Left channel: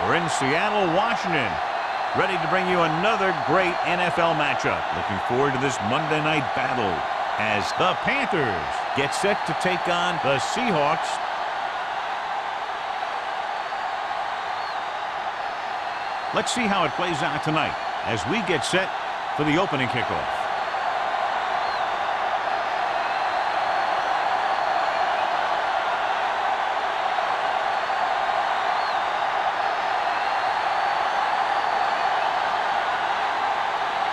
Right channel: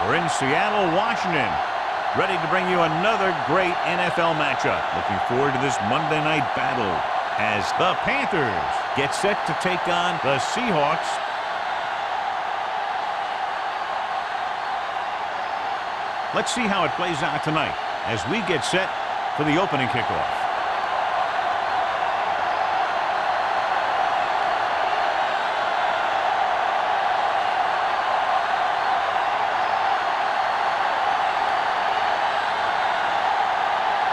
We're in Seattle, Washington, ready to bring you another great NFL matchup. Looking forward to this Monday night battle as the Panthers get set to take on the Seahawks. Let's see how it plays out tonight as we get set for the opening kickoff.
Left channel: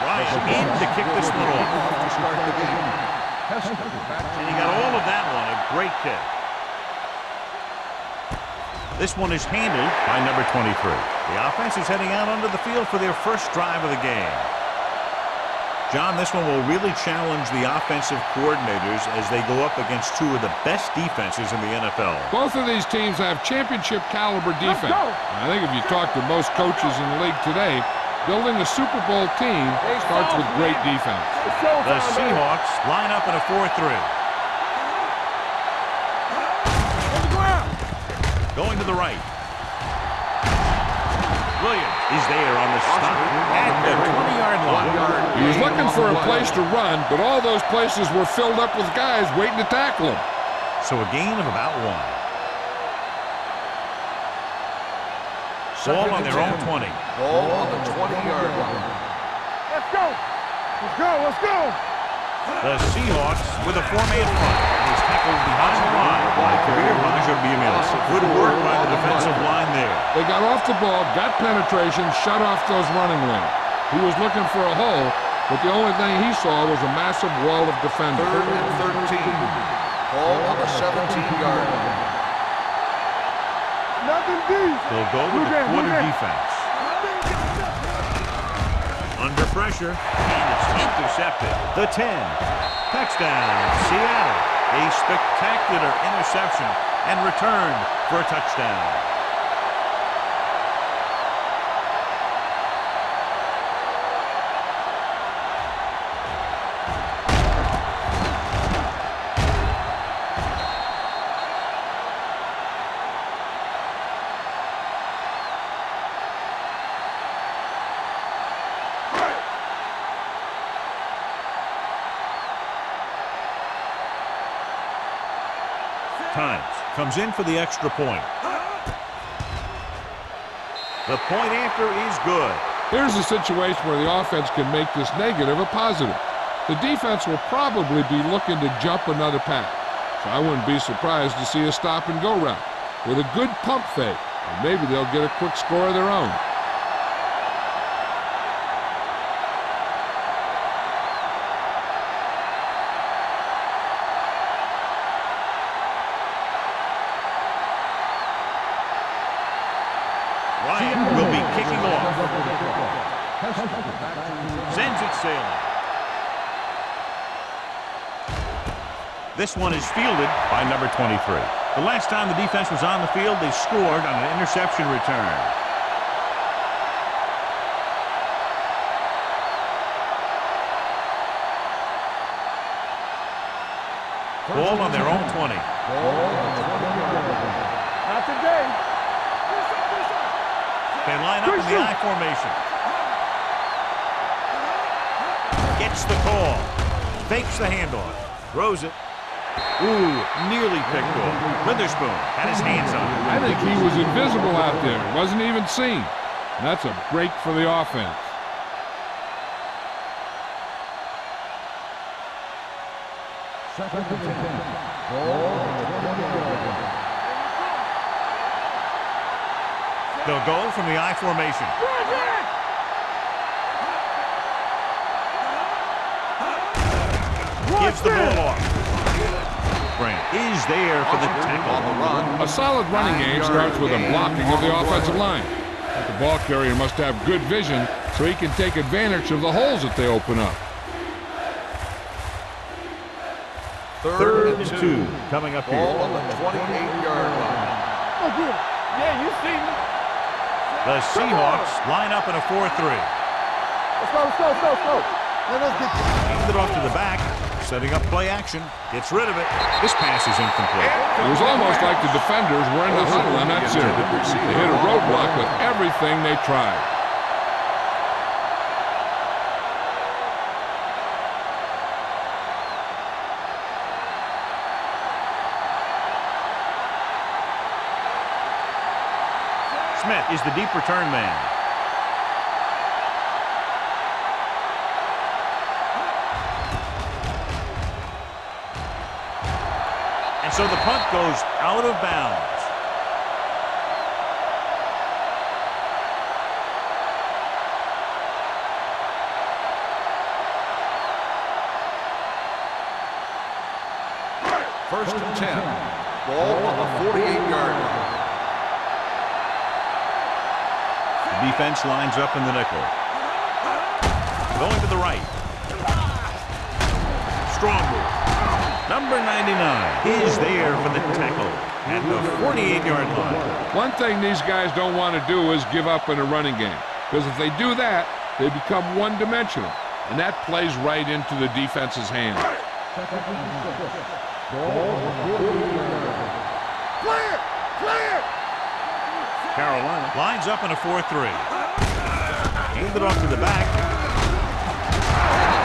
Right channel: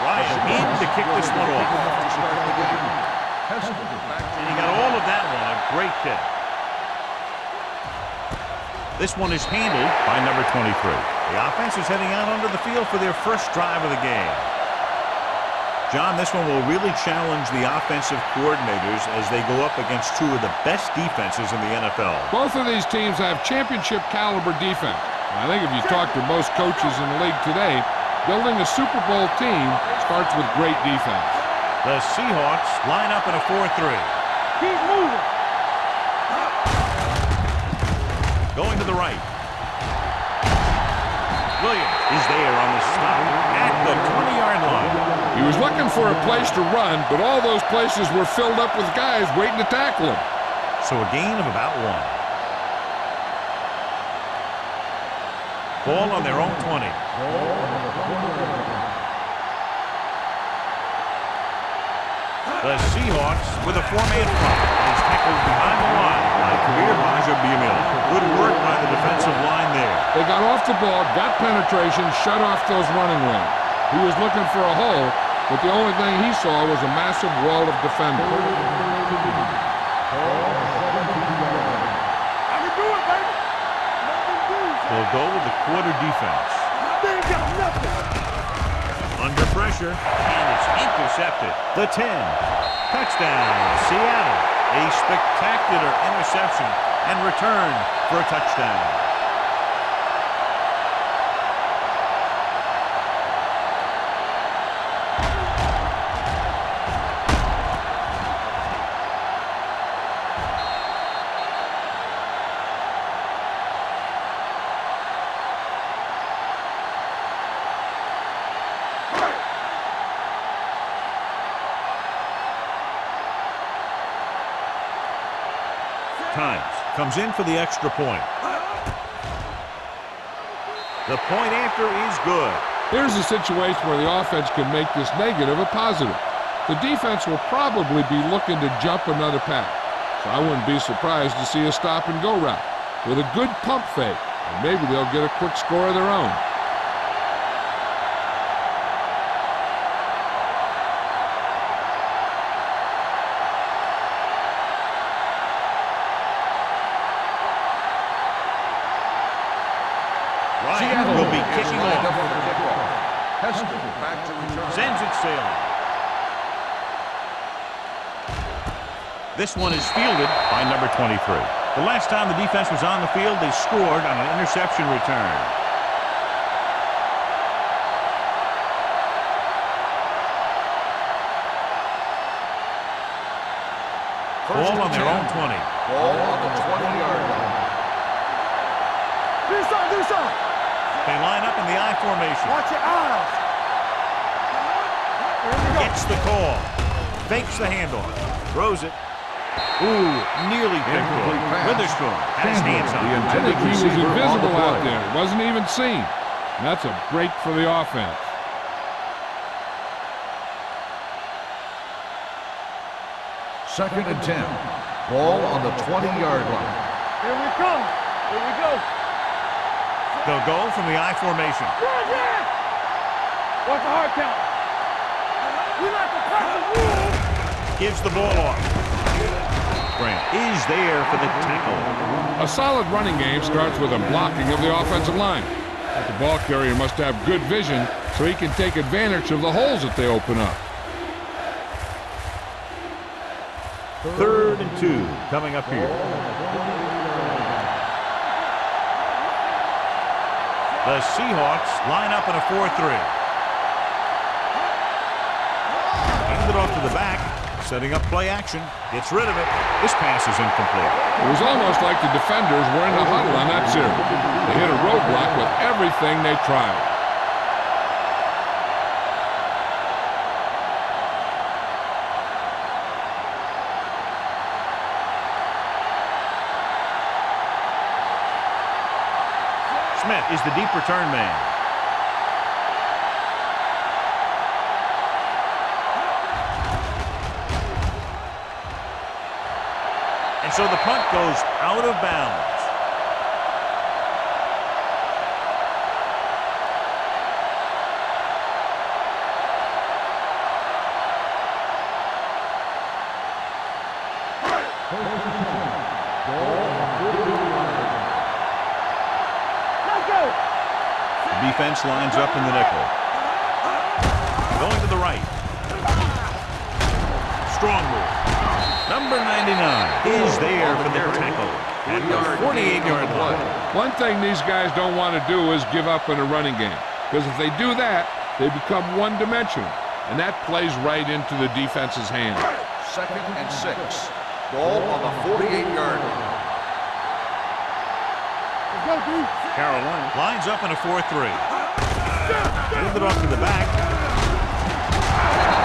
Ryan in to kick this one off. To start the game. And he got all of that one. A great kick. This one is handled by number 23. The offense is heading out onto the field for their first drive of the game. John, this one will really challenge the offensive coordinators as they go up against two of the best defenses in the NFL. Both of these teams have championship caliber defense. I think if you talk to most coaches in the league today, building a Super Bowl team starts with great defense. The Seahawks line up in a 4-3. Going to the right. Williams is there on the stop at the 20-yard line. He was looking for a place to run, but all those places were filled up with guys waiting to tackle him. So a gain of about 1. Ball on their own 20. Ball on the 20-yard line. Let's go. Let's go. Let's go. The Seahawks with a 4-man front. And he's tackled behind the line by Kabir Baja-Biamila. Good work by the defensive line there. They got off the ball, got penetration, shut off those running lanes. He was looking for a hole, but the only thing he saw was a massive wall of defenders. 3rd and 13. Ball on the 17-yard line. Nothing deep. They'll go with the quarter defense. They ain't got nothing. Under pressure, and it's intercepted. The 10. Touchdown, Seattle. A spectacular interception and returned for a touchdown. Times comes in for the extra point. The point after is good. Here's a situation where the offense can make this negative a positive. The defense will probably be looking to jump another pass, so I wouldn't be surprised to see a stop-and-go route with a good pump fake, and maybe they'll get a quick score of their own. Ryan will be kicking off. Back to return. Sends it sailing. This one is fielded by number 23. The last time the defense was on the field, they scored on an interception return. Ball on their own 20. Ball on the 20-yard line. Not today. Do something. Do something. They line up in the I formation. Watch your eyes. Gets the call. Fakes the handoff. Throws it. Ooh, nearly picked off. Witherspoon had his hands on it. I think he was invisible out there. Wasn't even seen. And that's a break for the offense. Second and 10. Ball on the 20-yard line. Here we go. Here we go. They'll go from the I formation. Run it! What's the hard count? You like the Gives the ball off. Grant is there for the tackle. A solid running game starts with a blocking of the offensive line. But the ball carrier must have good vision so he can take advantage of the holes that they open up. 3rd and 2 coming up here. Ball on the 28-yard line. The Seahawks line up in a 4-3. Let's go. Hand it off to the back. Setting up play action. Gets rid of it. This pass is incomplete. It was almost like the defenders were in the huddle on that series. They hit a roadblock with everything they tried. Smith is the deep return man. And so the punt goes out of bounds. First and 10. Ball on the 48-yard line. The defense lines up in the nickel. Going to the right. Strong move. Number 99 is there for the tackle at the 48-yard line. One thing these guys don't want to do is give up in a running game, because if they do that, they become one-dimensional, and that plays right into the defense's hands. Second and 6. Ball on the 48-yard line. Clear! Clear! Let's go, D. Carolina lines up in a 4-3. Handed off to the back.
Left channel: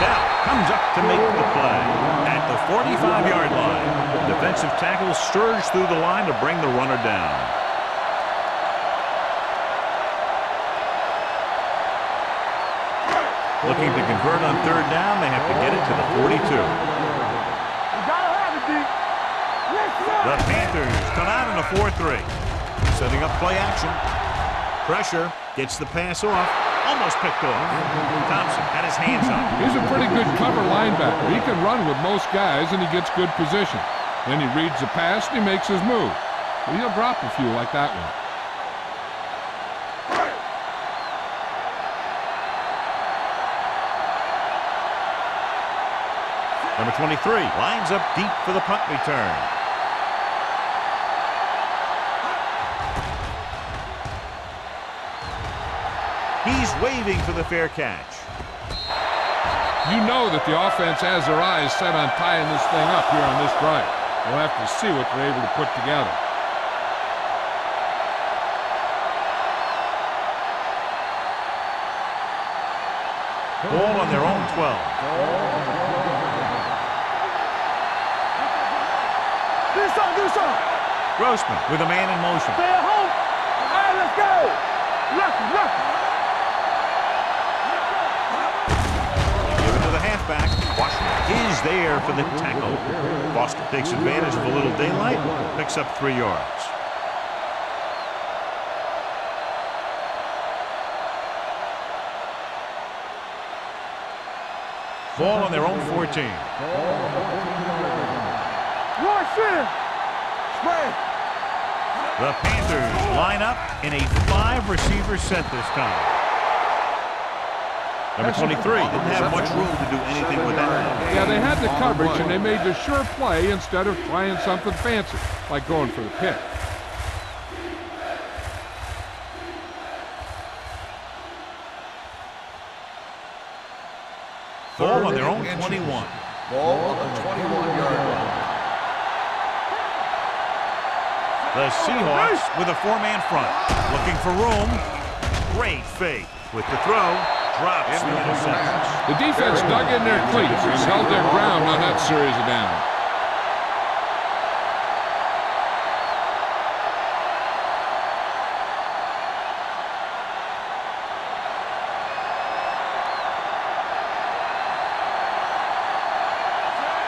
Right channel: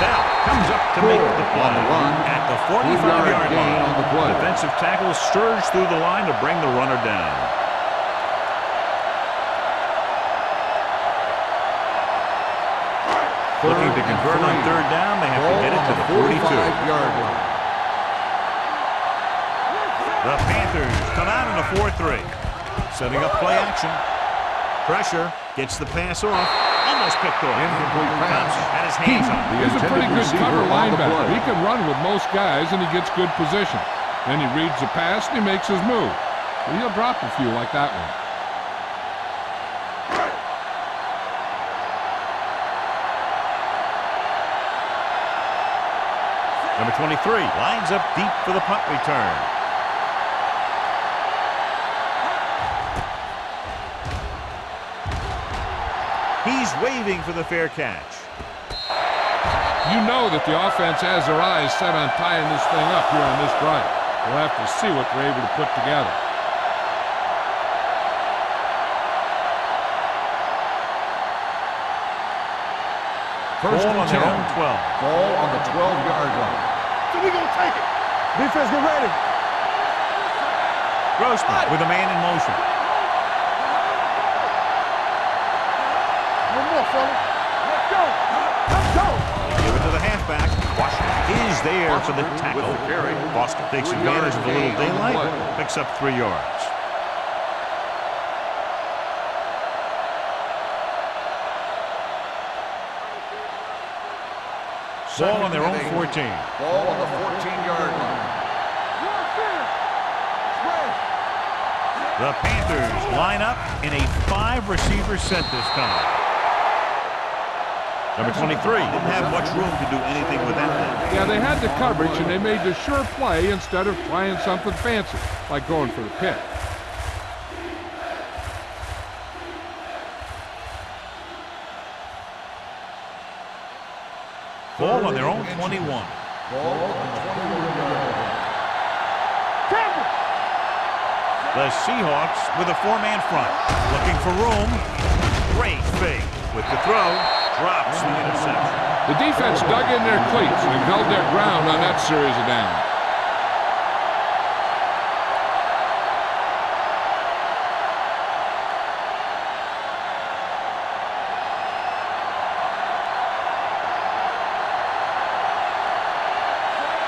Bell comes up to make the play at the 45-yard line. Defensive tackle surge through the line to bring the runner down. Looking to convert on third down, they have to get it to the 42. The Panthers come out in a 4-3. Setting up play action. Pressure. Gets the pass off. Almost picked off. Thompson had his hands on it. He's a pretty good cover linebacker. He can run with most guys, and he gets good position. Then he reads the pass, and he makes his move. But he'll drop a few like that one. Number 23 lines up deep for the punt return. He's waving for the fair catch. You know that the offense has their eyes set on tying this thing up here on this drive. We'll have to see what they're able to put together. Ball on their own 12. Ball on the 12-yard line. We're going to take it. Defense, get ready. This side, this side. Grossman with a man in motion. Stay at home. Let's go. Left, left. One more, fella. Let's go. Let's go. Give it to the halfback. Washington is there for the tackle. Foster takes advantage of a little daylight. Picks up 3 yards. Ball on their own 14. Ball on the 14-yard line. Rush in. Spread. The Panthers line up in a 5-receiver set this time. Number 23 didn't have much room to do anything with that. Yeah, they had the coverage, and they made the sure play instead of trying something fancy, like going for the pick. Ball on their own 21. Ball on the 21-yard line. The Seahawks with a 4-man front. Looking for room. Great fake. With the throw, drops the interception. The defense dug in their cleats and held their ground on that series of downs.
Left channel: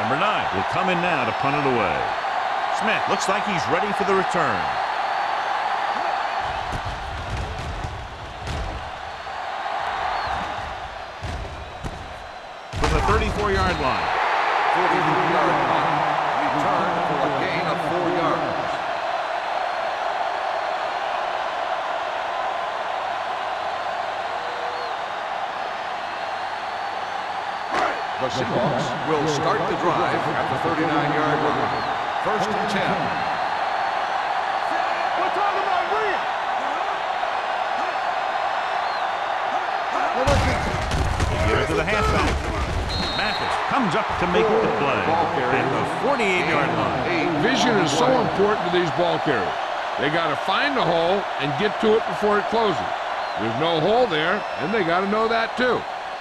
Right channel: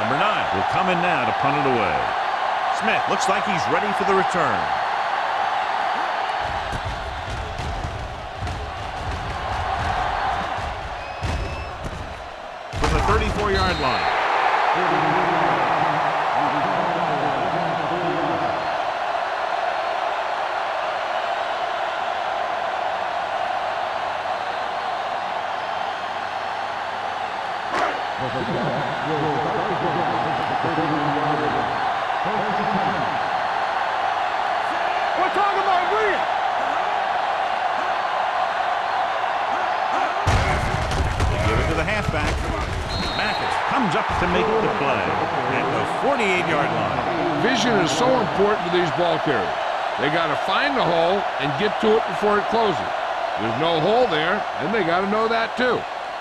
Number 9 will come in now to punt it away. Smith looks like he's ready for the return. From the 34-yard line. 43-yard line. Return for a gain of 4 yards. The Seahawks will start the drive at the 39-yard line. First and 10. We're talking about Rhea. They give it to the halfback. Mathis comes up to make the play at the 48-yard line. Vision is so important to these ball carriers. They got to find the hole and get to it before it closes. There's no hole there, and they got to know that too.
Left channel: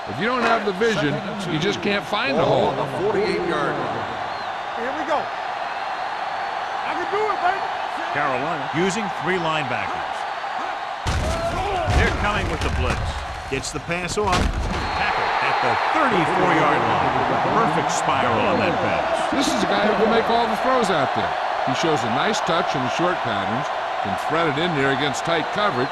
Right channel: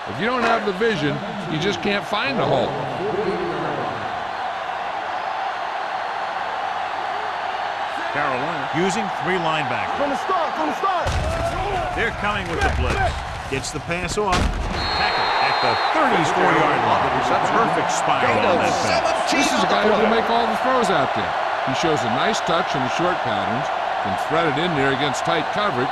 If you don't have the vision, you just can't find the hole. 48-yard line. Carolina using 3 linebackers. They're coming with the blitz. Gets the pass off. Tackle at the 34-yard line. Perfect spiral on that pass. This is a guy who can make all the throws out there. He shows a nice touch in the short patterns, can thread it in there against tight coverage,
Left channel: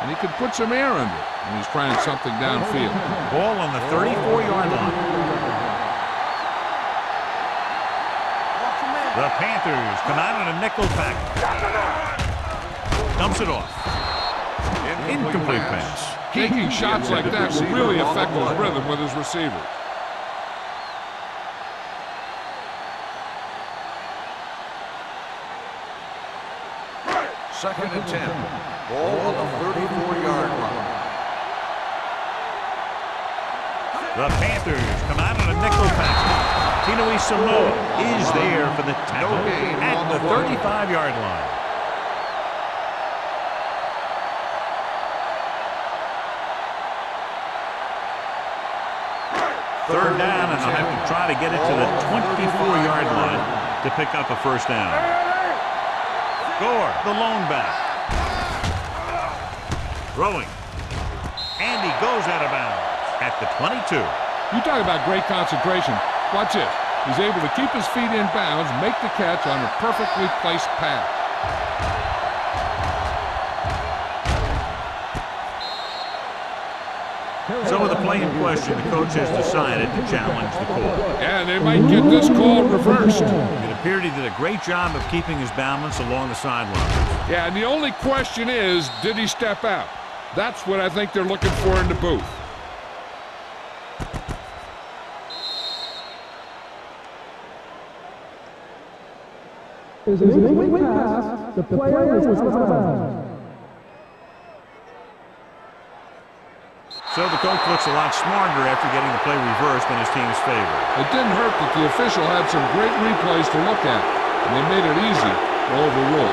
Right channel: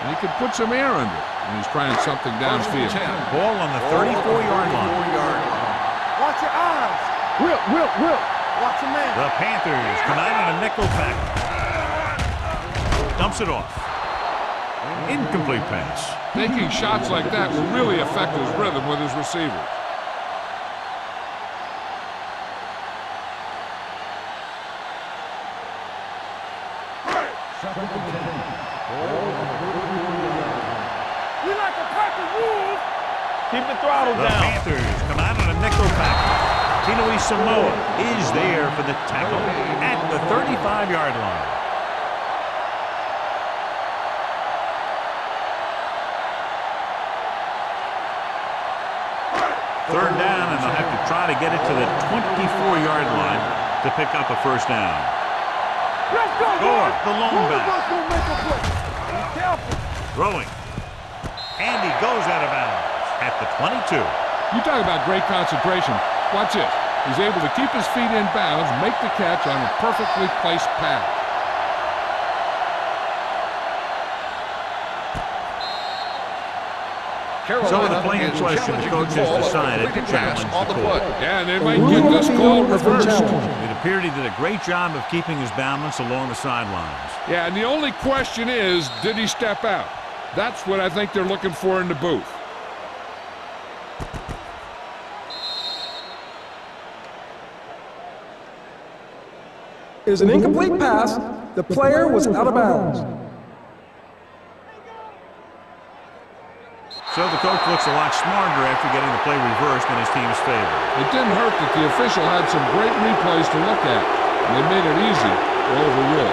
and he can put some air under it when he's trying something downfield. Ball on the 34-yard line. Watch your eyes. Whip. Watch your man. The Panthers come out on a nickel pack. Dumps it off. Incomplete pass. Taking shots like that will really affect his rhythm with his receivers. Second and 10. Ball on the 34-yard line. We like to crack the rules. Keep the throttle The down. Panthers come out on a nickel pack. Tinoe Samoa is there for the tackle at the 35-yard line. Third down, and they'll have to try to get it to the 24-yard line to pick up a first down. Gore, the lone back. Throwing. And he goes out of bounds at the 22. You talk about great concentration. Watch this. He's able to keep his feet in bounds, make the catch on a perfectly placed pass. So with the play in question, the coach has decided to challenge the call. Yeah, and they might get this call reversed. It appeared he did a great job of keeping his balance along the sidelines. Yeah, and the only question is, did he step out? That's what I think they're looking for in the booth. Is an incomplete pass. The player was out of bounds. So the coach looks a lot smarter after getting the play reversed in his team's favor. It didn't hurt that the official had some great replays to look at, and they made it easy to overrule.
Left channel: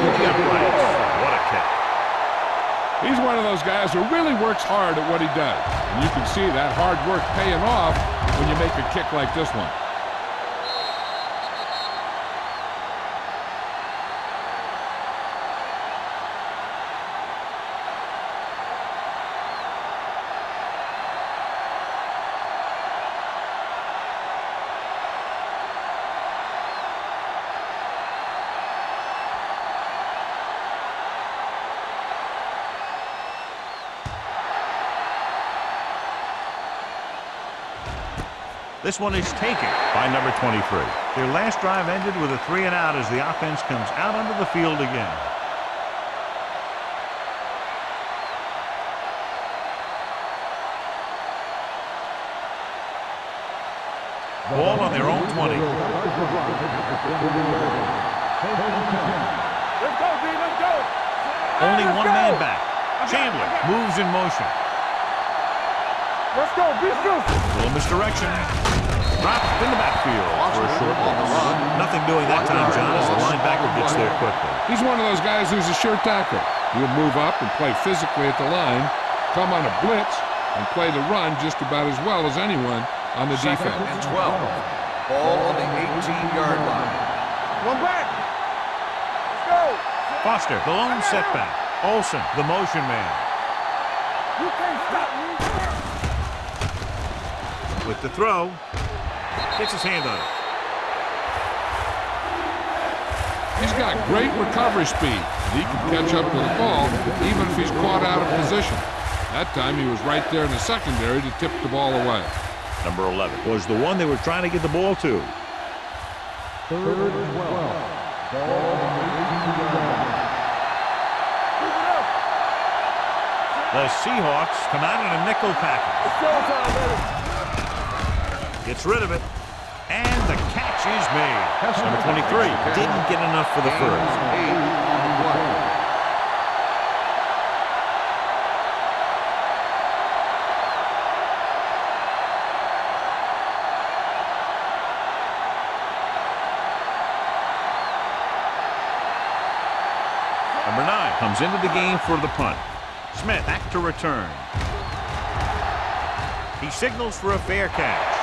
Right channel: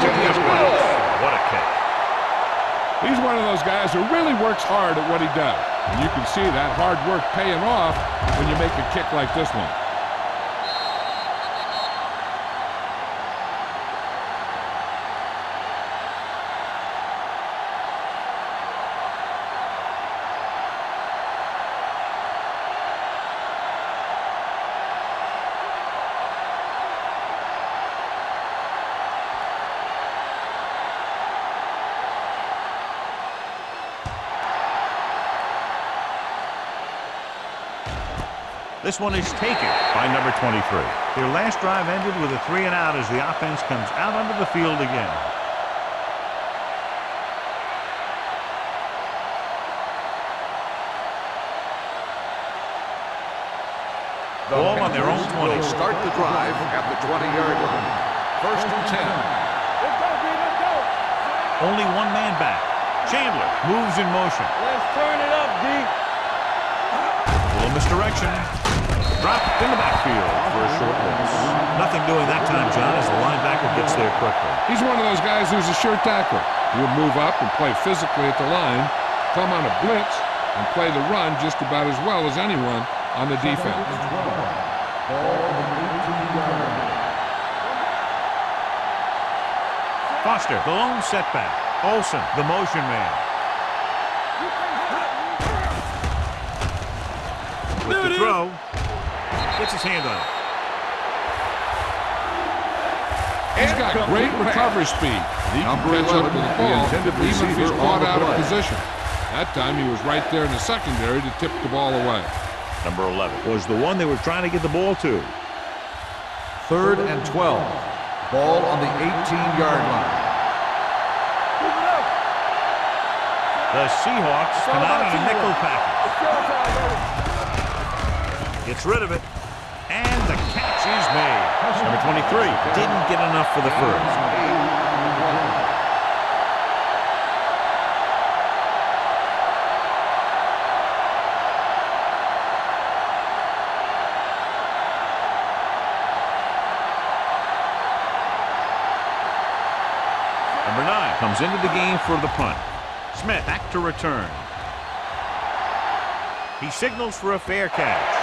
To the uprights. What a kick. He's one of those guys who really works hard at what he does. And you can see that hard work paying off when you make a kick like this one. This one is taken by number 23. Their last drive ended with a 3-and-out as the offense comes out onto the field again. Ball on their own 20. Start the drive at the 20-yard line. First and 10. Let's go, B. Let's go. Only one man back. Chandler moves in motion. Let's turn it up, D. Let's go. Little misdirection. Dropped in the backfield for a short loss. Nothing doing that time, John, as the linebacker gets there quickly. He's one of those guys who's a sure tackler. He'll move up and play physically at the line, come on a blitz, and play the run just about as well as anyone on the defense. Second and 12. Ball on the 18-yard line. One back. Let's go. Foster, the lone setback. Olsen, the motion man. You can't stop me. With the throw. Gets his hand on it. He's got great recovery speed. He can catch up to the ball even if he's caught out of position. That time he was right there in the secondary to tip the ball away. Number 11 was the one they were trying to get the ball to. Third and 12. Ball on the 18-yard line. Move it up. The Seahawks come out in a nickel package. It's showtime, baby. Gets rid of it. catch is made. Number 23 didn't get enough for the first. 8 on the play. Number 9 comes into the game for the punt. Smith back to return. He signals for a fair catch.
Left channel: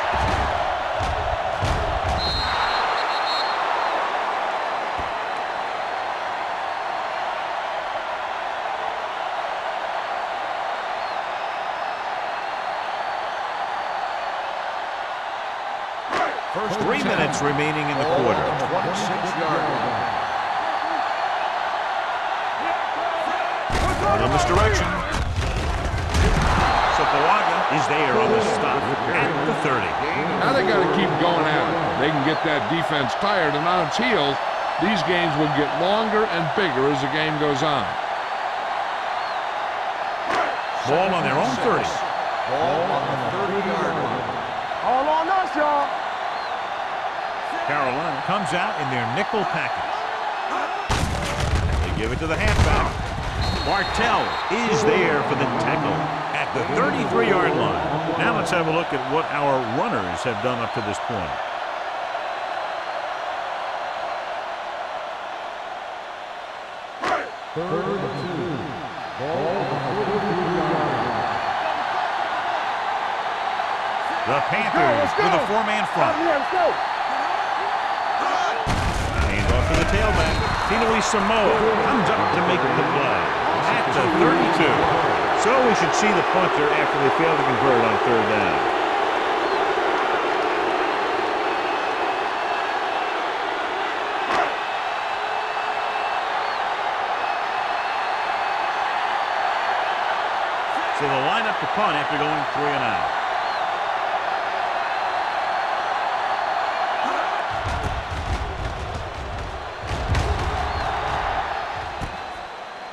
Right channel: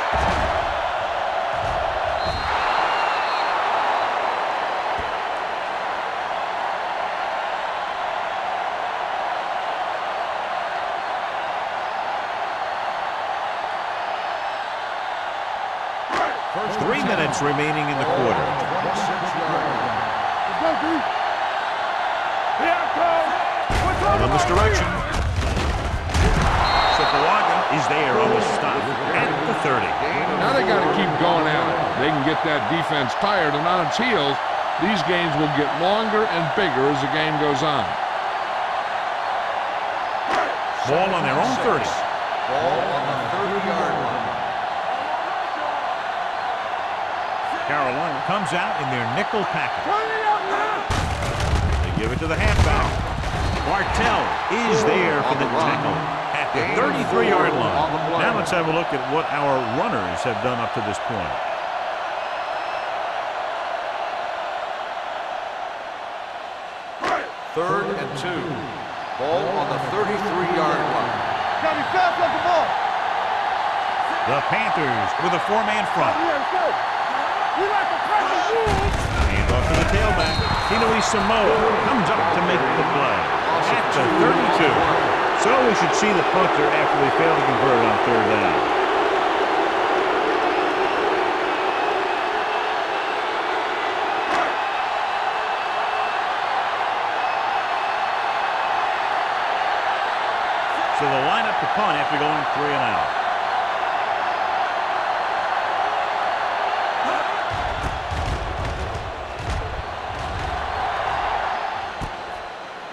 First 3 minutes remaining in the quarter. 26-yard line. In this direction. Sopoaga is there on the stop at the 30. Now they got to keep going at it. They can get that defense tired and on its heels. These games will get longer and bigger as the game goes on. Ball on their own 30. Ball on the 30-yard line. All on us, y'all. Carolina comes out in their nickel package. They give it to the halfback. Bartell is there for the tackle at the 33-yard line. Now let's have a look at what our runners have done up to this point. Third and 2. Ball on the 33-yard line. Gotta be fast like the ball. The Panthers with a 4-man front. Let's go. Hand off to the tailback. Tinui Samoa comes up to make the play at the 32. So we should see the punter after they fail to convert on third down. So they'll line up to punt after going 3 and out.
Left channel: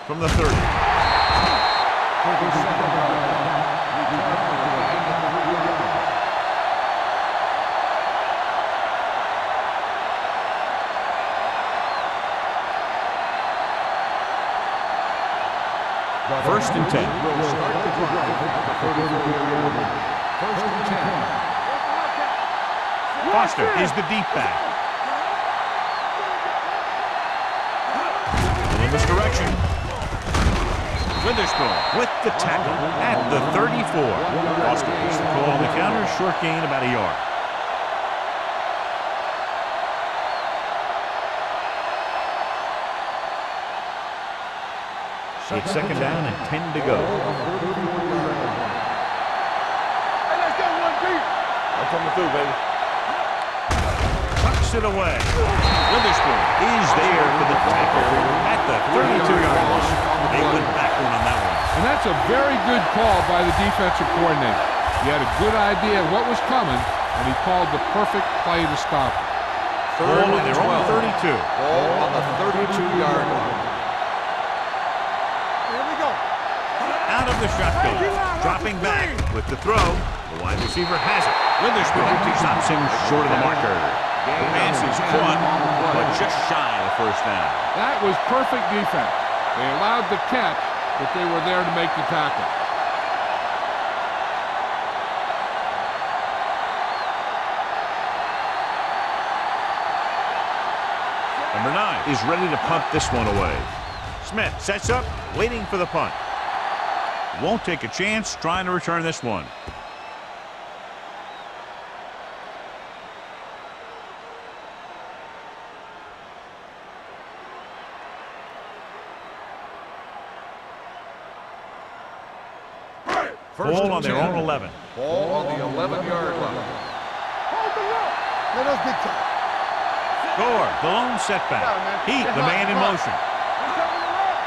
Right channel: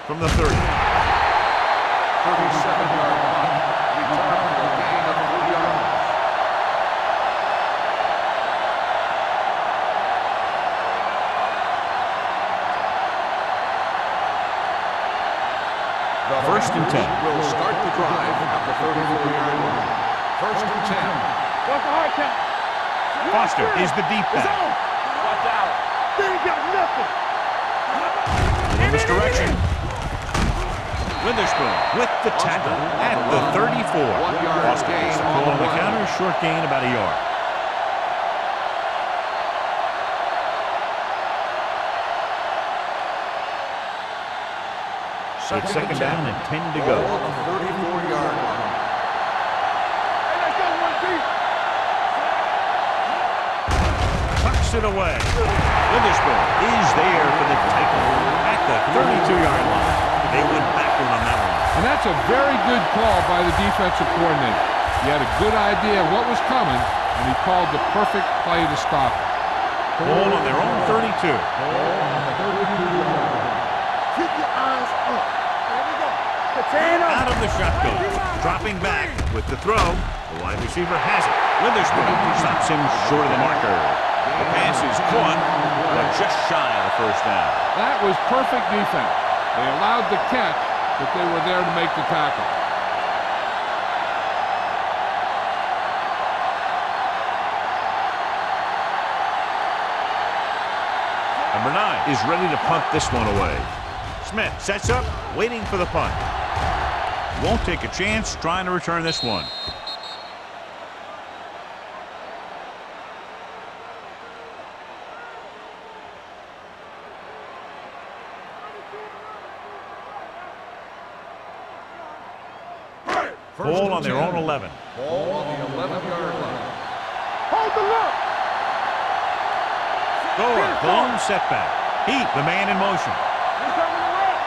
From the 30. 37-yard punt. Return for a gain of 3 yards. The First and 10. Will start the drive at the 34-yard line. First and 10. What's the hard count? Foster is the deep back. They ain't got nothing. In this direction. Witherspoon with the tackle at the 34. Foster gets the call on the counter. Short gain about a yard. It's second down and 10 to go. On the 34-yard line. Hey, let's go one deep. I'm coming through, baby. Tucks it away. Witherspoon is there for the tackle at the 32-yard line. They went backward on that one. And that's a very good call by the defensive coordinator. He had a good idea of what was coming, and he called the perfect play to stop it. Ball on their own 32. Ball on the 32-yard line. Keep your eyes up. Here we go. Out of the shotgun. Dropping back with the throw. The wide receiver has it. Witherspoon stops him short of the marker. The pass is caught, but just shy of the first down. That was perfect defense. They allowed the catch, but they were there to make the tackle. Number 9 is ready to punt this one away. Smith sets up, waiting for the punt. Won't take a chance trying to return this one. Ball on their own 11. Ball on the 11-yard line. Hold the look. Let us get you. Gore, the lone setback. Heat, the man in motion. We coming to right.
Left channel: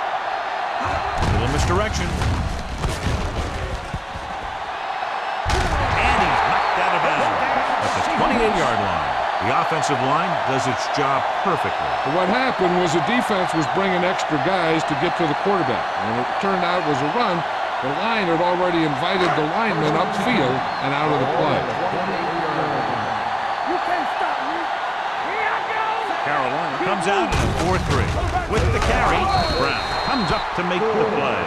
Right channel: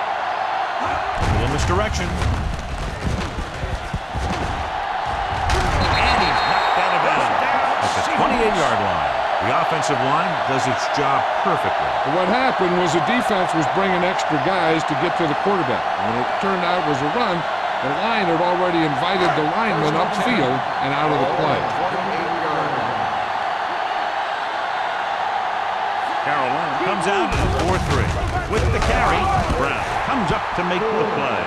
Little misdirection. And he's knocked out of bounds at the 28-yard line. The offensive line does its job perfectly. But what happened was the defense was bringing extra guys to get to the quarterback. When it turned out it was a run, the line had already invited the lineman upfield and out of the play. 28-yard line. You can't stop me. Carolina comes out in a 4-3. With the carry, Brown comes up to make the play.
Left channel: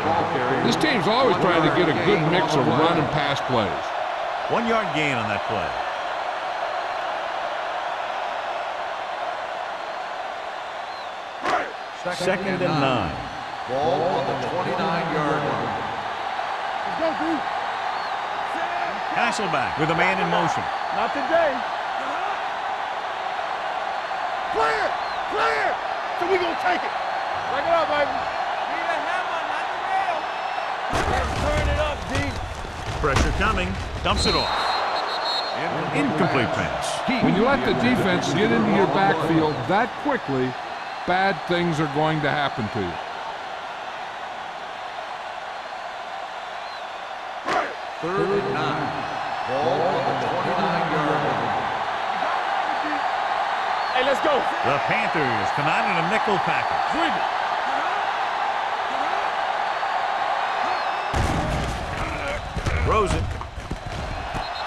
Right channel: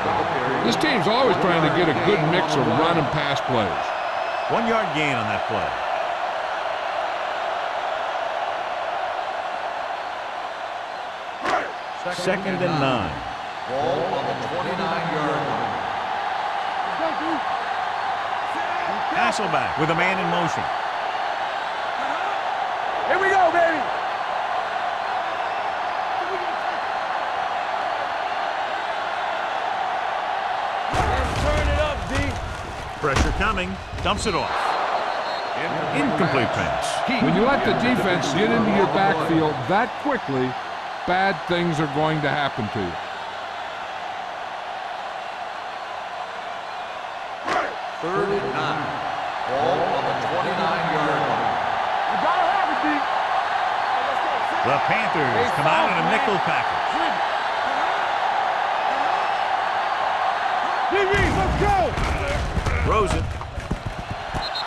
This team's always trying to get a good mix of run and pass plays. 1 yard gain on that play. Second and 9. Ball on the 29-yard line. Let's go, dude. Hasselback with a man in motion. Not today. Here we go, baby. Clear. Clear. So we gonna take it. Break it up, baby. Need a hammer, not the nail. Let's turn it up, D. Pressure coming. Dumps it off. Incomplete pass. When you let the defense get into your backfield that quickly, bad things are going to happen to you. Third and 9. Ball on the 29-yard line. You gotta have it, D. Hey, let's go. The Panthers come out in a nickel package. Swing it. Let's go. Throws it.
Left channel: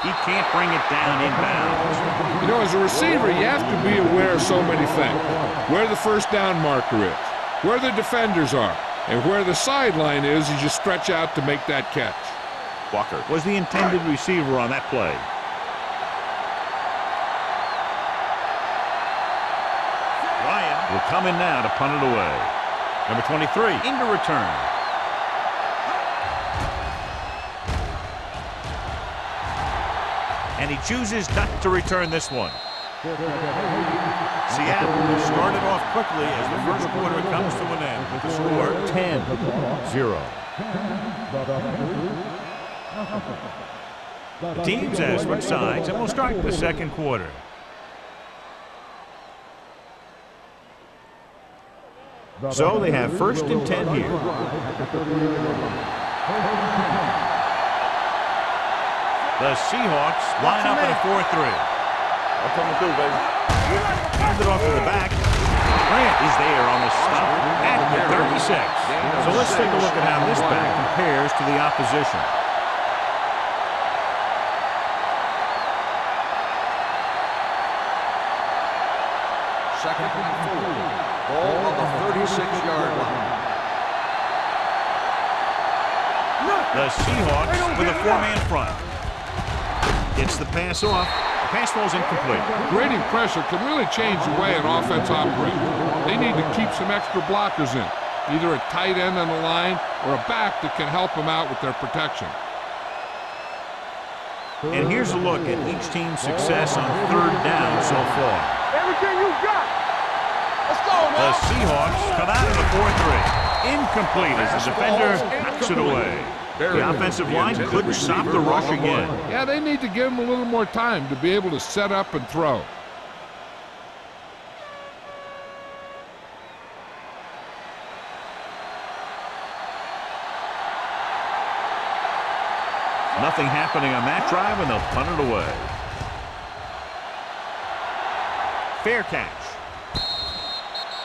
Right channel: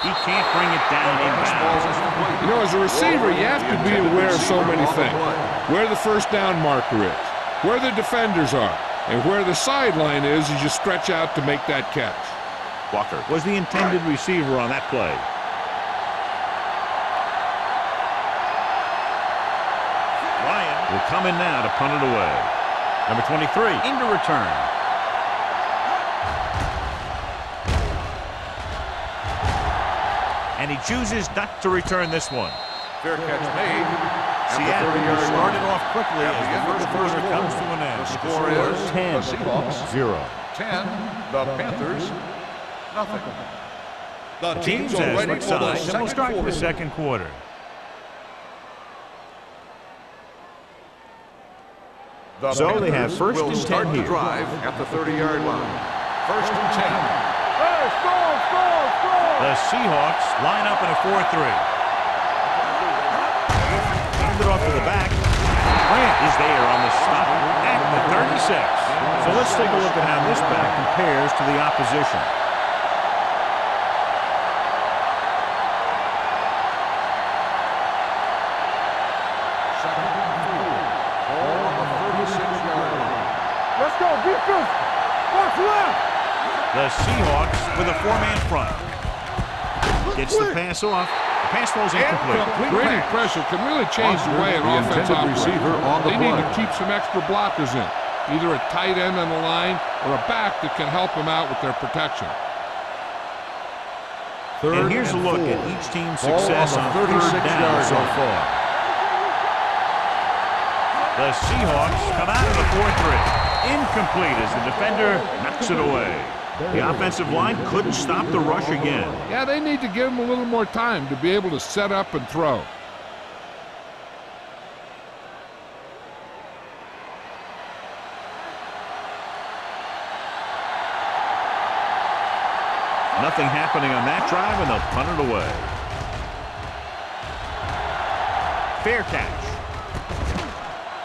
He can't bring it down inbounds. You know, as a receiver, you have to be aware of so many things. Where the first down marker is, where the defenders are, and where the sideline is as you stretch out to make that catch. Walker was the intended receiver on that play. Ryan will come in now to punt it away. Number 23 into return. And he chooses not to return this one. Fair catch made. Seattle has started off quickly as the first quarter comes to an end. The score 10-0. 10, the Panthers, nothing. The teams as switch sides, and we'll start the second quarter. So they have first and 10 here. At the 30-yard line. First and 10. The Seahawks line up in a 4-3. Hand it off to the back. Grant is there on the stop at the 36. So let's take a look at how this back compares to the opposition. Second and 4. Ball on the 36-yard line. Let's go, defense. Watch left. The Seahawks with a 4-man front. Gets the pass off. The pass falls incomplete. Grading pressure can really change the way an offense operates. They need to keep some extra blockers in, either a tight end on the line or a back that can help them out with their protection. And here's a look at each team's success on third down so far. Everything you got. Let's go. The Seahawks come out of the 4-3. Incomplete as the defender knocks it away. The offensive line couldn't stop the rush again. Yeah, they need to give them a little more time to be able to set up and throw. Nothing happening on that drive, and they'll punt it away. Fair catch.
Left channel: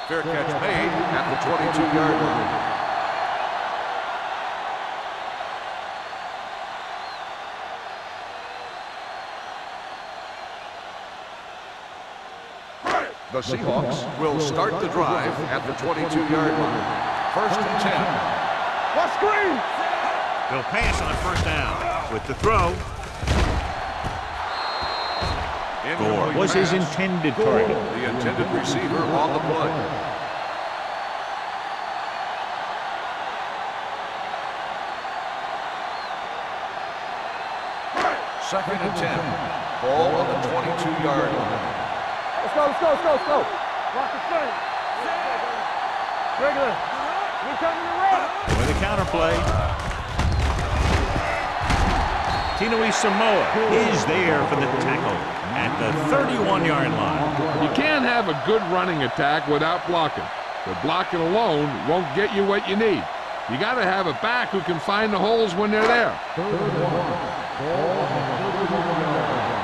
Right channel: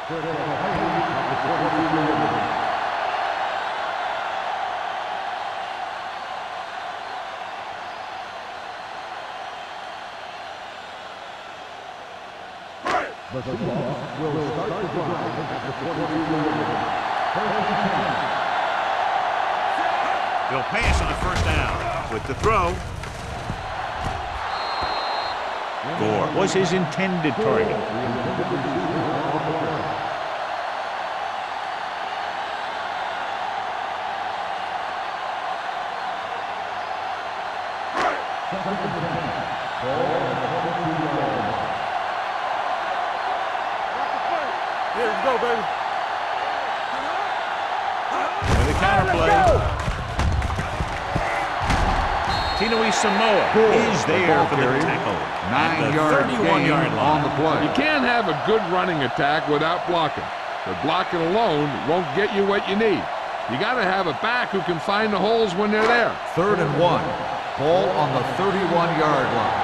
Fair catch made at the 22-yard line. The Seahawks will start the drive at the 22-yard line. First and 10. Let's screen. They'll pass on first down. With the throw, Gore was his intended target. The intended receiver on the play. Second and 10. Ball on the 22-yard line. Let's go. Rock the play. Let's go, baby. Regular. We're coming around. With a counter play, Tinui Samoa is there for the tackle at the 31-yard line. You can't have a good running attack without blocking, but blocking alone won't get you what you need. You got to have a back who can find the holes when they're there. Third and 1. Ball on the 31-yard line.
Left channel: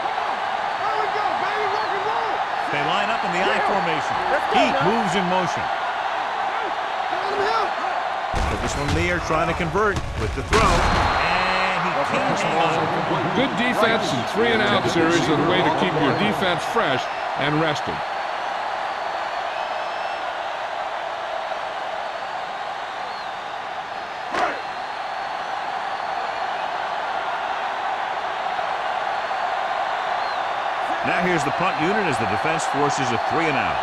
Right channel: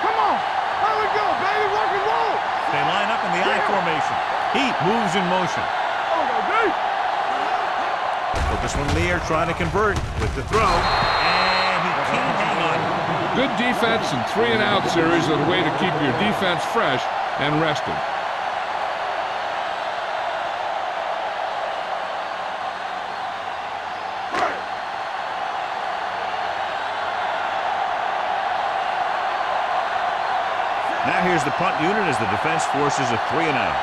Come on. Here we go, baby. Rock and roll. They line up in the I formation. Heat moves in motion. Put this one in the air, trying to convert with the throw, and he can't hang on. Good defense and 3-and-out series are the way to keep your defense fresh and rested. Now here's the punt unit as the defense forces a 3-and-out.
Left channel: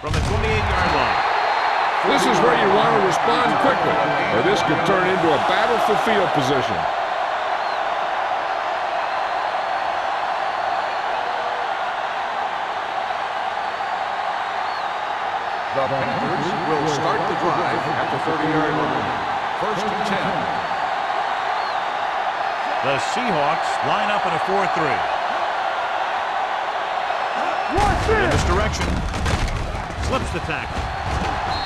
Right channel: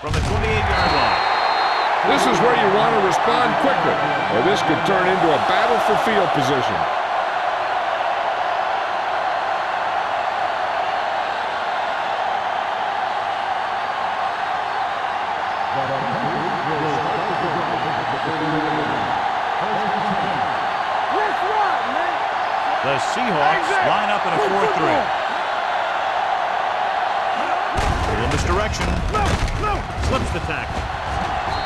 From the 28-yard line. This is where you want to respond quickly, or this could turn into a battle for field position. The Panthers will start the drive at the 30-yard line. First and 10. The Seahawks line up in a 4-3. In this direction. Slips the tackle.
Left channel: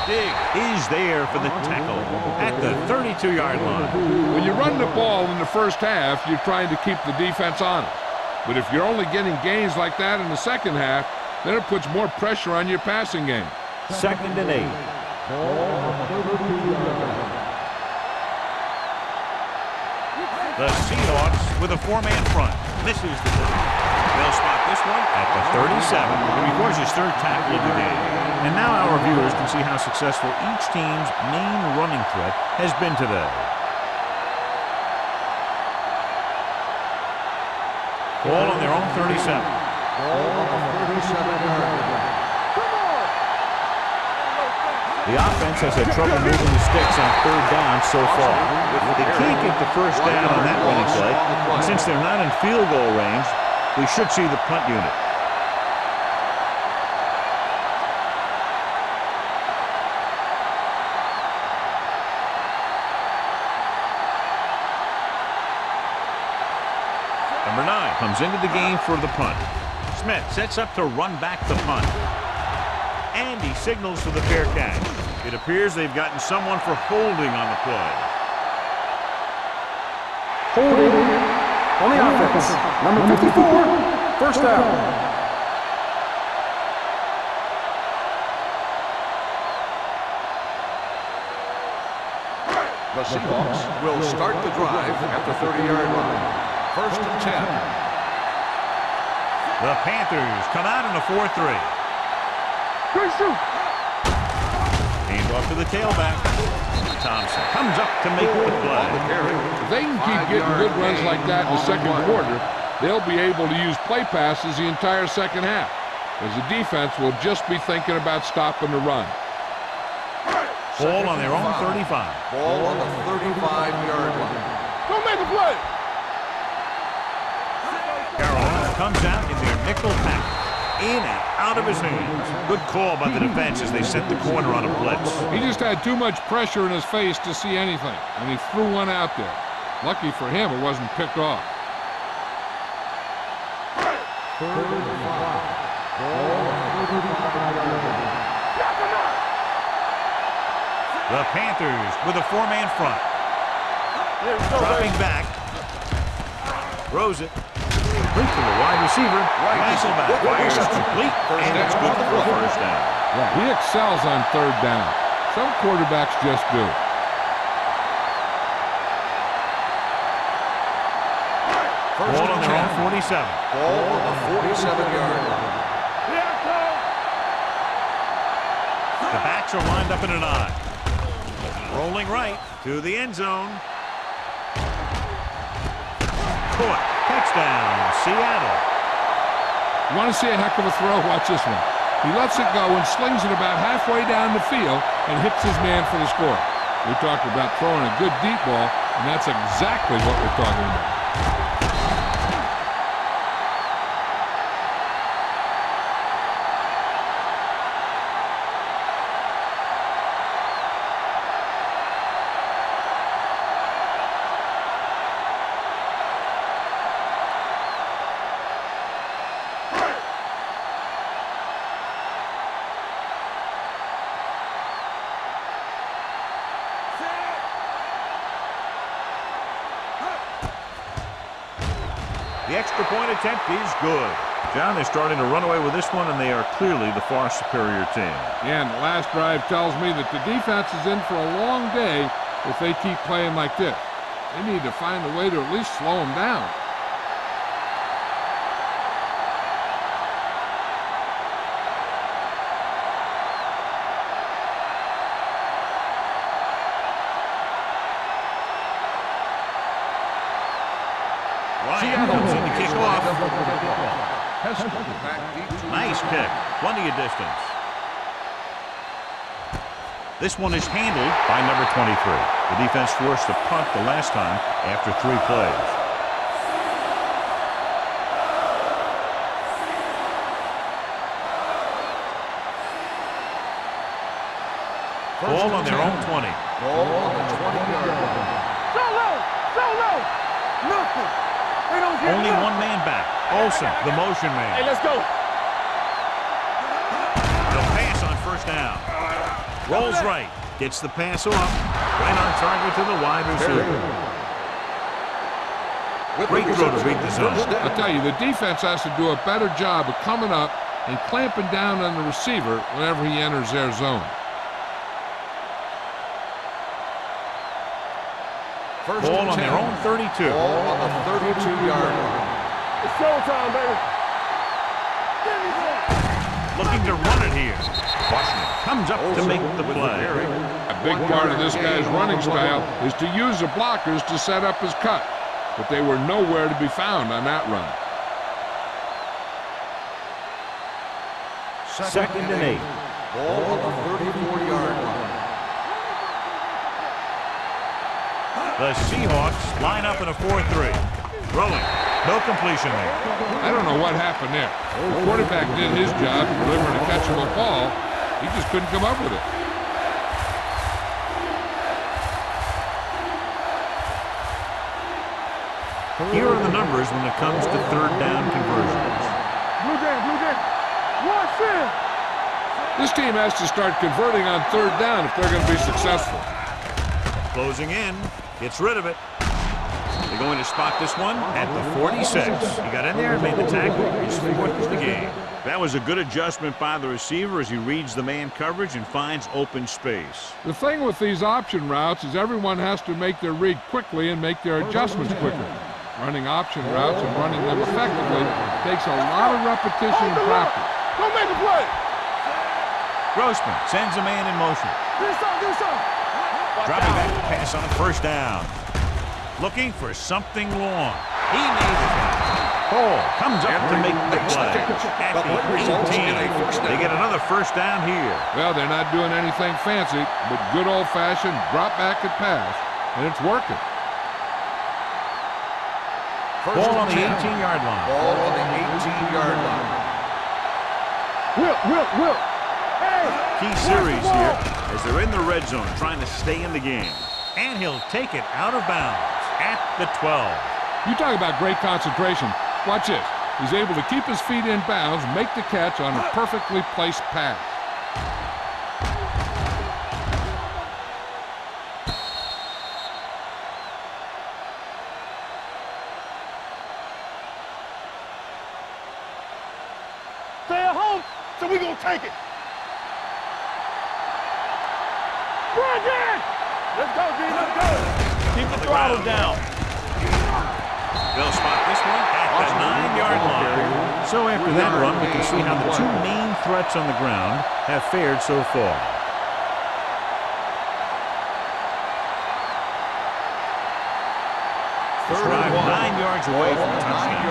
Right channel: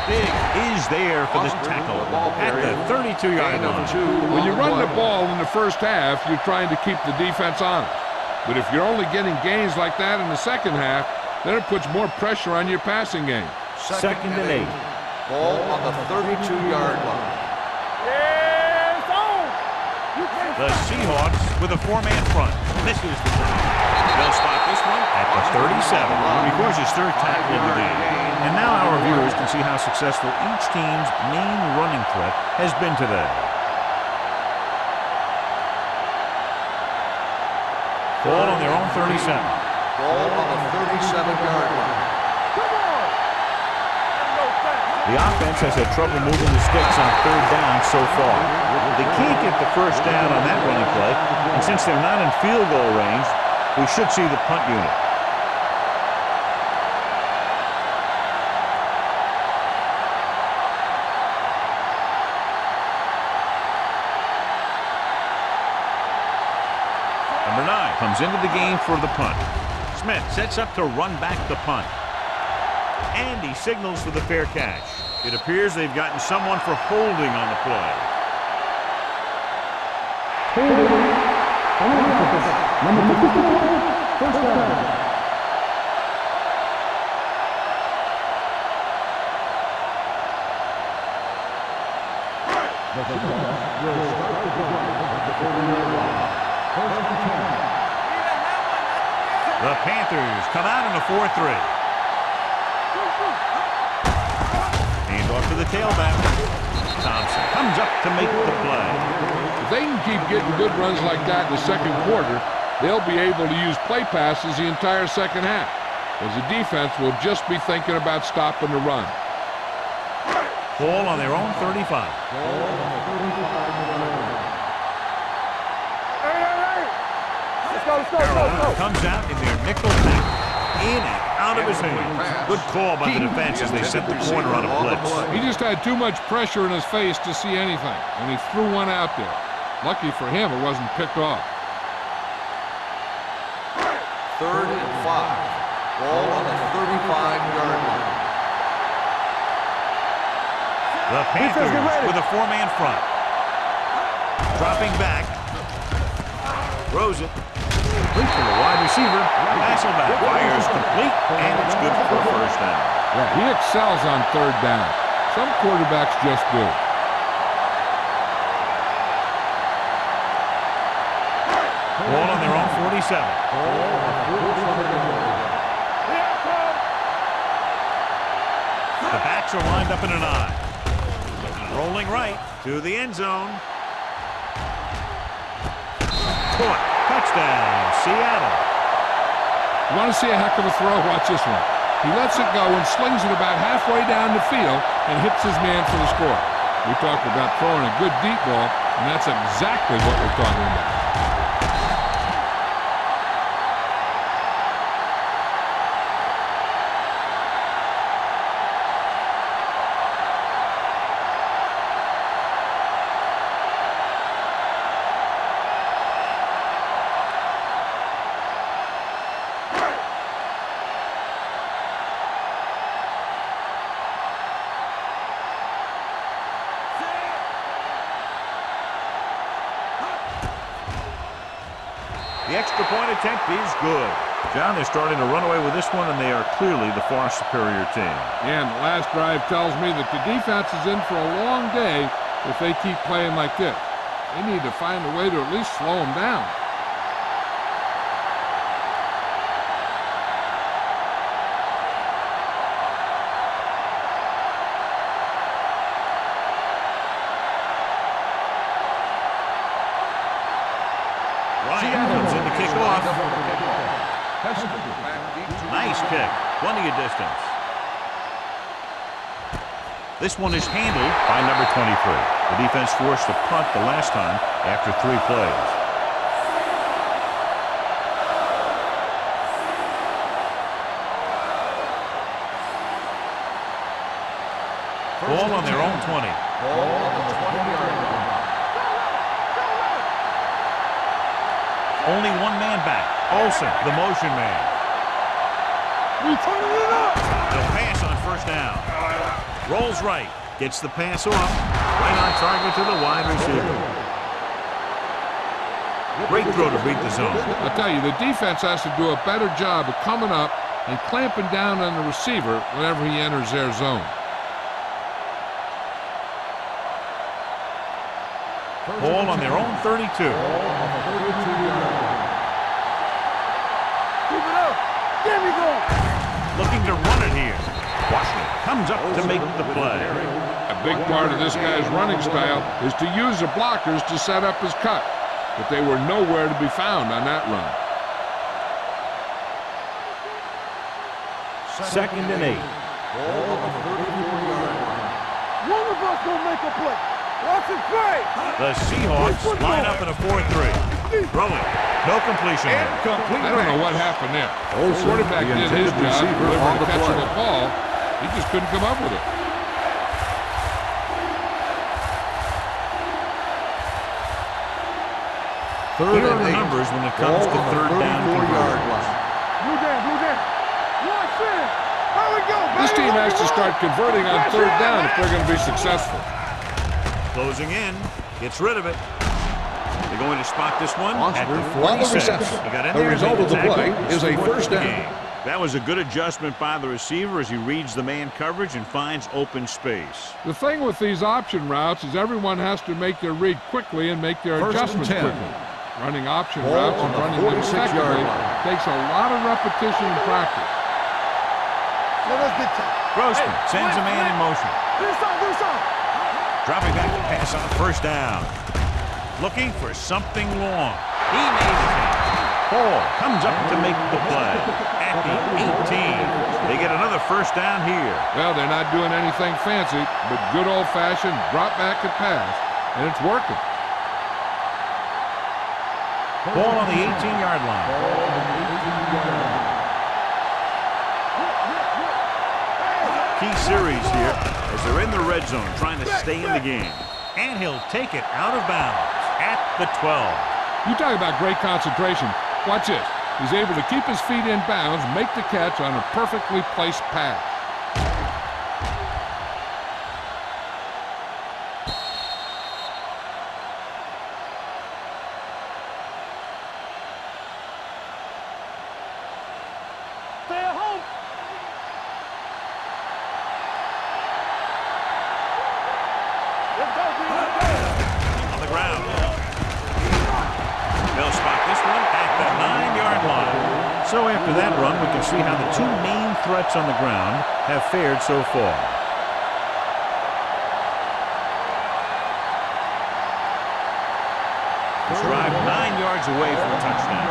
Dig is there for the tackle at the 32-yard line. When you run the ball in the first half, you're trying to keep the defense honest. But if you're only getting gains like that in the second half, then it puts more pressure on your passing game. Second and 8. Ball on the 32-yard line. The Seahawks with a 4-man front. Misses the tackle. They'll spot this one at the 37. He records his third tackle of the game. And now our viewers can see how successful each team's main running threat has been today. Ball on their own 37. Ball on the 37-yard line. The offense has had trouble moving the sticks on third down so far. They can't get the first down on that running play, and since they're not in field goal range, we should see the punt unit. Number 9 comes into the game for the punt. Smith sets up to run back the punt. And he signals for the fair catch. It appears they've gotten someone for holding on the play. Holding on the offense. Number 54, first down. The Seahawks will start the drive at the 30-yard line. First and 10. The Panthers come out in a 4-3. Hand off to the tailback. Thompson comes up to make the play. If they can keep getting good runs like that in the second quarter, they'll be able to use play passes the entire second half, as the defense will just be thinking about stopping the run. Ball on their own 35. Ball on the 35-yard line. Don't make a play. Carolina comes out in their nickel package. In and out of his hands. Good call by the defense as they set the corner on a blitz. He just had too much pressure in his face to see anything, and he threw one out there. Lucky for him, it wasn't picked off. Third and 5. Ball on the 35-yard line. The Panthers with a 4-man front. Dropping back. Throws it. Complete from the wide receiver. Hasselback fires complete, and it's good for a first down. Yeah, he excels on third down. Some quarterbacks just do. Ball on their own 47. Ball on the 47-yard line. The backs are lined up in an I. Rolling right to the end zone. Caught. Touchdown, Seattle. You want to see a heck of a throw? Watch this one. He lets it go and slings it about halfway down the field and hits his man for the score. We talked about throwing a good deep ball, and that's exactly what we're talking about. The extra point attempt is good. John, they're starting to run away with this one, and they are clearly the far superior team. Yeah, and the last drive tells me that the defense is in for a long day if they keep playing like this. They need to find a way to at least slow them down. Ryan comes in to kick off. Back deep to Nice kick. Plenty of distance. This one is handled by number 23. The defense forced a punt the last time after 3 plays. Ball on their own 20. Ball on the 20-yard line. Solo! Nothing! Only one man back. Olsen, the motion man. Hey, let's go! We turning it up! They'll pass on first down. Rolls right. Gets the pass off. Right on target to the wide receiver. Great throw to beat the zone. I'll tell you, the defense has to do a better job of coming up and clamping down on the receiver whenever he enters their zone. Ball on their own 32. Ball on the 32-yard line. It's showtime, baby! Keep it up! There we go! Looking to run it here. Washington comes up to make the play. A big part of this guy's running style is to use the blockers to set up his cut, but they were nowhere to be found on that run. 2nd and 8. Ball on the 34-yard line. One of us will make a play! Watch it play! The Seahawks line up in a 4-3. Throwing. No completion there. I don't know what happened there. The quarterback did his job, delivering a catchable ball. He just couldn't come up with it. Here are the numbers when it comes to 3rd down conversions. Blue down! Watch it! There we go! This team has to start converting on 3rd down if they're going to be successful. Closing in. Gets rid of it. They're going to spot this one at the 46. He got in there and made the tackle. He's 4th of the game. That was a good adjustment by the receiver as he reads the man coverage and finds open space. The thing with these option routes is everyone has to make their read quickly and make their adjustments quickly. Running option routes and running them effectively takes a lot of repetition and practice. Don't make a play! Let's get to it. Grossman sends a man in motion. Do something! Dropping back to pass on 1st down. Looking for something long. He made the catch. Paul comes up to make the play. At the 18. They get another 1st down here. Well, they're not doing anything fancy, but good old-fashioned drop back and pass, and it's working. Ball on the 18-yard line. Ball on the 18-yard line. Whip! Hey! Key series here as they're in the red zone trying to stay in the game. And he'll take it out of bounds at the 12. You talk about great concentration. Watch this. He's able to keep his feet in bounds, make the catch on a perfectly placed pass. Stay at home, so we gonna take it. Let's go, D. Let's go. Keep on the ground down. They'll spot this one at the 9-yard line. So after that run, we can see how the 2 main threats on the ground have fared so far. This drive 9 yards away from a touchdown.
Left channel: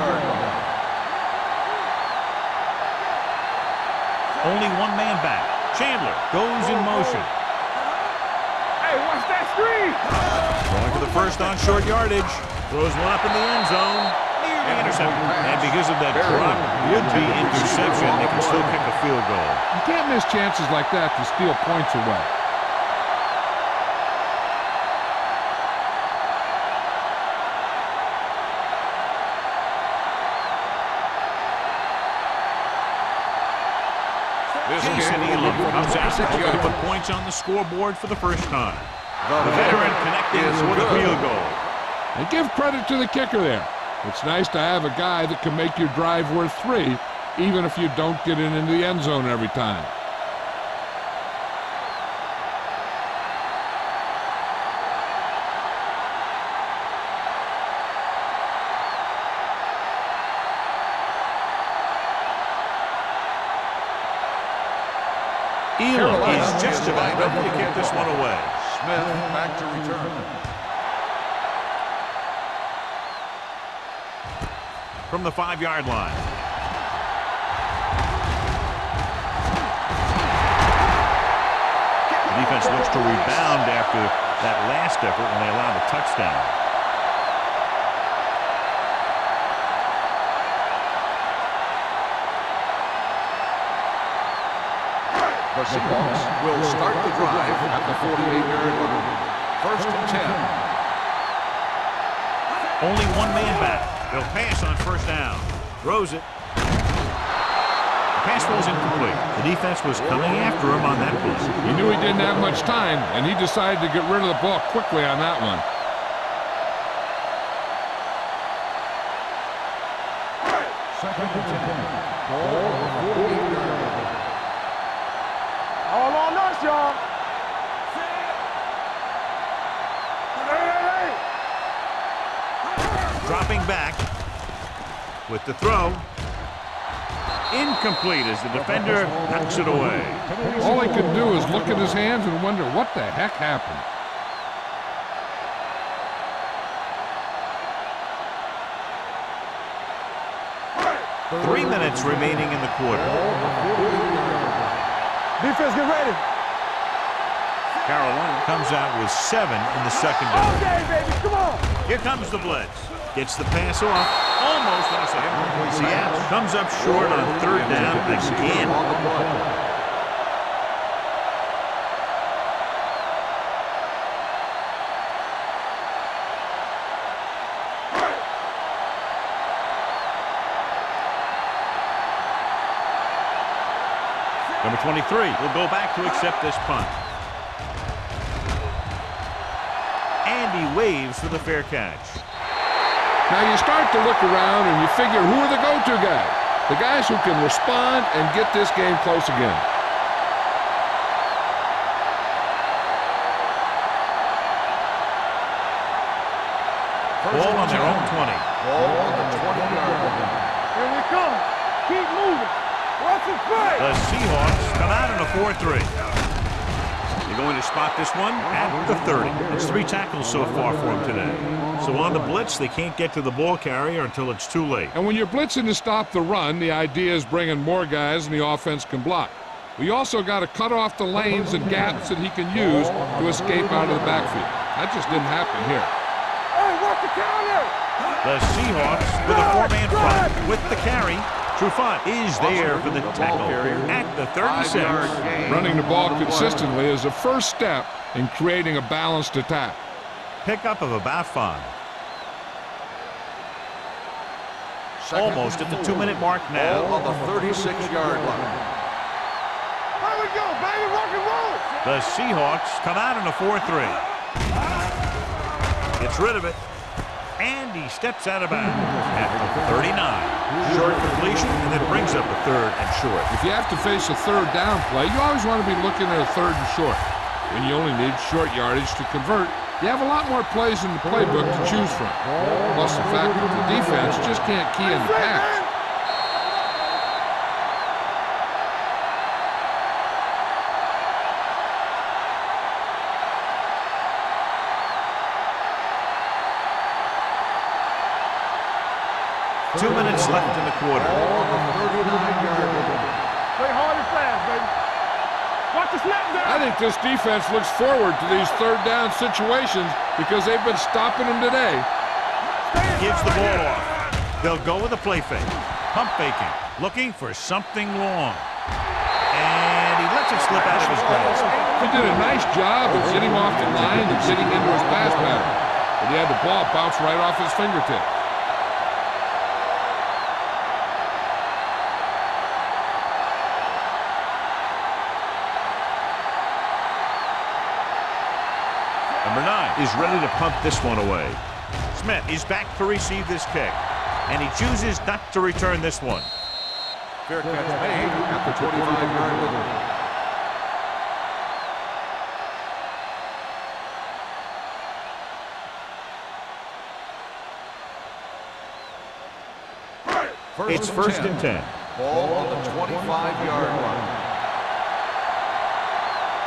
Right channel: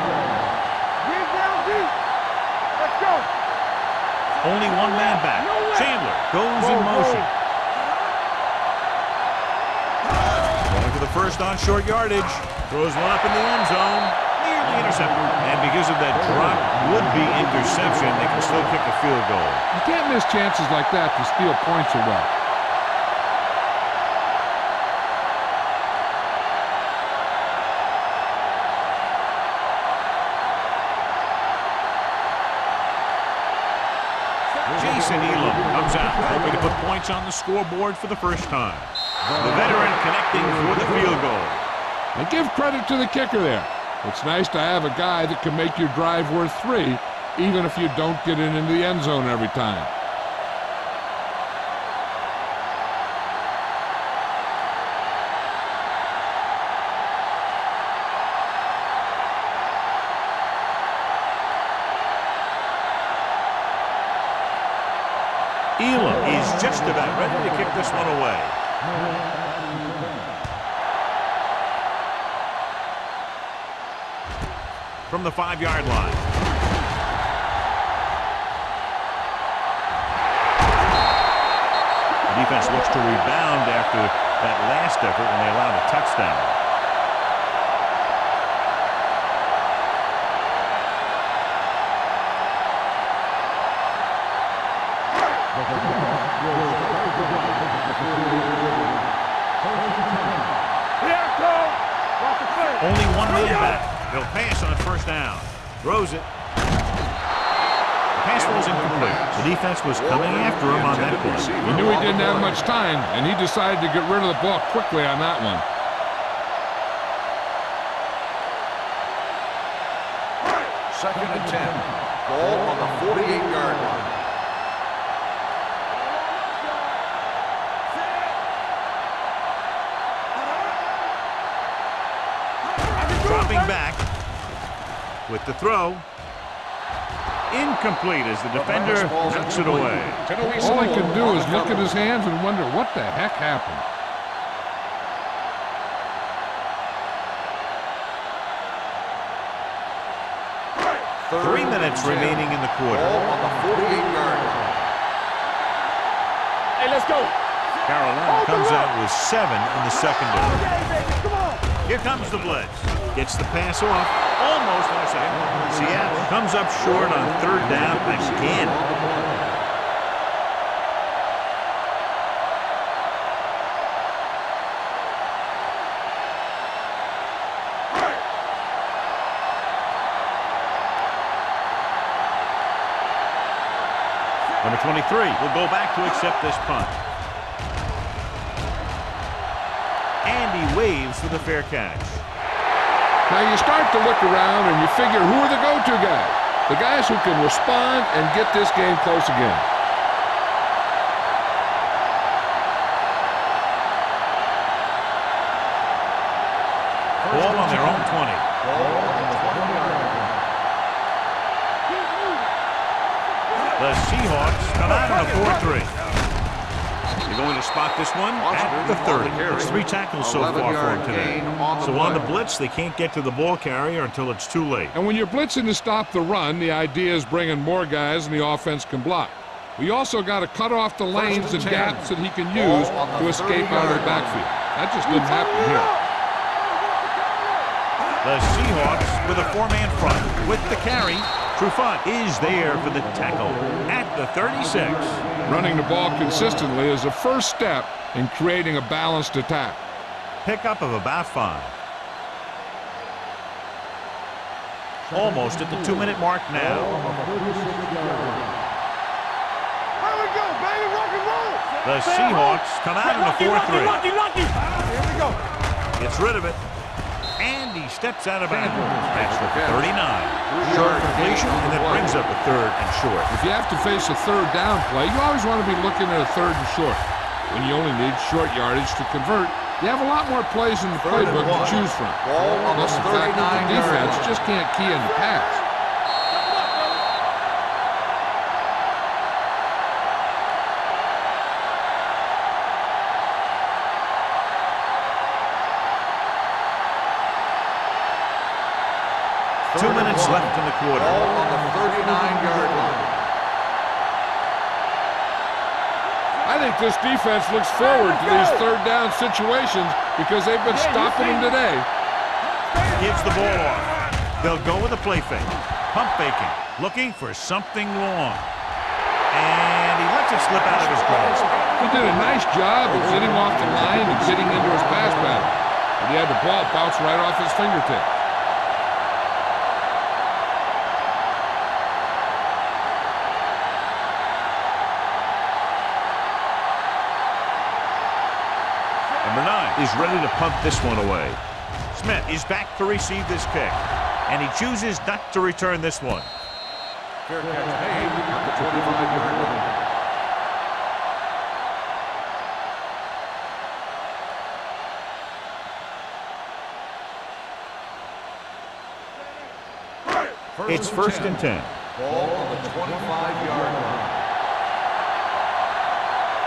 Only one man back. Chandler goes in motion. Going for the first on short yardage. Throws one up in the end zone. Nearly intercepted. And because of that drop would-be interception, they can still kick a field goal. You can't miss chances like that to steal points away. Jason Elam comes out, hoping to put points on the scoreboard for the first time. The veteran connecting for the field goal. And give credit to the kicker there. It's nice to have a guy that can make your drive worth 3, even if you don't get it into the end zone every time. Elam is just about ready to kick this one away. Smith back to return. from the 5-yard line. The defense looks to rebound after that last effort when they allowed a touchdown. The Seahawks will start the drive at the 48-yard line. First and 10. Only one man back. They'll pass on first down. Throws it. The pass falls incomplete. The defense was coming after him on that play. He knew he didn't have much time, and he decided to get rid of the ball quickly on that one. Second and 10. Ball on the 48-yard line. All on us, y'all. Set. Dropping back with the throw. Incomplete as the defender knocks it away. All he can do is look at his hands and wonder what the heck happened. Three minutes remaining in the quarter. Ball on the 48-yard line. Defense, get ready. Hey, let's go. Carolina comes out with 7 in the secondary. Okay, baby, come on. Here comes the blitz. Gets the pass off. Almost intercepted. Seattle comes up short on third down again. On the play. Number 23 will go back to accept this punt. And he waves for the fair catch. Now you start to look around and you figure, who are the go-to guys? The guys who can respond and get this game close again. Ball on their own 20. Ball on the 20-yard line. Here we come. Keep moving. What's the play? The Seahawks come out in a 4-3. You're going to spot this one at the 30. It's 3 tackles so far for him today. So on the blitz, they can't get to the ball carrier until it's too late. And when you're blitzing to stop the run, the idea is bringing more guys and the offense can block. We also got to cut off the lanes and gaps that he can use to escape out of the backfield. That just didn't happen here. Hey, what's the counter? The Seahawks with a 4-man front with the carry. Trufant is there for the tackle at the 36. Running the ball consistently is the first step in creating a balanced attack. Pickup of about 5. Almost at the 2-minute mark now. Ball on the 36-yard line. Here we go, baby, rock and roll. The Seahawks come out in a 4-3. Gets rid of it. And he steps out of bounds at the 39. Short completion, and that brings up a 3rd and short. If you have to face a third down play, you always want to be looking at a 3rd and short. When you only need short yardage to convert, you have a lot more plays in the playbook to choose from. Plus the fact that the defense just can't key in the pass. Two minutes left in the quarter. Ball on the 39-yard line. Play hard and fast, baby. Watch the snap. I think this defense looks forward to these third down situations because they've been stopping them today. Gives the ball off. They'll go with a play fake. Pump faking. Looking for something long. And he lets it slip out of his grasp. He did a nice job of getting off the line and getting into his pass pattern. But he had the ball bounce right off his fingertips. Number 9 is ready to punt this one away. Smith is back to receive this kick. And he chooses not to return this one. Fair catch made at the 25-yard line. It's first and 10. Ball on the 25-yard line.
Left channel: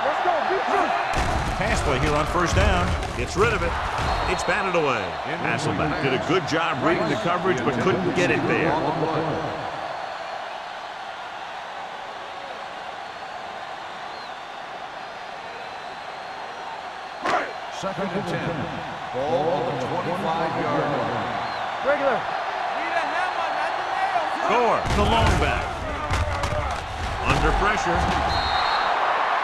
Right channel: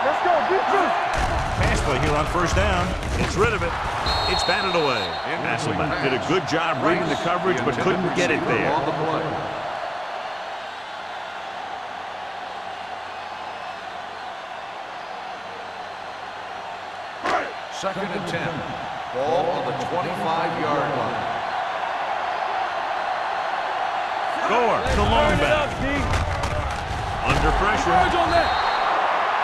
Let's go, beat you. pass play here on first down. Gets rid of it. It's batted away. Hasselbeck did a good job reading the coverage, but couldn't get it there. On the play. Second and 10. Ball on the 25-yard line. Gore, the long back. Under pressure.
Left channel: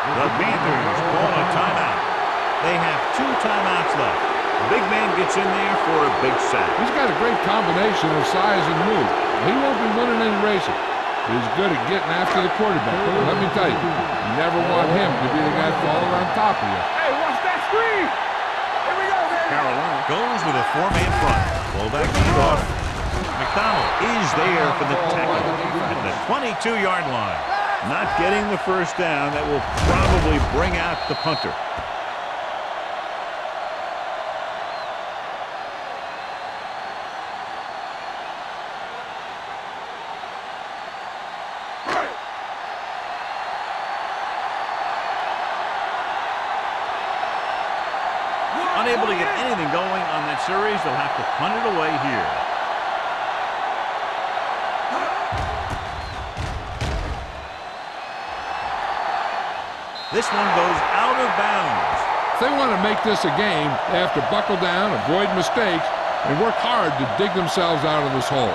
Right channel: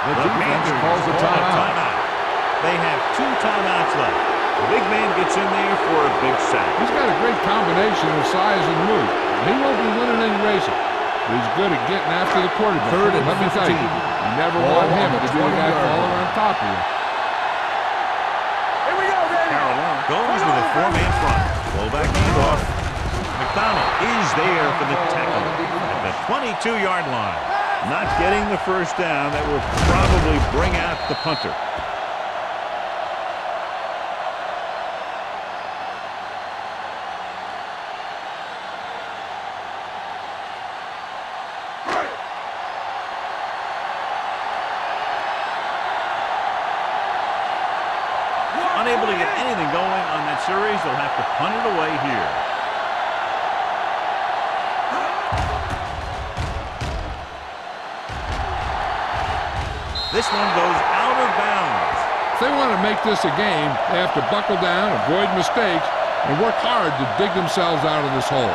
The Panthers call a timeout. They have 2 timeouts left. The big man gets in there for a big sack. He's got a great combination of size and move. Now, he won't be winning any races, but he's good at getting after the quarterback. Let me tell you, you never want him to be the guy falling on top of you. Hey, watch that screen. Here we go, baby. Carolina goes with a 4-man front. Fullback handoff. McDonald is there for the tackle at the 22-yard line. Not getting the first down. That will probably bring out the punter. Unable to get anything going on that series, they'll have to punt it away here. This one goes out of bounds. If they want to make this a game, they have to buckle down, avoid mistakes, and work hard to dig themselves out of this hole.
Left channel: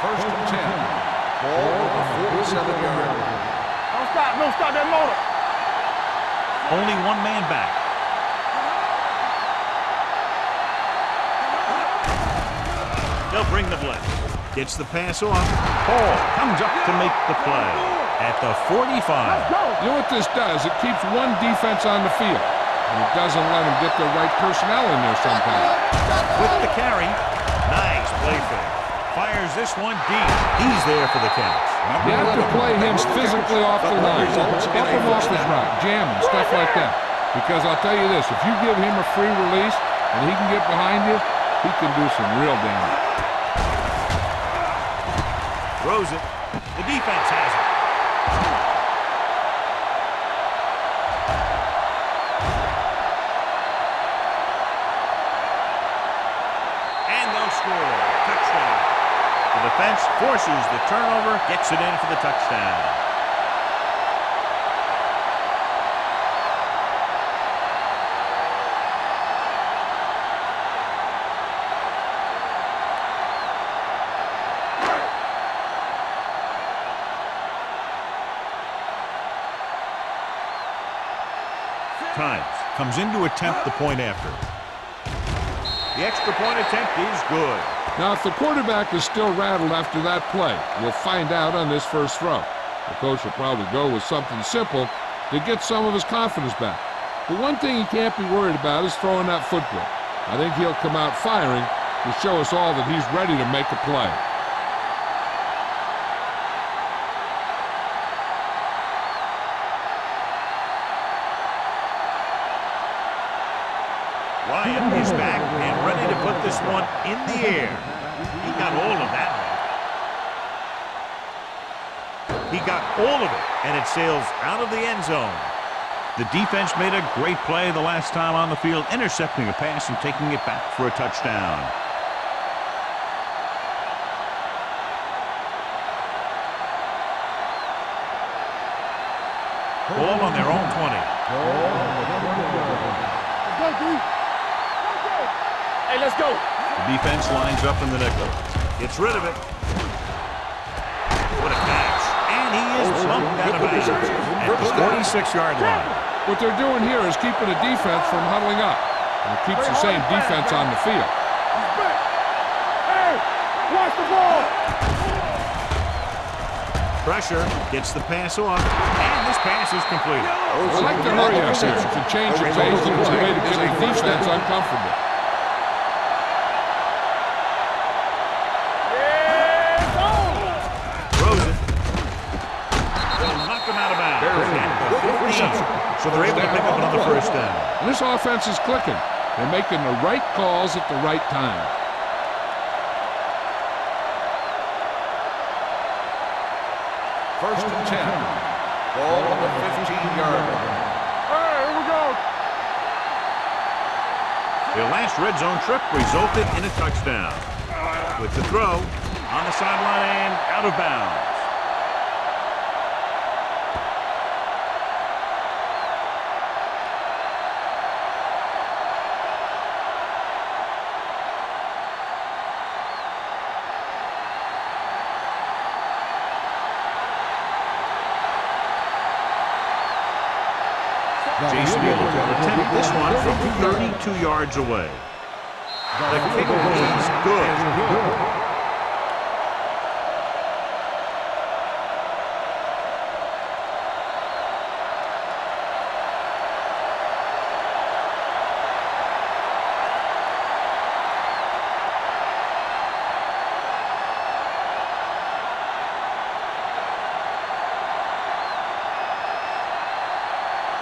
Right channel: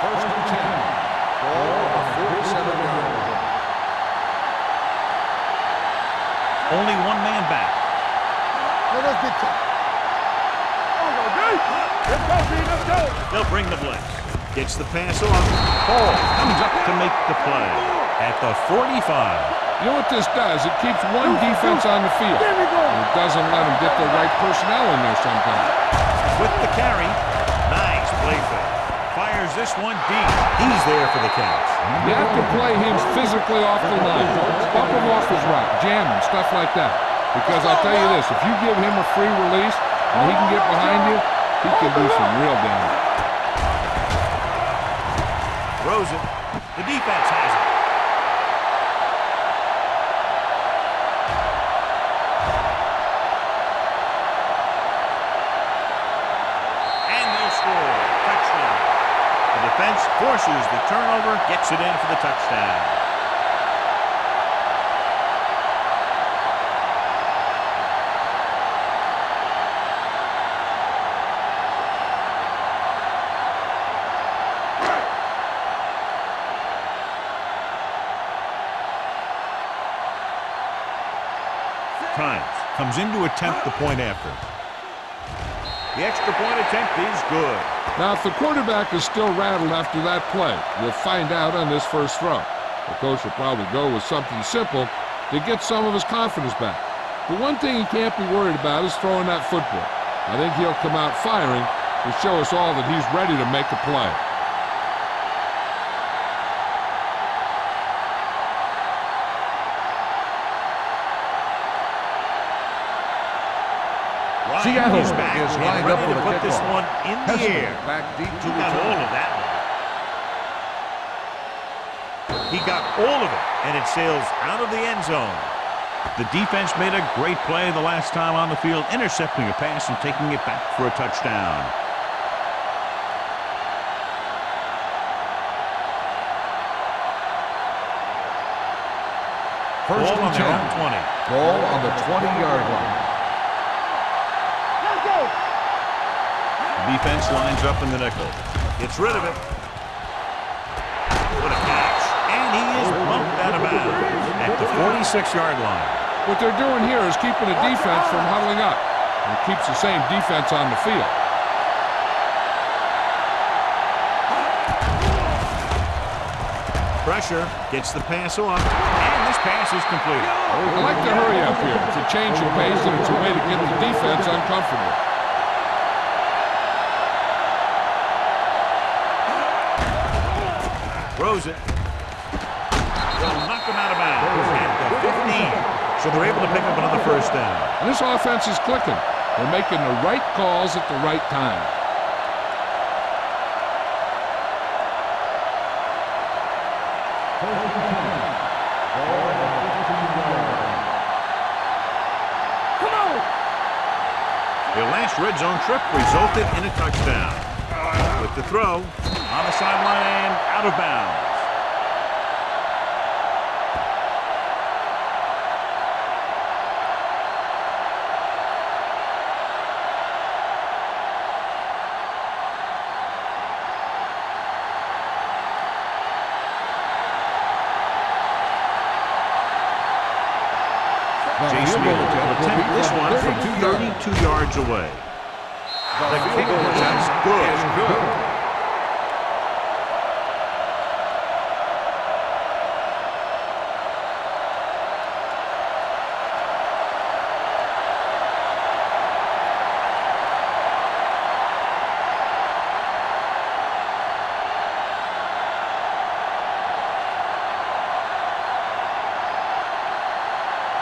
First and 10. Ball on the 47-yard line. Don't stop that motor. Only 1 man back. They'll bring the blitz. Gets the pass off. Hall comes up to make the play at the 45. You know what this does? It keeps one defense on the field, and it doesn't let them get the right personnel in there sometimes. With the carry. Nice play fake. Fires this one deep. He's there for the catch. You have to play him physically off the line. Bump him off his route, jam him, stuff like that. Because I'll tell you this, if you give him a free release and he can get behind you, he can do some real damage. Throws it. The defense has it. And they'll score. Touchdown. The defense forces the turnover, gets it in for the touchdown. Times comes in to attempt the point after. The extra point attempt is good. Now, if the quarterback is still rattled after that play, we'll find out on this first throw. The coach will probably go with something simple to get some of his confidence back. But one thing he can't be worried about is throwing that football. I think he'll come out firing to show us all that he's ready to make a play. Ryan is back and ready to put this one in the air. He got all of that one. He got all of it, and it sails out of the end zone. The defense made a great play the last time on the field, intercepting a pass and taking it back for a touchdown. Ball on their own 20. Ball on the 20-yard line. Hey, let's go. The defense lines up in the nickel. Gets rid of it. What a catch. And he is bumped out of bounds at the 46-yard line. What they're doing here is keeping the defense from huddling up. And it keeps the same defense on the field. Pressure, gets the pass off, and this pass is completed. I like the hurry up here. It's a change of pace, and it's a way to get the defense uncomfortable. Throws it. They'll knock him out of bounds at the 15. So they're able to pick up another first down. And this offense is clicking. They're making the right calls at the right time. last red zone trip resulted in a touchdown. With the throw on the sideline and out of bounds. Jason Wheeler will attempt this one from 32 yards away. The kick is good.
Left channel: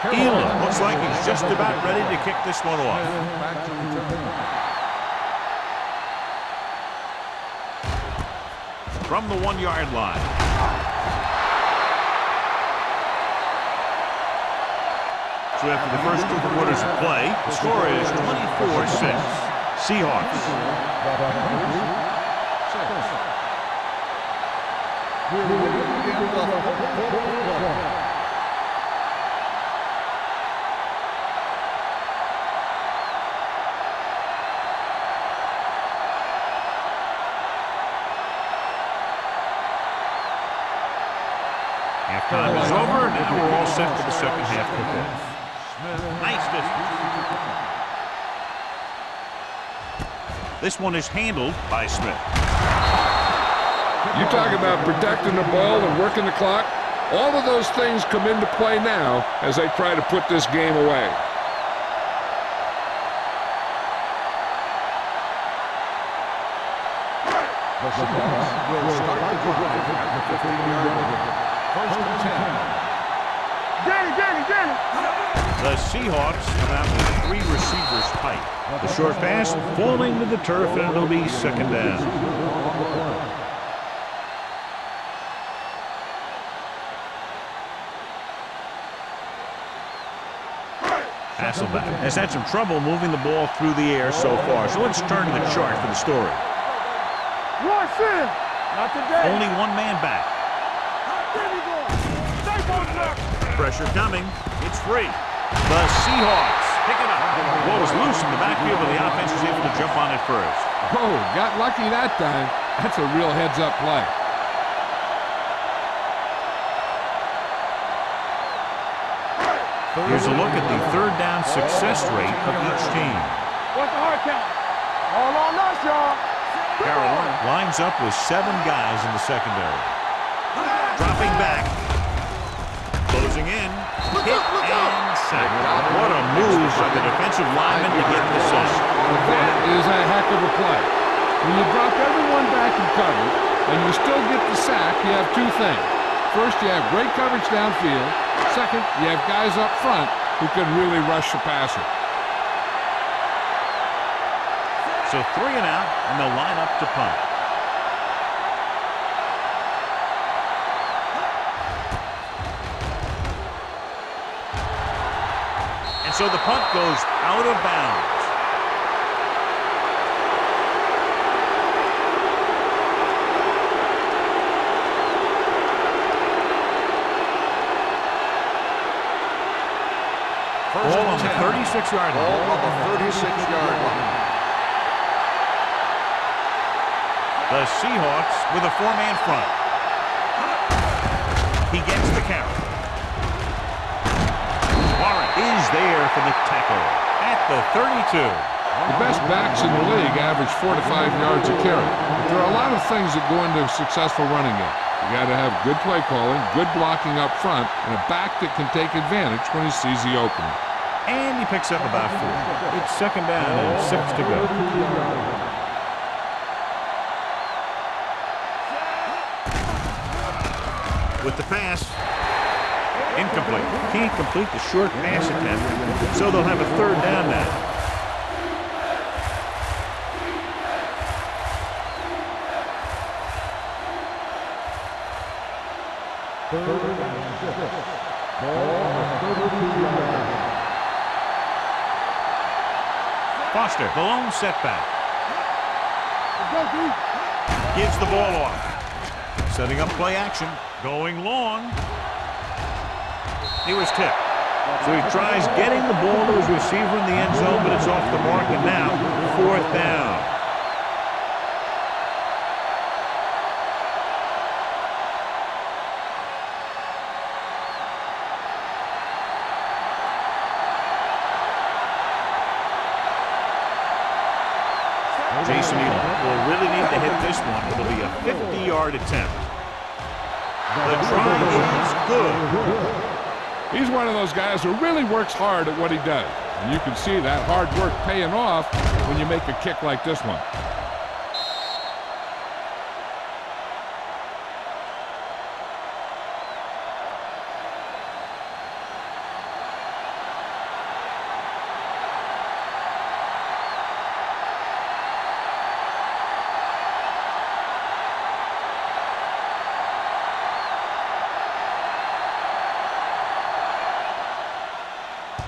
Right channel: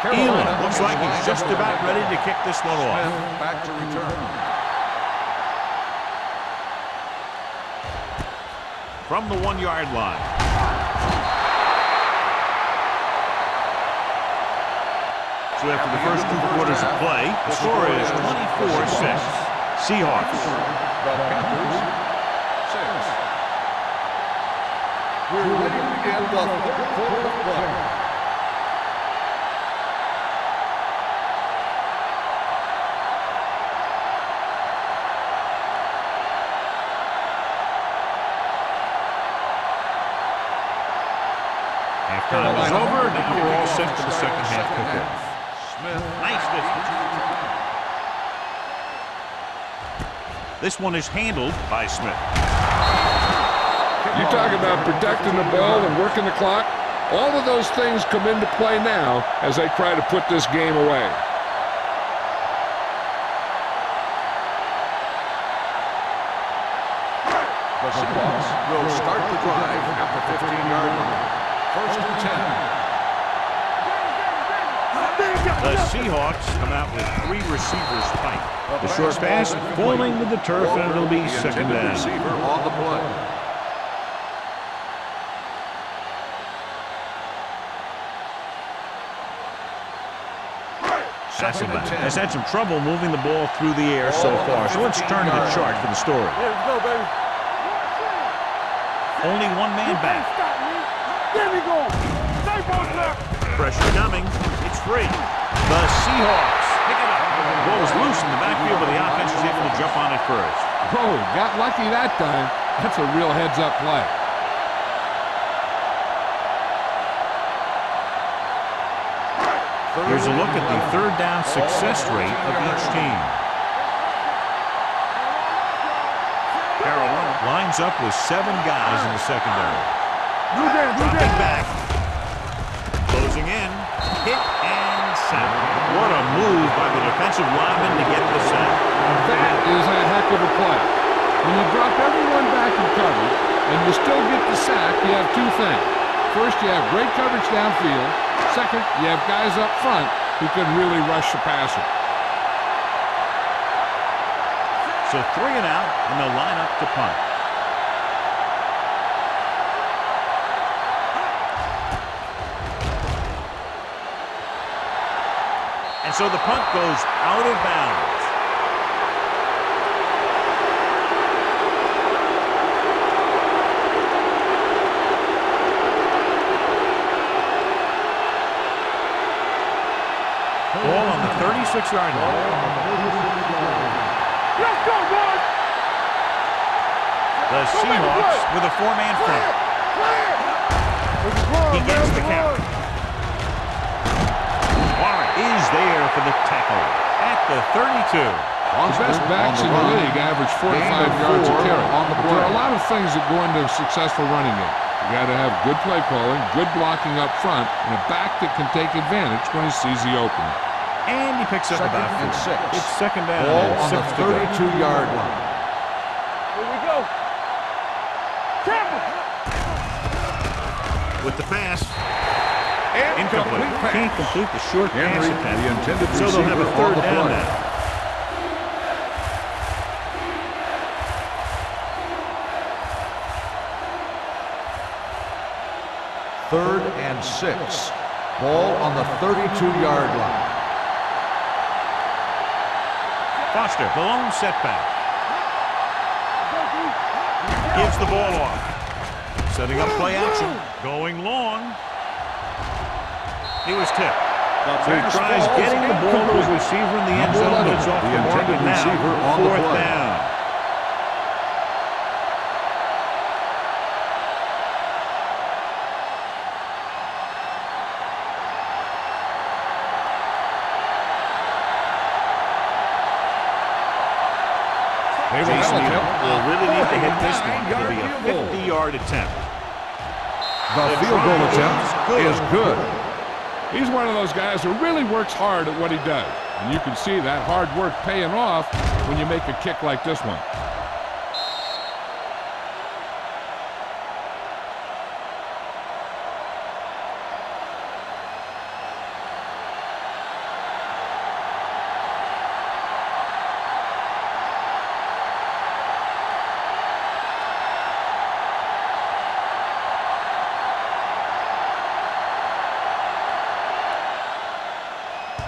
Elam looks like he's just about ready to kick this one off. Back to return. From the 1-yard line. So after the first 2 quarters of play, the score is 24-6. Seahawks. The Panthers, 6. We're ready to begin the 3rd quarter of play. Halftime is over. Now we're all set for the second half kickoff. Nice distance. This one is handled by Smith. You talk about protecting the ball and working the clock. All of those things come into play now as they try to put this game away. The Seahawks will start the drive at the 15-yard line. 1st and 10. The Seahawks come out with 3 receivers tight. The short pass falling to the turf, and it'll be 2nd down. Receiver on the play. Hasselbeck has had some trouble moving the ball through the air so far, so let's turn to the chart for the story. Only 1 man back. Pressure coming. It's free. The Seahawks pick it up. The ball was loose in the backfield, but the offense was able to jump on it first. Whoa, got lucky that time. That's a real heads-up play. Here's a look at the 3rd down success rate of each team. Carolina lines up with 7 guys in the secondary. Dropping back. Closing in. Hit and sack. What a move by the defensive lineman to get the sack. Now that is a heck of a play. When you drop everyone back in coverage and you still get the sack, you have 2 things. First, you have great coverage downfield. Second, you have guys up front who can really rush the passer. So 3 and out, and they'll line up to punt. And so the punt goes out of bounds. Ball on the 36-yard line. The Seahawks with a 4-man front. He gets the count. Warren is there for the tackle at the 32. The best backs in the league average 4 to 5 yards a carry. But there are a lot of things that go into a successful running game. You got to have good play calling, good blocking up front, and a back that can take advantage when he sees the opening. And he picks up about 4. It's 2nd down and 6 to go. 32-yard line. With the pass, incomplete. Can't complete the short pass attempt, so they'll have a 3rd down now. Third and 6. Ball on the 32-yard line. Foster, the lone setback. Let's go, D. Gives the ball off. Setting up play action. Going long. He was tipped. So he tries getting the ball to his receiver in the end zone, but it's off the mark, and now 4th down. Jason Needham will really need to hit this one. It'll be a 50-yard attempt. The field goal attempt is good. He's one of those guys who really works hard at what he does. And you can see that hard work paying off when you make a kick like this one.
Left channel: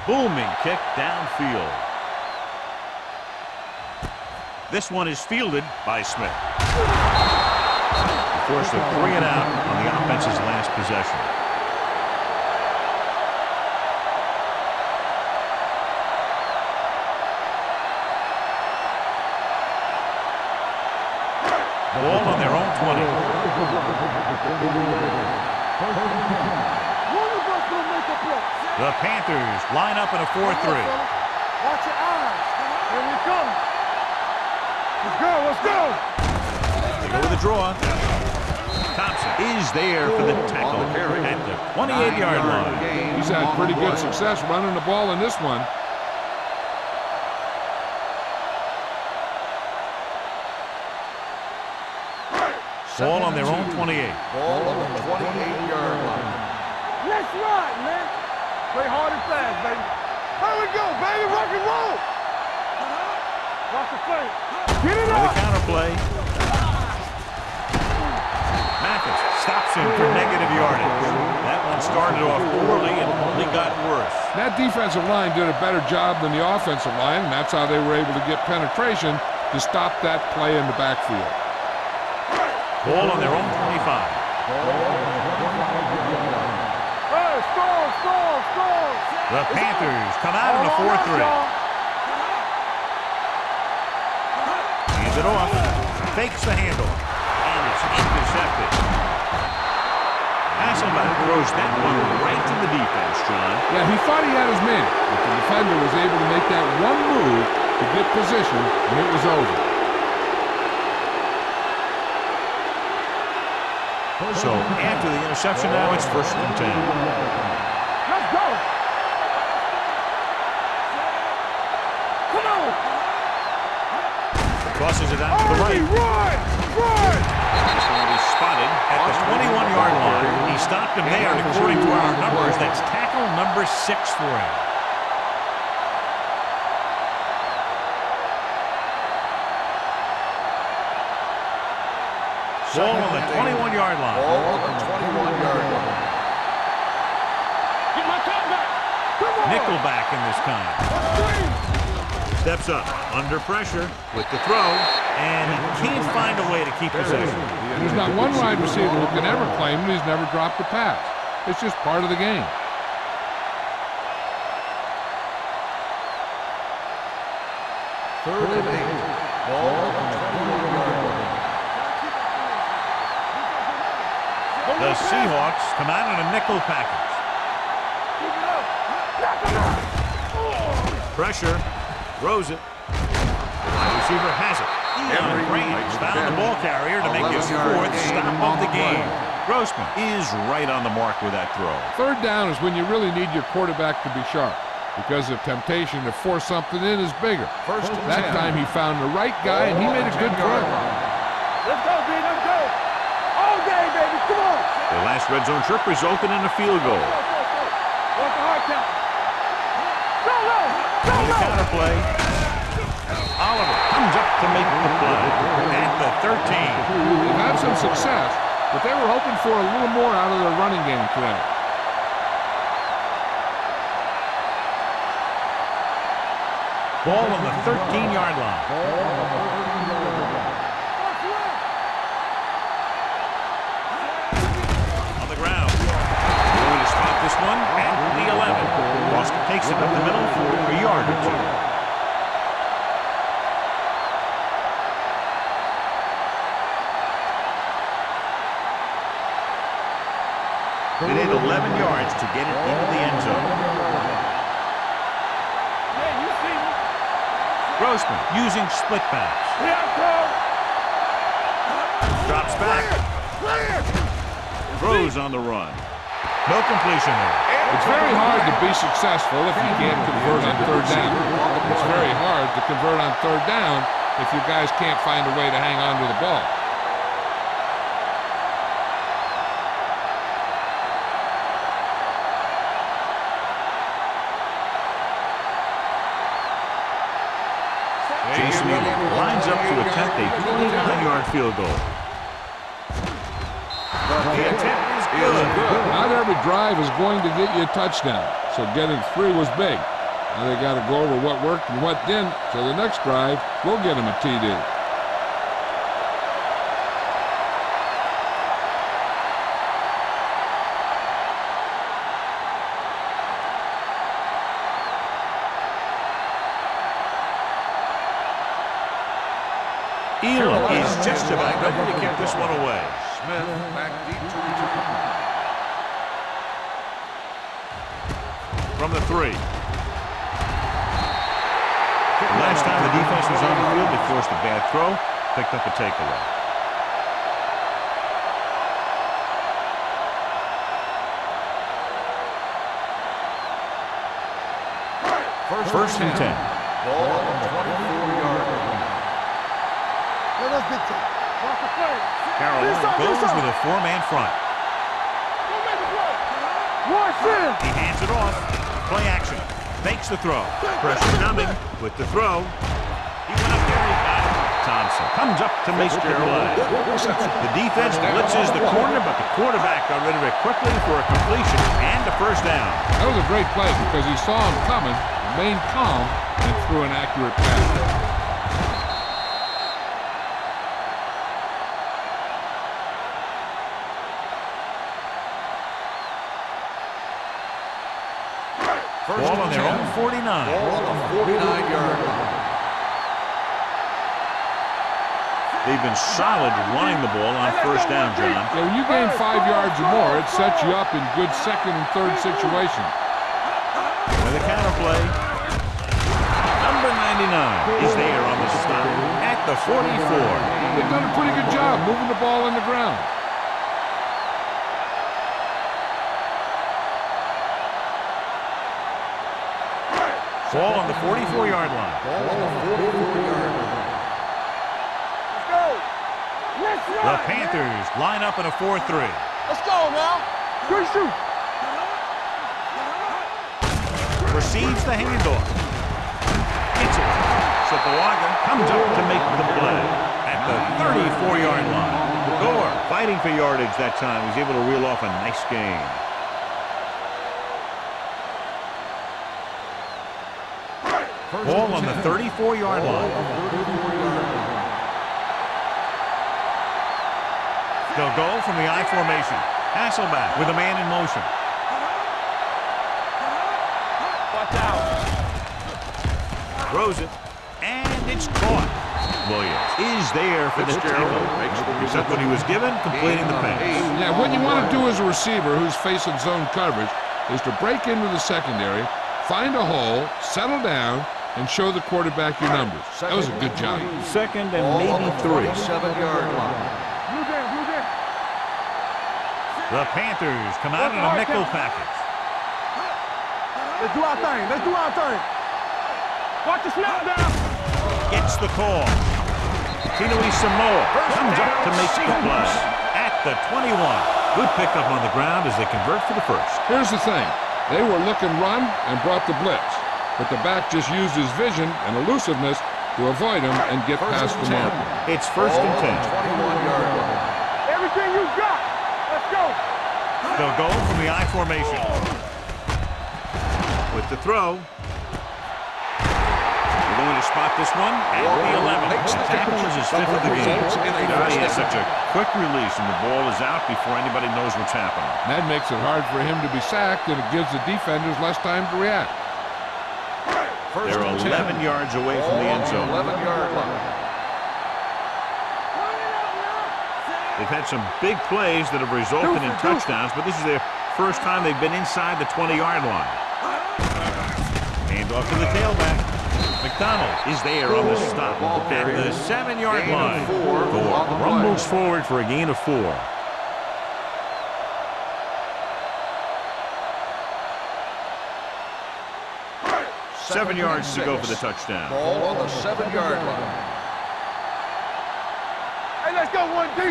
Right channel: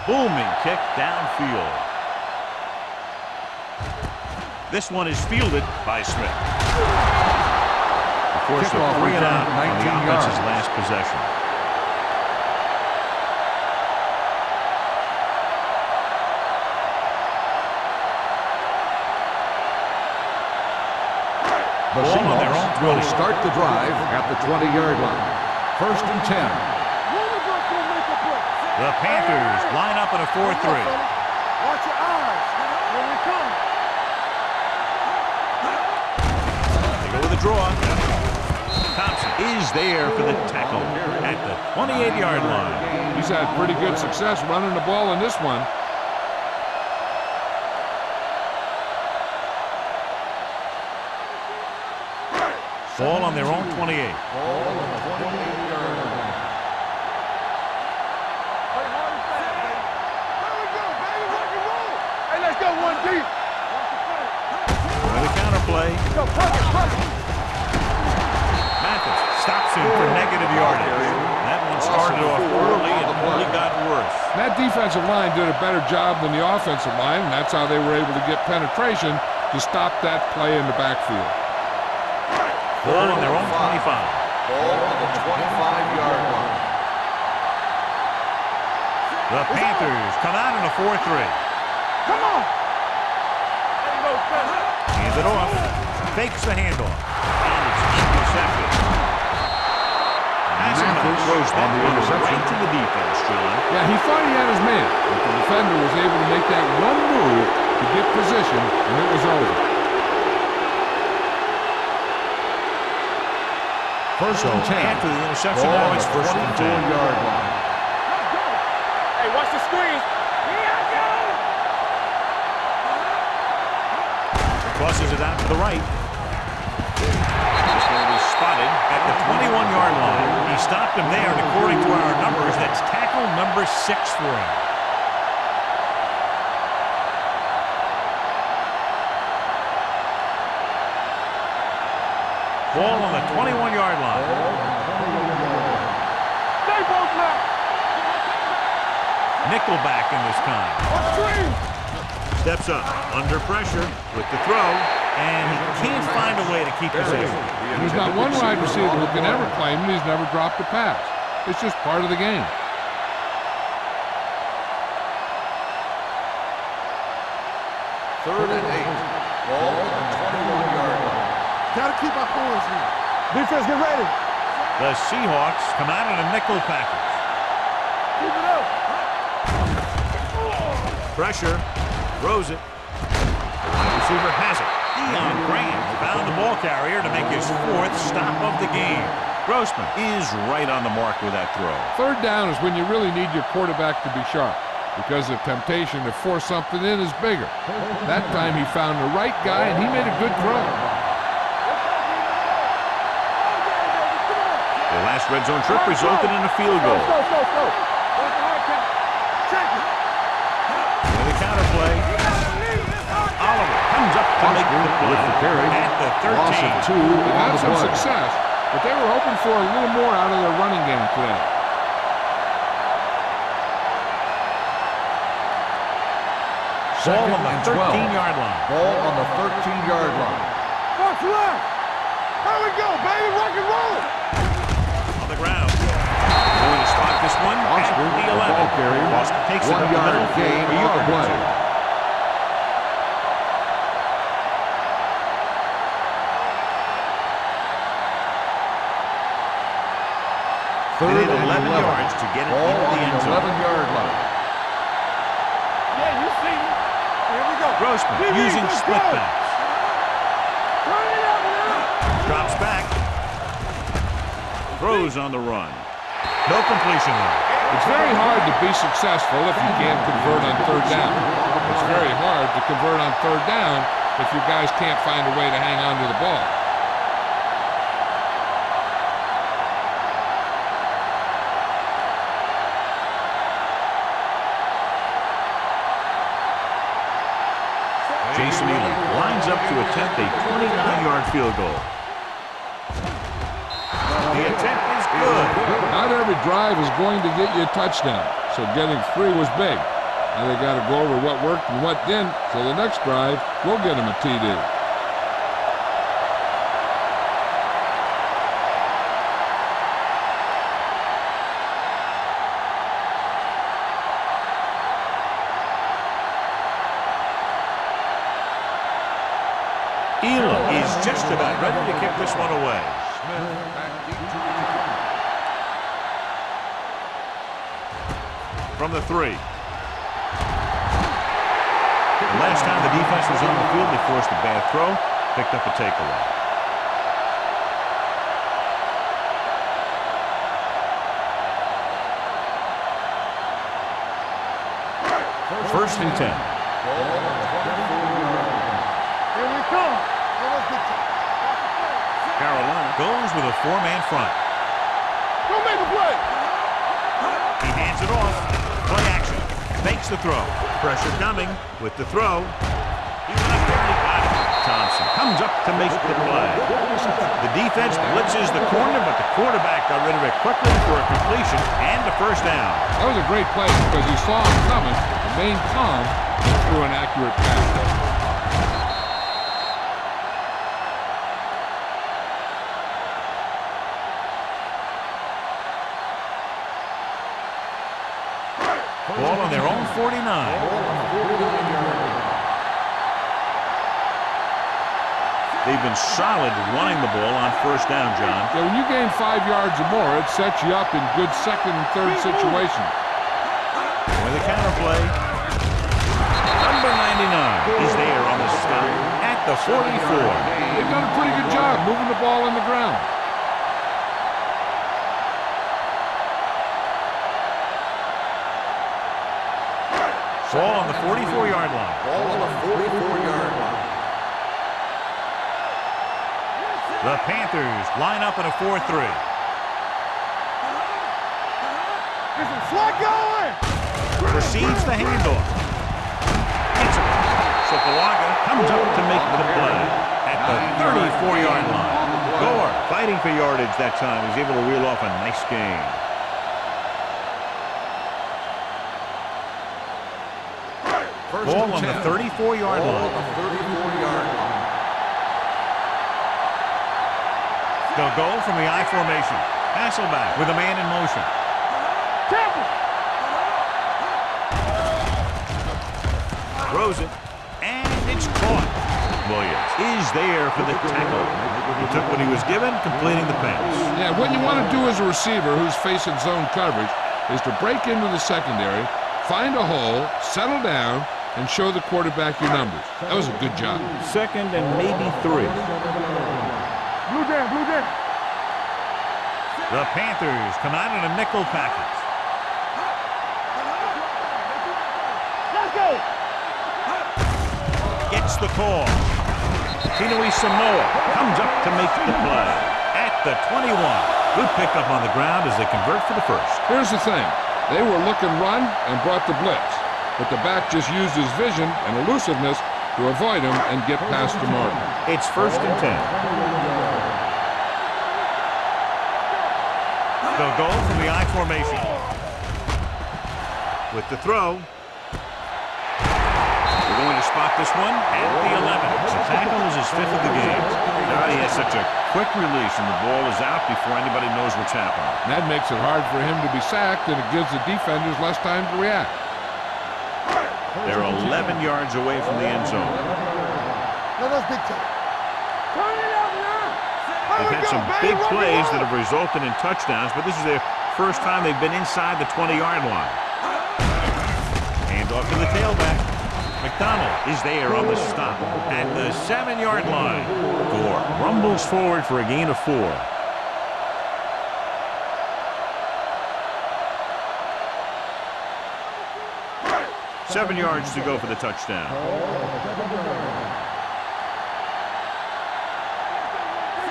Booming kick downfield. This one is fielded by Smith. He forced a 3-and-out on the offense's last possession. Ball on their own 20. Start the drive at the 20-yard line. 1st and 10. One of us will make a play. The Panthers line up in a 4-3. Watch your eyes. Here we come. Let's go. They go with a draw. Thompson is there for the tackle at the 28-yard line. He's had pretty good success running the ball in this one. Ball on their own 28. Ball on the 28-yard line. Let's ride, man. Play hard and fast, baby. There we go, baby. Rock and roll. Hey, let's go one deep. Watch the play. For the counter play. Mathis stops him for negative yardage. That one started off poorly and only got worse. That defensive line did a better job than the offensive line, and that's how they were able to get penetration to stop that play in the backfield. Ball on their own 25. Ball on the 25-yard line. The Panthers come out in a 4-3. Hands it off. Fakes the handoff. And it's intercepted. Hasselbeck throws that one right to the defense, John. Yeah, he thought he had his man, but the defender was able to make that one move to get position, and it was over. So after the interception, now it's 1st and 10. Let's go. Hey, watch the screen. Come on. Crosses it out to the right. This one will be spotted at the 21-yard line. He stopped him there, and according to our numbers, that's tackle number 6 for him. Ball on the 21-yard line. Nickelback in this kind. Steps up under pressure with the throw, and he can't find a way to keep possession. There's not one wide receiver who can ever claim that he's never dropped a pass. It's just part of the game. Third and 8. Ball on the 21-yard line. Gotta keep our points here. Defense, get ready. The Seahawks come out in a nickel package. Keep it up. Pressure. Throws it. The wide receiver has it. Deion Graham found the ball carrier to make his 4th stop of the game. Grossman is right on the mark with that throw. 3rd down is when you really need your quarterback to be sharp, because the temptation to force something in is bigger. That time he found the right guy, and he made a good throw. Let's go, D. Let's go. All game, baby. Come on. Their last red zone trip resulted in a field goal. Go. What's the hard count? With the counter play, Oliver comes up to make the play at the 13. They've had some success, but they were hoping for a little more out of their running game today. Ball on the 13-yard line. Ball on the 13-yard line. First left. There we go, baby. Rock and roll. On the ground. Going to spot this one at the 11. Boston takes it up the middle for a yard or two. They need 11 yards to get it into the end zone. 11-yard line. Yeah, you see me. Grossman using split backs. Drops back. Throws on the run. No completion there. It's very hard to be successful if you can't convert on third down. It's very hard to convert on third down if you guys can't find a way to hang on to the ball. Jason Elam lines up to attempt a 29-yard field goal. The attempt is good. Not every drive is going to get you a touchdown, so getting 3 was big. Now they got to go over what worked and what didn't, so the next drive will get them a TD. Elam is just about ready to kick this one away. Smith back deep to return. From the 3. The last time the defense was on the field, they forced a bad throw, picked up a takeaway. First and 10. Ball on the 24-yard line. Here we come. Let's big time. Watch the play. Carolina goes with a 4-man front. Go make a play. Watch him. He hands it off. Play action. Makes the throw. Pressure coming with the throw. He went up there and he got it. Thompson comes up to make the play. The defense blitzes the corner, but the quarterback got rid of it quickly for a completion and a first down. That was a great play because he saw him coming, remained calm, and threw an accurate pass. Ball on their own 49. Ball on the 49-yard line. They've been solid running the ball on first down, John. Yeah, when you gain 5 yards or more, it sets you up in good second and third situations. With a counter play. Number 99 is there on the stop at the 44. They've done a pretty good job moving the ball in the ground. Ball on the 44-yard line. Ball on the 44-yard line. The Panthers line up in a 4-3. Let's go now. Good shoot. Get some slack going. Receives the handoff. Gets away. Sopoaga comes up to make the play at the 34-yard line. Gore fighting for yardage that time. He's able to reel off a nice gain. Ball on the 34-yard line. Ball on the 34-yard line. They'll go from the I formation. Hasselback with a man in motion. Throws it, and it's caught. Williams is there for the tackle. He took what he was given, completing the pass. Yeah, what you want to do as a receiver who's facing zone coverage is to break into the secondary, find a hole, settle down, and show the quarterback your numbers. That was a good job. Second and maybe 3. 7-yard line. Blue down, blue down. The Panthers come out in a nickel package. Let's do our thing. Let's do our thing. Let's go. Watch the slide down. Gets the call. Tinui Samoa comes up to make the play at the 21. Good pickup on the ground as they convert for the first. Here's the thing. They were looking run and brought the blitz, but the back just used his vision and elusiveness to avoid him and get past the mark. It's first and 10. Everything you got. Let's go. They'll go from the I formation. With the throw. We're going to spot this one at the 11. The tackle is his 5th of the game. He has such a quick release, and the ball is out before anybody knows what's happening. That makes it hard for him to be sacked, and it gives the defenders less time to react. They're 11 yards away from the end zone. 11-yard line. They've had some big plays that have resulted in touchdowns, but this is their first time they've been inside the 20-yard line. Hand off to the tailback. McDonald is there on the stop at the 7-yard line. Gore rumbles forward for a gain of 4. Seven yards to go for the touchdown. Ball on the 7-yard line.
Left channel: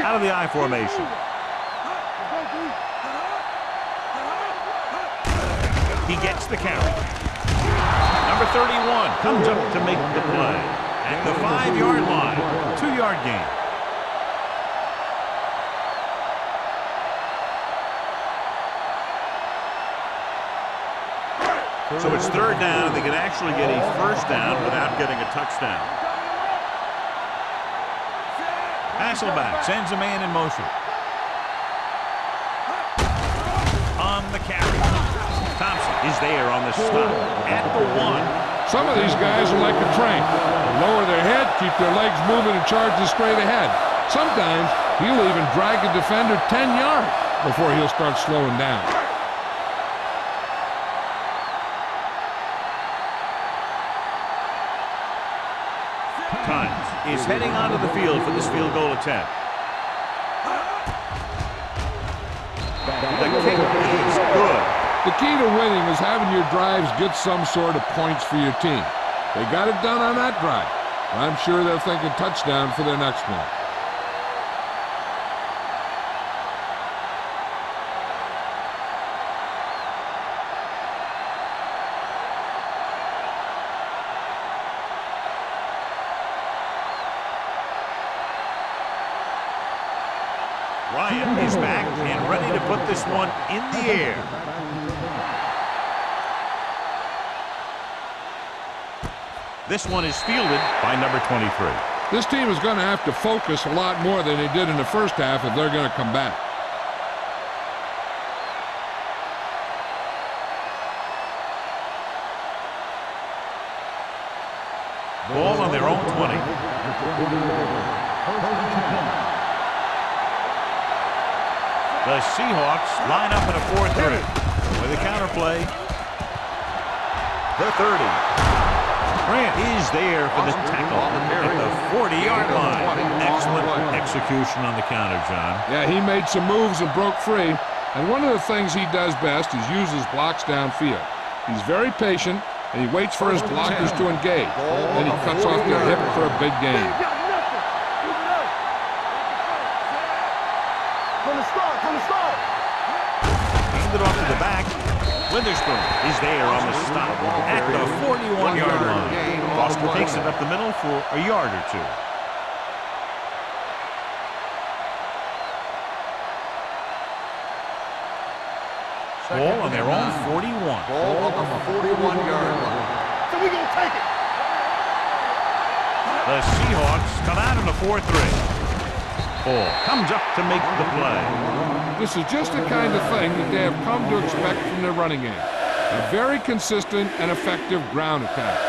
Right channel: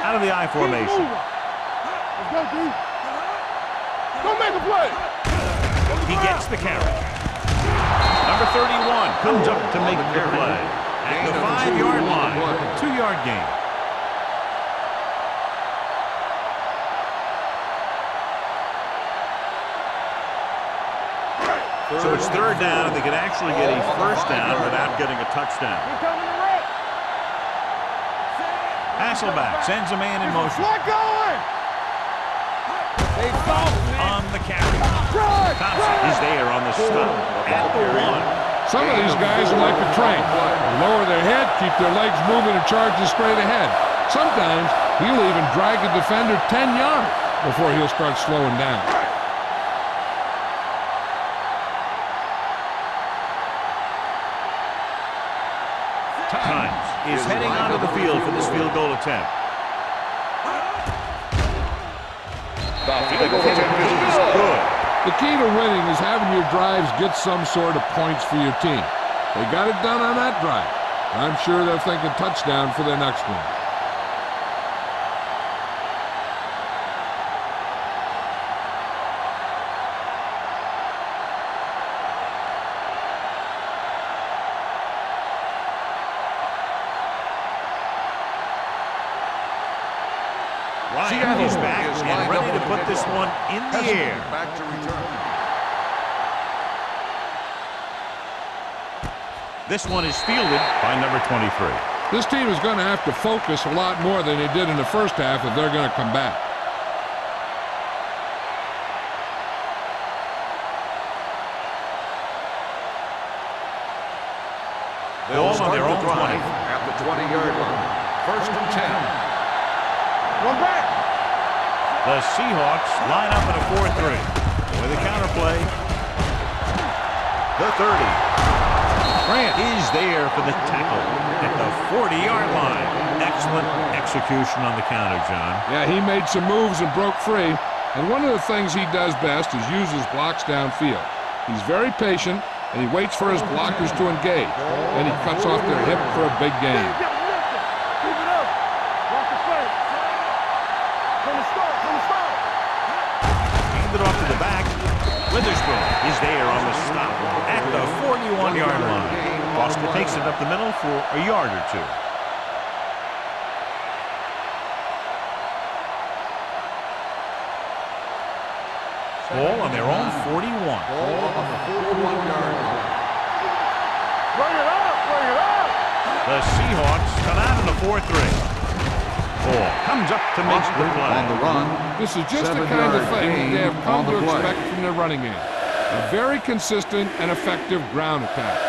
Out of the I formation. He gets the carry. Number 31 comes up to make the play. At the 5-yard line, 2-yard gain. So it's 3rd down, and they can actually get a 1st down without getting a touchdown. Hasselback sends a man in motion. On the carry. Thompson is there on the stop at the 1. Some of these guys are like a train. They lower their head, keep their legs moving, and charge straight ahead. Sometimes he'll even drag a defender 10 yards before he'll start slowing down. Times is heading onto the field for this field goal attempt. The kick is good. The key to winning is having your drives get some sort of points for your team. They got it done on that drive. I'm sure they're thinking touchdown for their next one. Ryan is back and ready to put this one in the air. Back to return. This one is fielded by number 23. This team is going to have to focus a lot more than they did in the first half if they're going to come back. Ball on their own 20. At the 20-yard line. 1st and 10. The Seahawks line up in a 4-3. With a counterplay. The 30. Grant is there for the tackle at the 40-yard line. Excellent execution on the counter, John. Yeah, he made some moves and broke free. And one of the things he does best is use his blocks downfield. He's very patient, and he waits for his blockers to engage. Then he cuts off their hip for a big gain. Handed off to the back. Witherspoon is there on the stop at the 41-yard line. Foster takes it up the middle for a yard or 2. Ball on their own 41. Ball on the 41-yard line. The Seahawks come out in a 4-3. Ball comes up to make the play. This is just the kind of thing that they have come to expect from their running game. A very consistent and effective ground attack.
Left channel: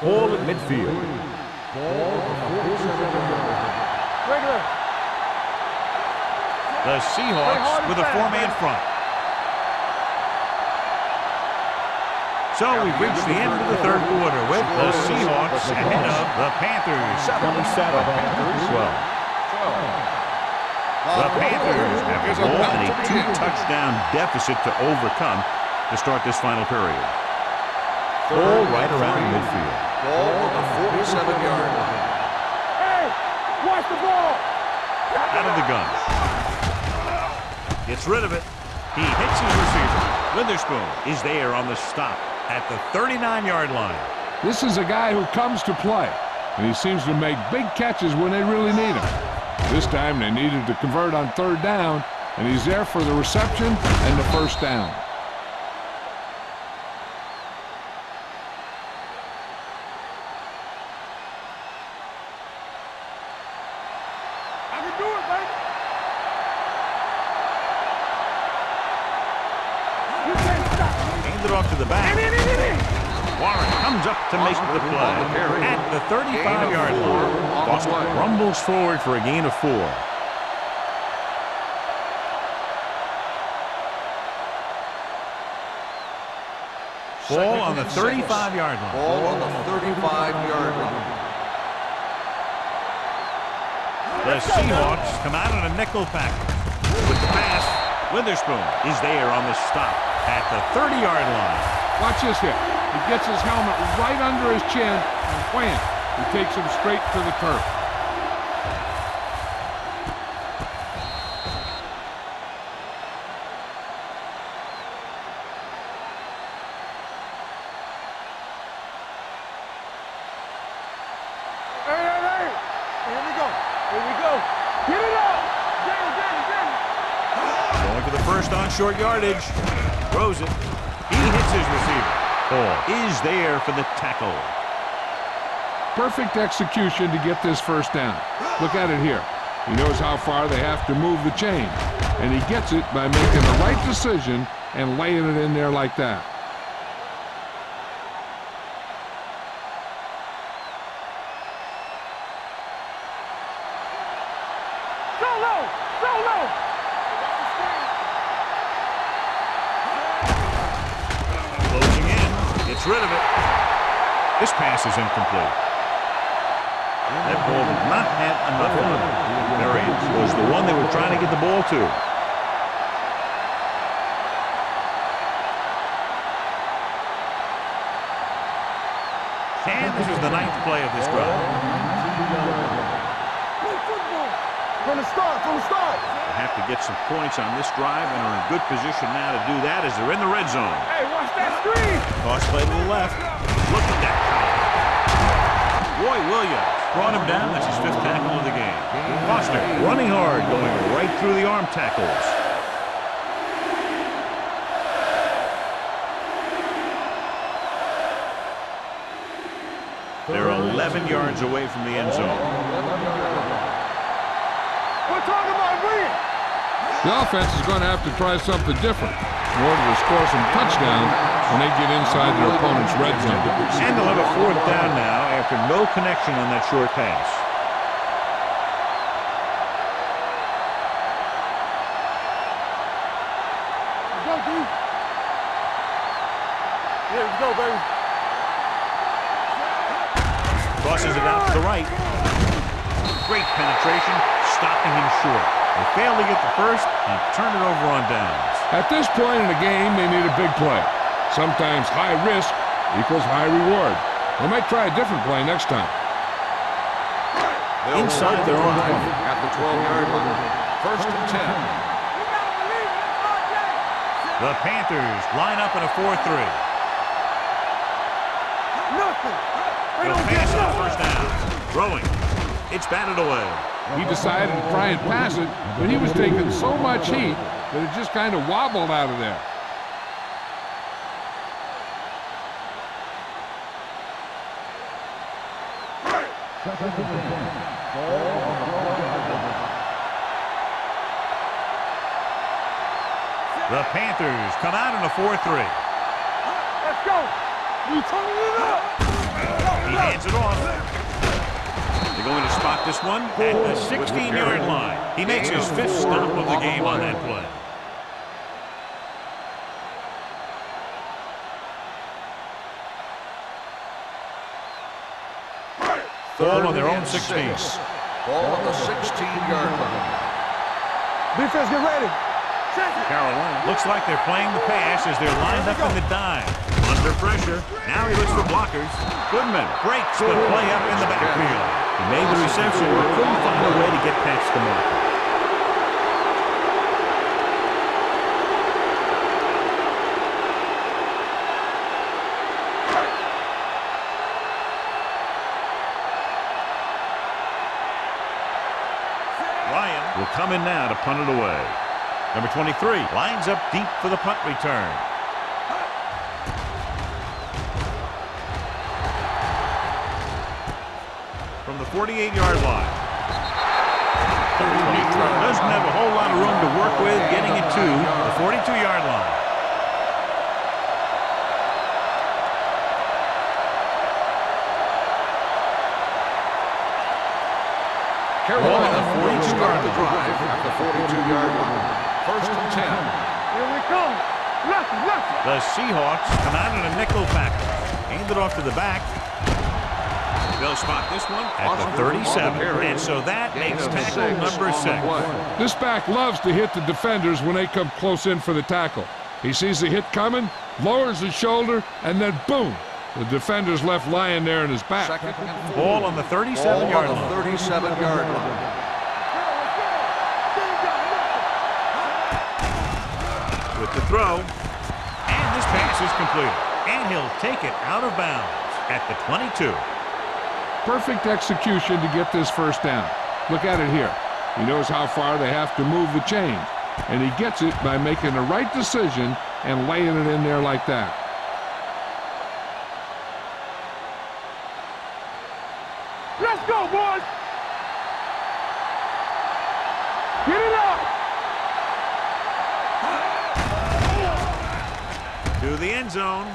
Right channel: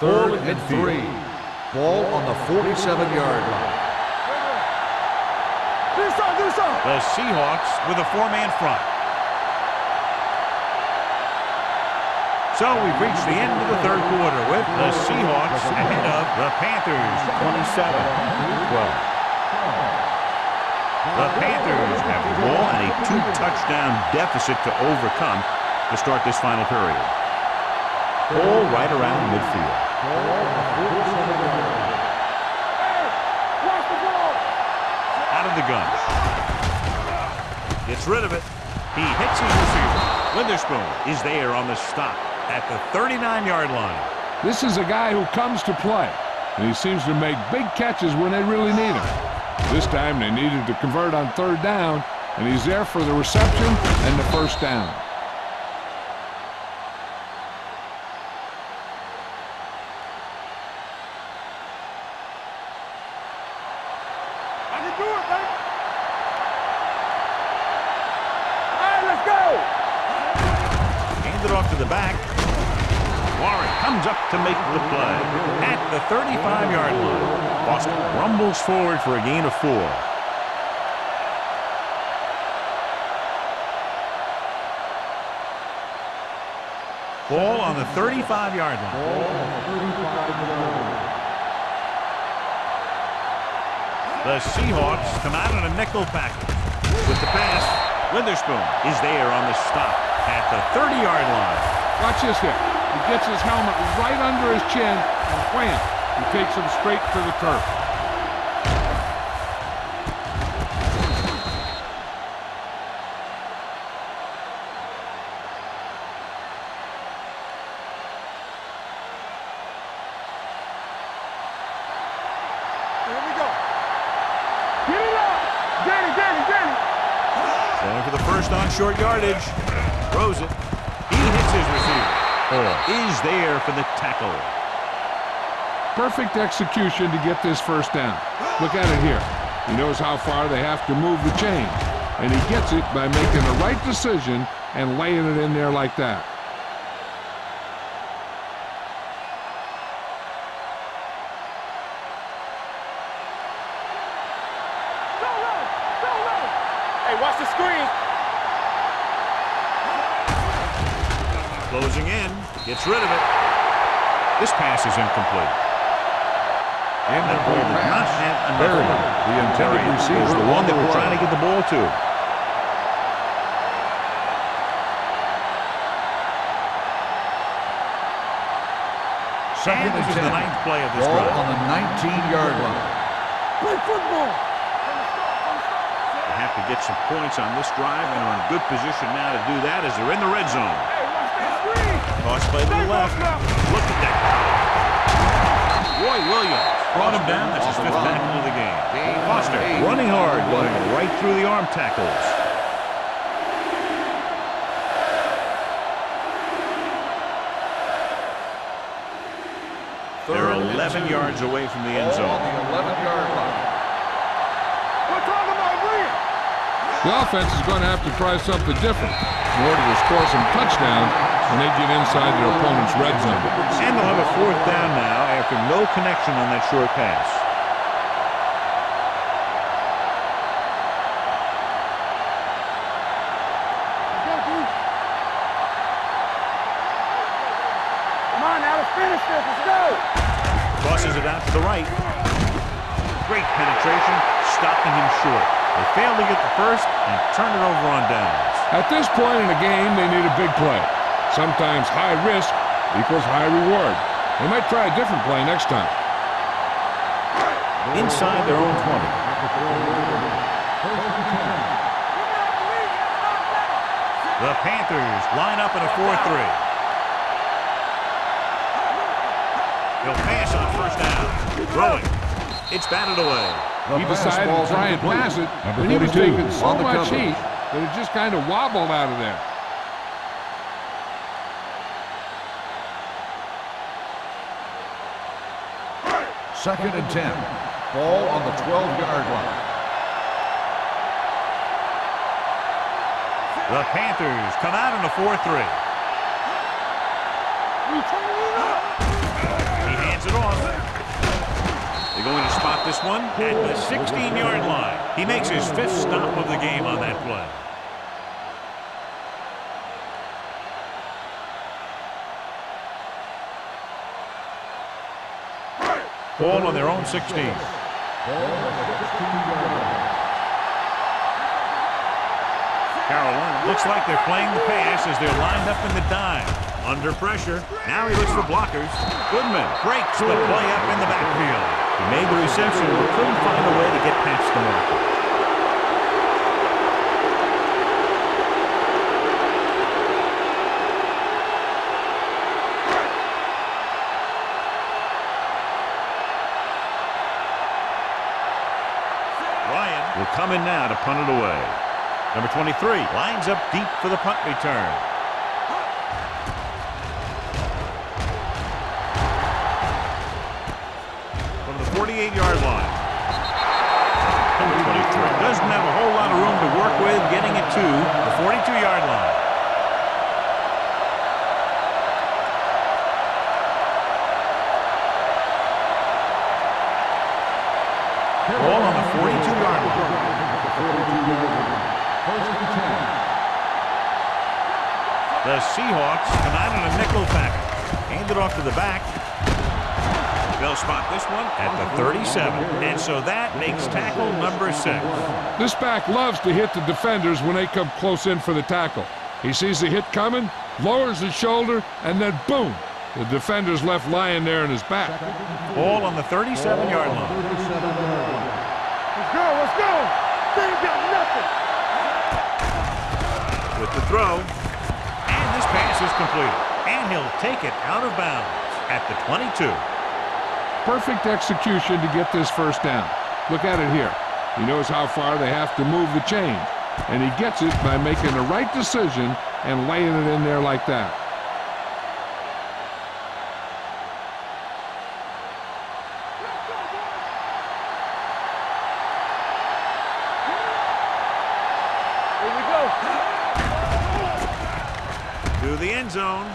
Ball at midfield. Ball on the 47-yard line. The Seahawks with a 4-man front. So we've reached the end of the 3rd quarter with the Seahawks ahead of the Panthers 27-12. The Panthers have the ball and a 2-touchdown deficit to overcome to start this final period. Ball right around midfield. Ball on the 47-yard line. Hey, watch the ball. Out of the gun. Gets rid of it. He hits his receiver. Witherspoon is there on the stop at the 39-yard line. This is a guy who comes to play, and he seems to make big catches when they really need him. This time they needed to convert on 3rd down, and he's there for the reception and the 1st down. hand it off to the back. Warren comes up to make the play at the 35-yard line. Boston rumbles forward for a gain of 4. Ball on the 35-yard line. Ball on the 35-yard line. The Seahawks come out in a nickel package. With the pass, Witherspoon is there on the stop at the 30-yard line. Watch this hit. He gets his helmet right under his chin, and wham, he takes him straight to the turf. Here we go. Get it up. Danny. Going for the first on short yardage. Throws it. He hits his receiver. Ball is there for the tackle. Perfect execution to get this first down. Look at it here. He knows how far they have to move the chain, and he gets it by making the right decision and laying it in there like that. So low. Hey, watch the screen. Closing in. Gets rid of it. This pass is incomplete. That ball did not have enough on it. The variance was the one they were trying to get the ball to. And this is the 9th play of this Ball drive. on the 19-yard line. Play football. From the start. They have to get some points on this drive and are in good position now to do that as they're in the red zone. Hey, watch that screen. Toss play to the left. Look at that power. Roy Williams brought him down. That's his 5th tackle of the game. Foster running hard, going right through the arm tackles. They're 11 yards away from the end Ball zone. on the 11-yard line. We're talking about Green. The offense is going to have to try something different in order to score some touchdowns when they get inside their opponent's red zone. And they'll have a 4th down now after no connection on that short pass. Let's go, dude. Let's go, baby. Come on, now let's finish this. Let's go. Crosses it out to the right. Great penetration, stopping him short. They fail to get the first and turn it over on downs. At this point in the game, they need a big play. Sometimes high risk equals high reward. They might try a different play next time. Inside their own 20. At the 12-yard line. 1st and 10. You gotta believe it. That's our game. The Panthers line up in a 4-3. Nothing. He'll pass on first down. Throwing. It's batted away. He decided to try and pass it, but he was taking so much heat that it just kind of wobbled out of there. Second and 10. Ball on the 12-yard line. The Panthers come out in a 4-3. Let's go. We turning it up. He hands it off. They're going to spot this one at the 16-yard line. He makes his 5th stop of the game on that play. Ball on their own 16. Ball on the 16-yard line. Defense, get ready. Carolina looks like they're playing the pass as they're lined up in the dime. Under pressure. Now he looks for blockers. Goodman breaks the play up in the backfield. He made the reception but couldn't find a way to get past the marker. Ryan will come in now to punt it away. Number 23 lines up deep for the punt return. From the 48-yard line. Number 23 doesn't have a whole lot of room to work with getting it to the 42-yard line. Ball on the 42-yard line. 42-yard line. First and 10. Here we come. Left. The Seahawks come out in a nickel package. Hand it off to the back. They'll spot this one at the 37. And so that makes tackle number 6. This back loves to hit the defenders when they come close in for the tackle. He sees the hit coming, lowers his shoulder, and then boom, the defender's left lying there in his back. Ball on the 37-yard line. 37-yard line. Let's go. They ain't got nothing. With the throw. And this pass is completed. And he'll take it out of bounds at the 22. Perfect execution to get this first down. Look at it here. He knows how far they have to move the chains, and he gets it by making the right decision and laying it in there like that. Let's go, boys. Get it up. Here we go. To the end zone.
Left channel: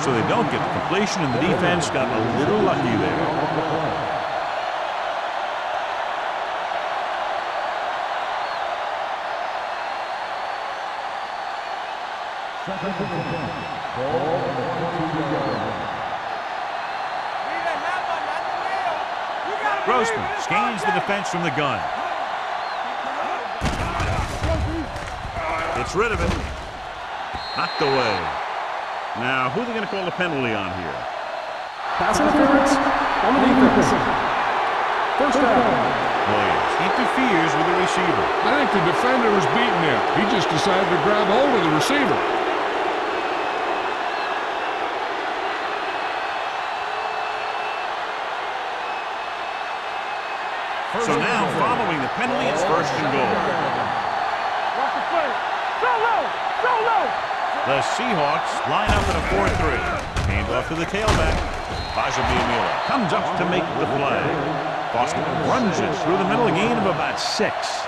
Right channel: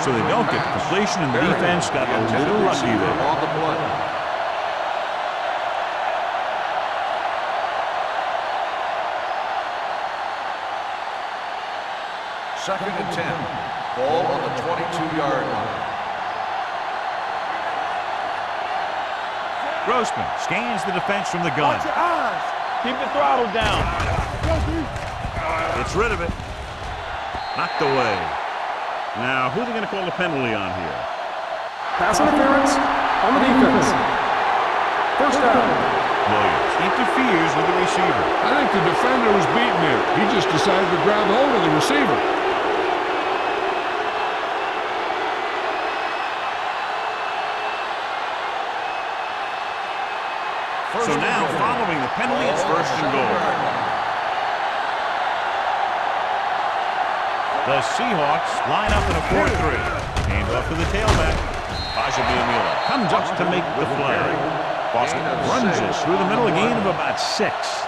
So they don't get the completion, and the defense got a little lucky there. On the play. Second and 10. Ball on the 22-yard line. Grossman scans the defense from the gun. Keep the throttle down. Gets rid of it. Knocked away. Now, who are they going to call the penalty on here? Pass interference on the defense. First down. Williams interferes with the receiver. I think the defender was beaten there. He just decided to grab hold of the receiver. So now, following the penalty, it's first and goal. The Seahawks line up in a 4-3. Hand off to the tailback. Bajabiamila comes up to make the play. Boston runs it through the middle, a gain of about 6.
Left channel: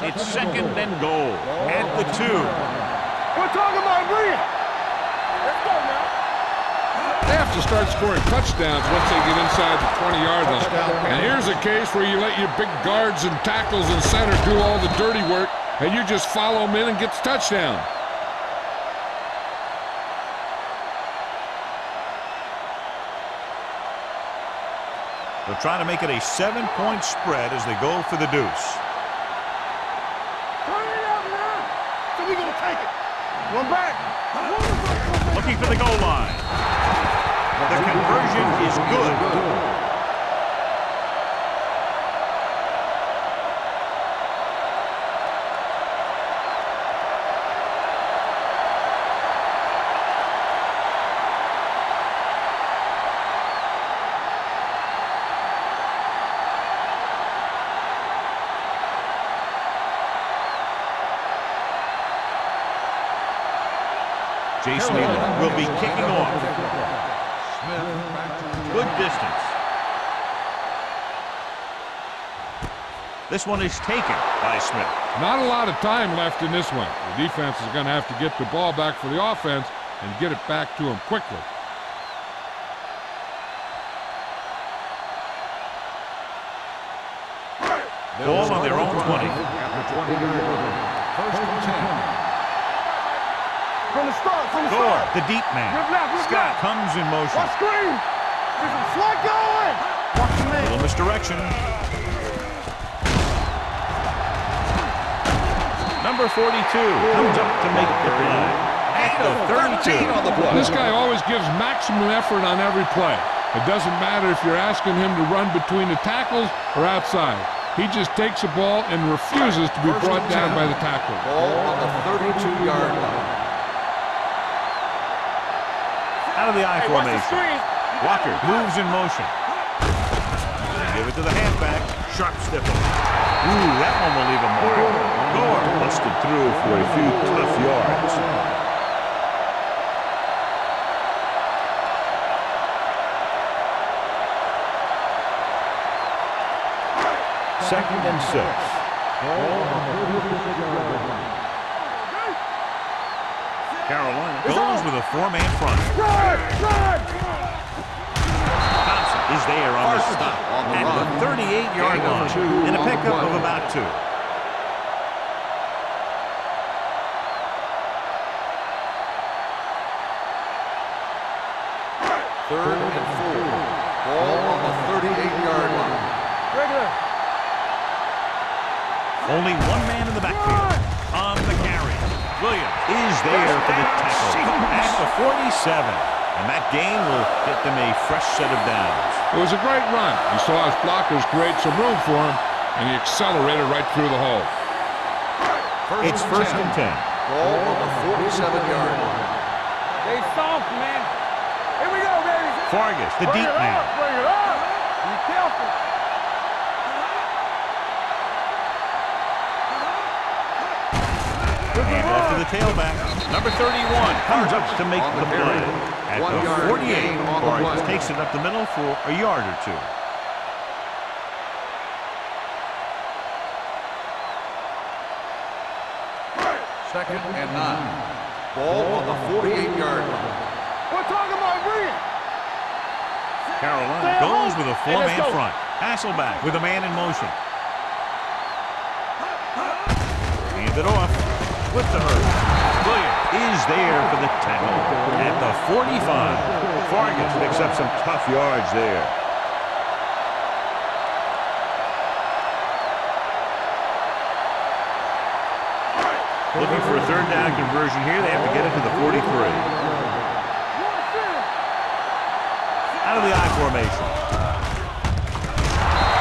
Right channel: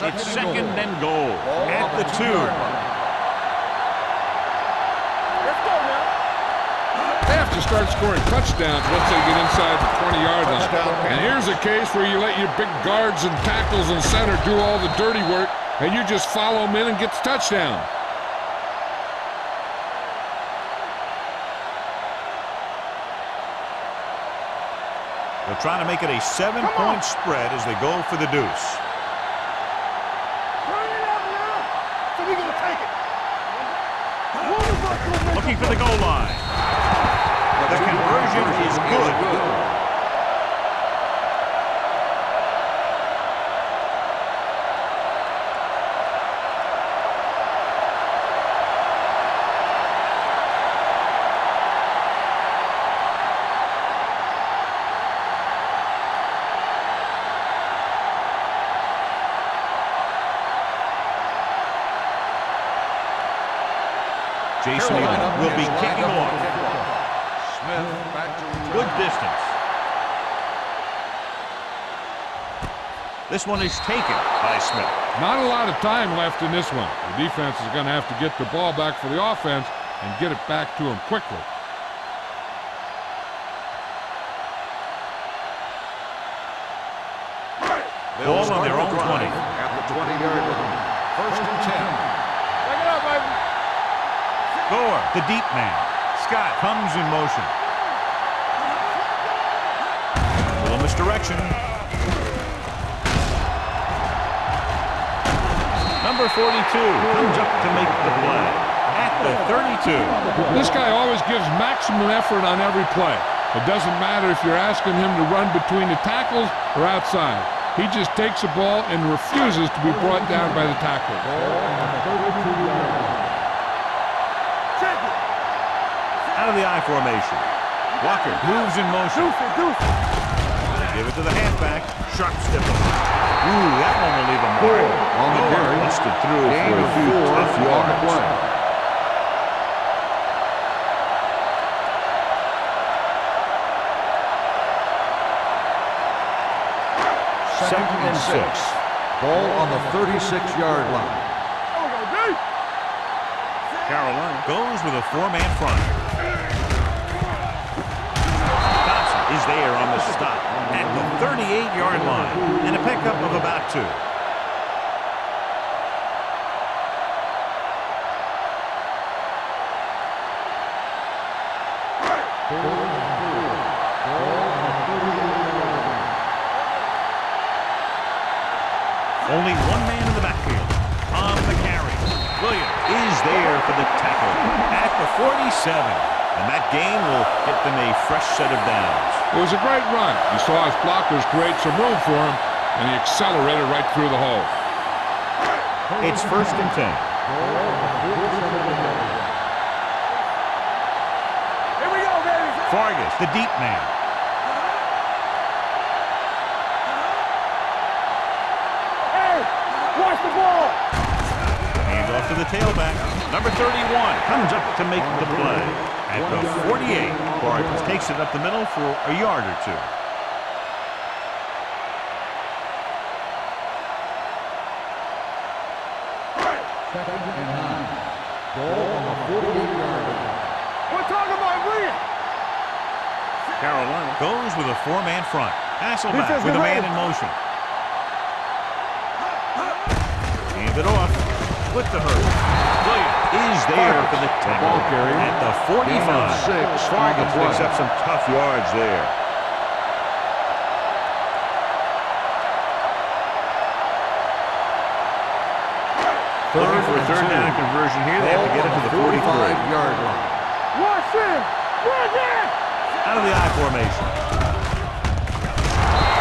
It's second and goal at the 2. We're talking about Williams. Let's go now. They have to start scoring touchdowns once they get inside the 20-yard line. And here's a case where you let your big guards and tackles and center do all the dirty work, and you just follow them in and get the touchdown. They'll try to make it a 7-point spread as they go for the deuce. Turn it out now. So we gonna take it. Run back. Looking for the goal line. The conversion is good. Jason Elam will be kicking off. Smith back to return. Good distance. This one is taken by Smith. Not a lot of time left in this one. The defense is going to have to get the ball back for the offense and get it back to them quickly. Ball on their own 20. At the 20-yard line. First and 10. Gore, the deep man. Scott comes in motion. Little misdirection. Number 42 comes up to make the play at the 32. This guy always gives maximum effort on every play. It doesn't matter if you're asking him to run between the tackles or outside. He just takes the ball and refuses to be brought down by the tackler. Ball on the 32-yard line. Out of the I formation. Walker moves in motion. They give it to the halfback. Sharp stipple. Ooh, that one will leave a mark. Gore busted through for a few tough yards. Second and 6. Ball on the 36-yard line. Carolina goes with a four-man front. Thompson is there on the stop at the 38-yard line and a pickup of about 2. Third and 4. Ball on the 38-yard line. Only one man in the backfield. On the carry, Williams is there for the tackle at the 47. And that gain will get them a fresh set of downs. It was a great run. He saw his blockers create some room for him, and he accelerated right through the hole. It's first and 10. Ball on the 47-yard line. Hey, soft, man. Here we go, baby. Vargas, the deep man. Hey, watch the ball. Hand off to the tailback. Number 31 comes up to make the play. At the 48, Vargas takes it up the middle for a yard or 2. Second and 9. Ball on the 48-yard line. We're talking about Williams. Carolina goes with a four-man front. Hasselback with a man in motion. Hand it off with the hurdle. Williams is there for the tackle at the 45. Vargas picks up some tough yards there. Looking for a third down conversion here. They have to get it to the 43. Watch him. Out of the I formation.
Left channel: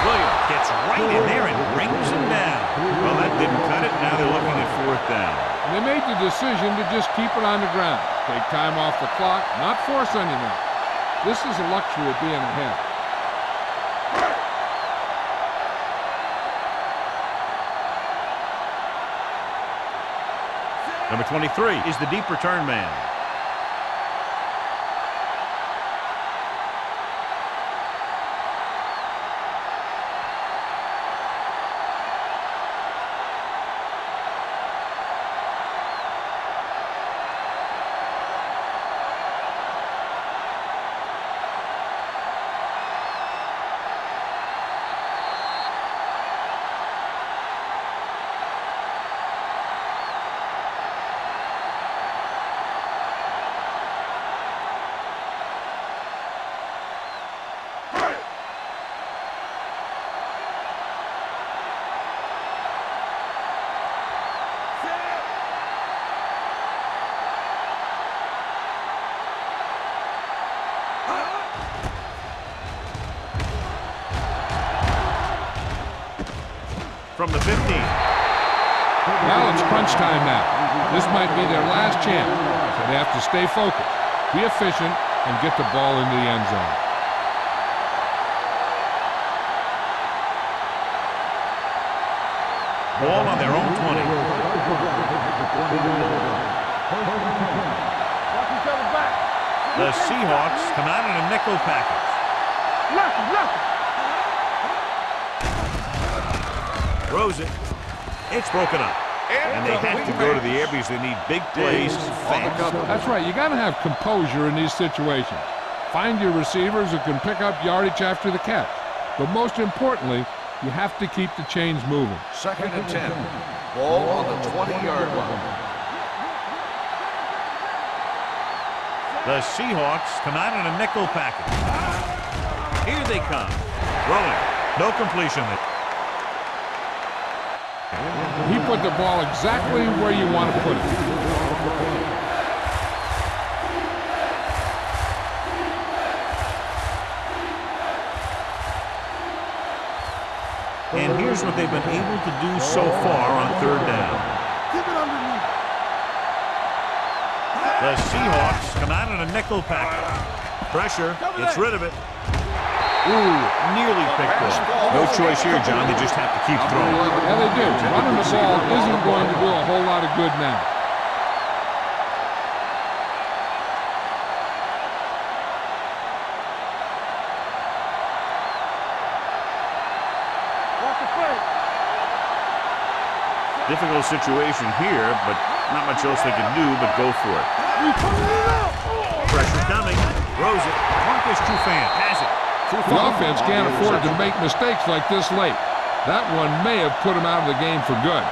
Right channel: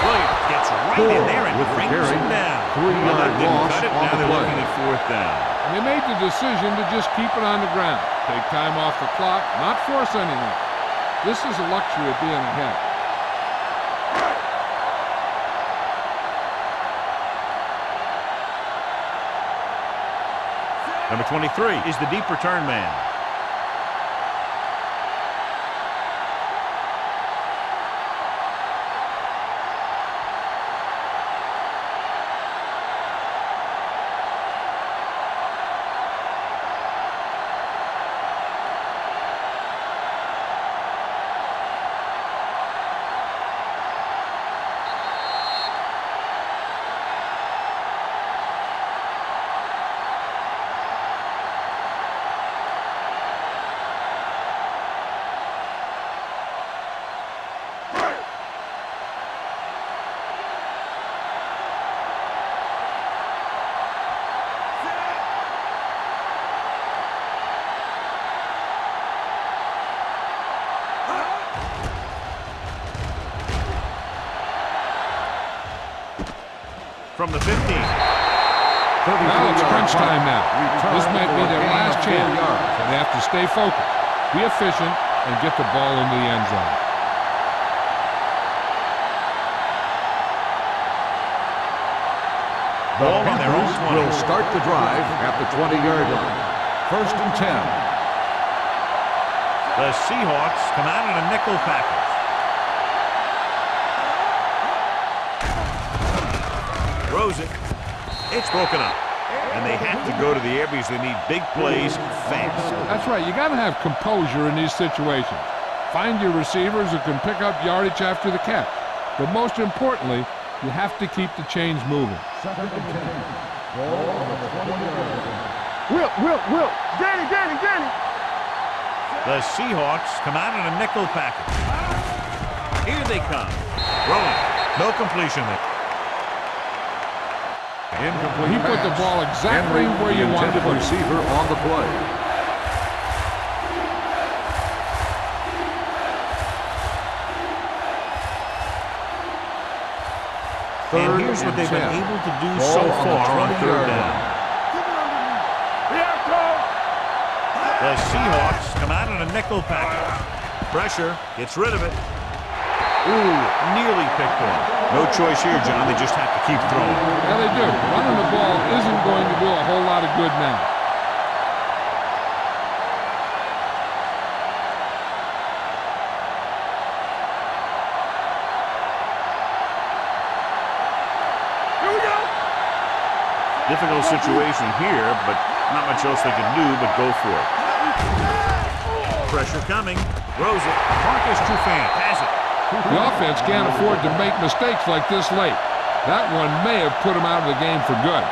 Williams gets right in there and brings him down. Well, that didn't cut it. Now they're looking at 4th down. And they made the decision to just keep it on the ground. Take time off the clock, not force anything. This is the luxury of being ahead. Number 23 is the deep return man. From the 15. Well, it's crunch time now. This might be their last chance, so they have to stay focused, be efficient, and get the ball into the end zone. Ball on their own 20. Will start the drive at the 20-yard line. First and 10. The Seahawks come out in a nickel package. Throws it. It's broken up. And they have to go to the air because they need big plays fast. That's right. You got to have composure in these situations. Find your receivers who can pick up yardage after the catch. But most importantly, you have to keep the chains moving. Second and 10. Ball on the 20-yard line. Will. Danny. The Seahawks come out in a nickel package. Here they come. Throwing. No completion there. He put the ball exactly where you want to put it. Receiver on the play. And here's what they've been able to do so far on 3rd down. Keep it underneath. Here I The Seahawks come out in a nickel package. Pressure, gets rid of it. Ooh, nearly picked off. No choice here, John. They just have to keep throwing. Yeah, they do. Running the ball isn't going to do a whole lot of good now. Off the plate. Here we go. Difficult situation here, but not much else they can do but go for it. Pressure coming. Throws it. Marcus Trufant has it. The offense can't afford to make mistakes like this late. That one may have put him out of the game for good.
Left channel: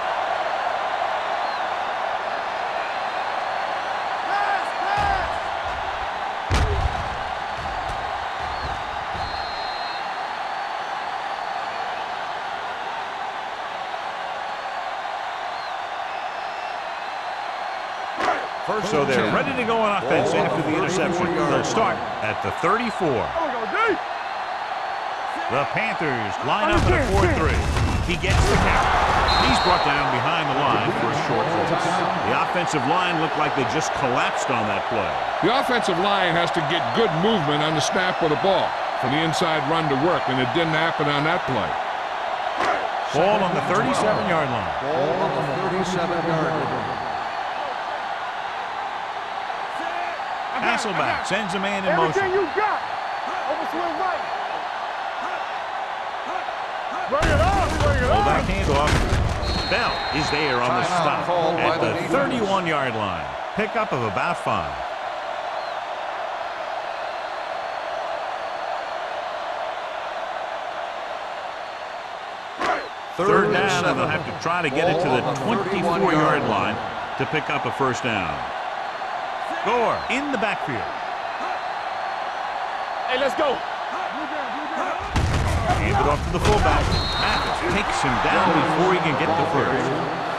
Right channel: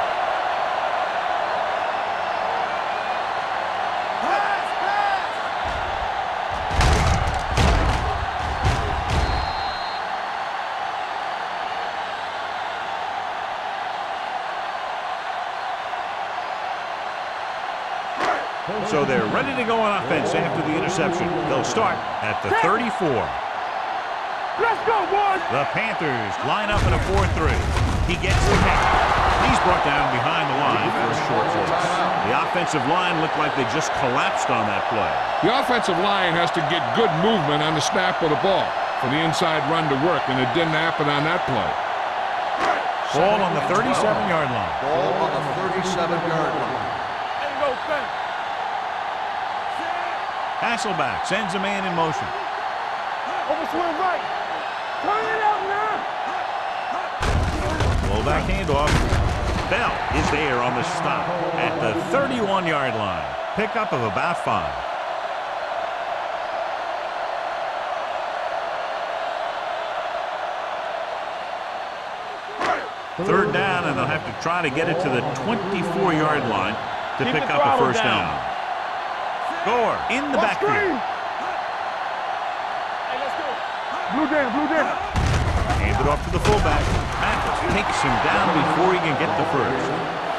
So they're ready to go on offense after the interception. They'll start at the 34. The Panthers line up in a 4-3. He gets the catch. He's brought down behind the line for a short loss. The offensive line looked like they just collapsed on that play. The offensive line has to get good movement on the snap of the ball for the inside run to work, and it didn't happen on that play. Ball on the 37-yard line. Ball on the 37-yard line. Hasselback sends a man in motion. Overswing right. Turn it up now. Fullback handoff. Bell is there on the stop at the 31-yard line. Pickup of about 5. Third down, and they'll have to try to get it to the 24-yard line to pick up a first down. Gore in the backfield. Hey, let's go. Blue down, blue down. Handed off to the fullback. Mathis takes him down before he can get the first.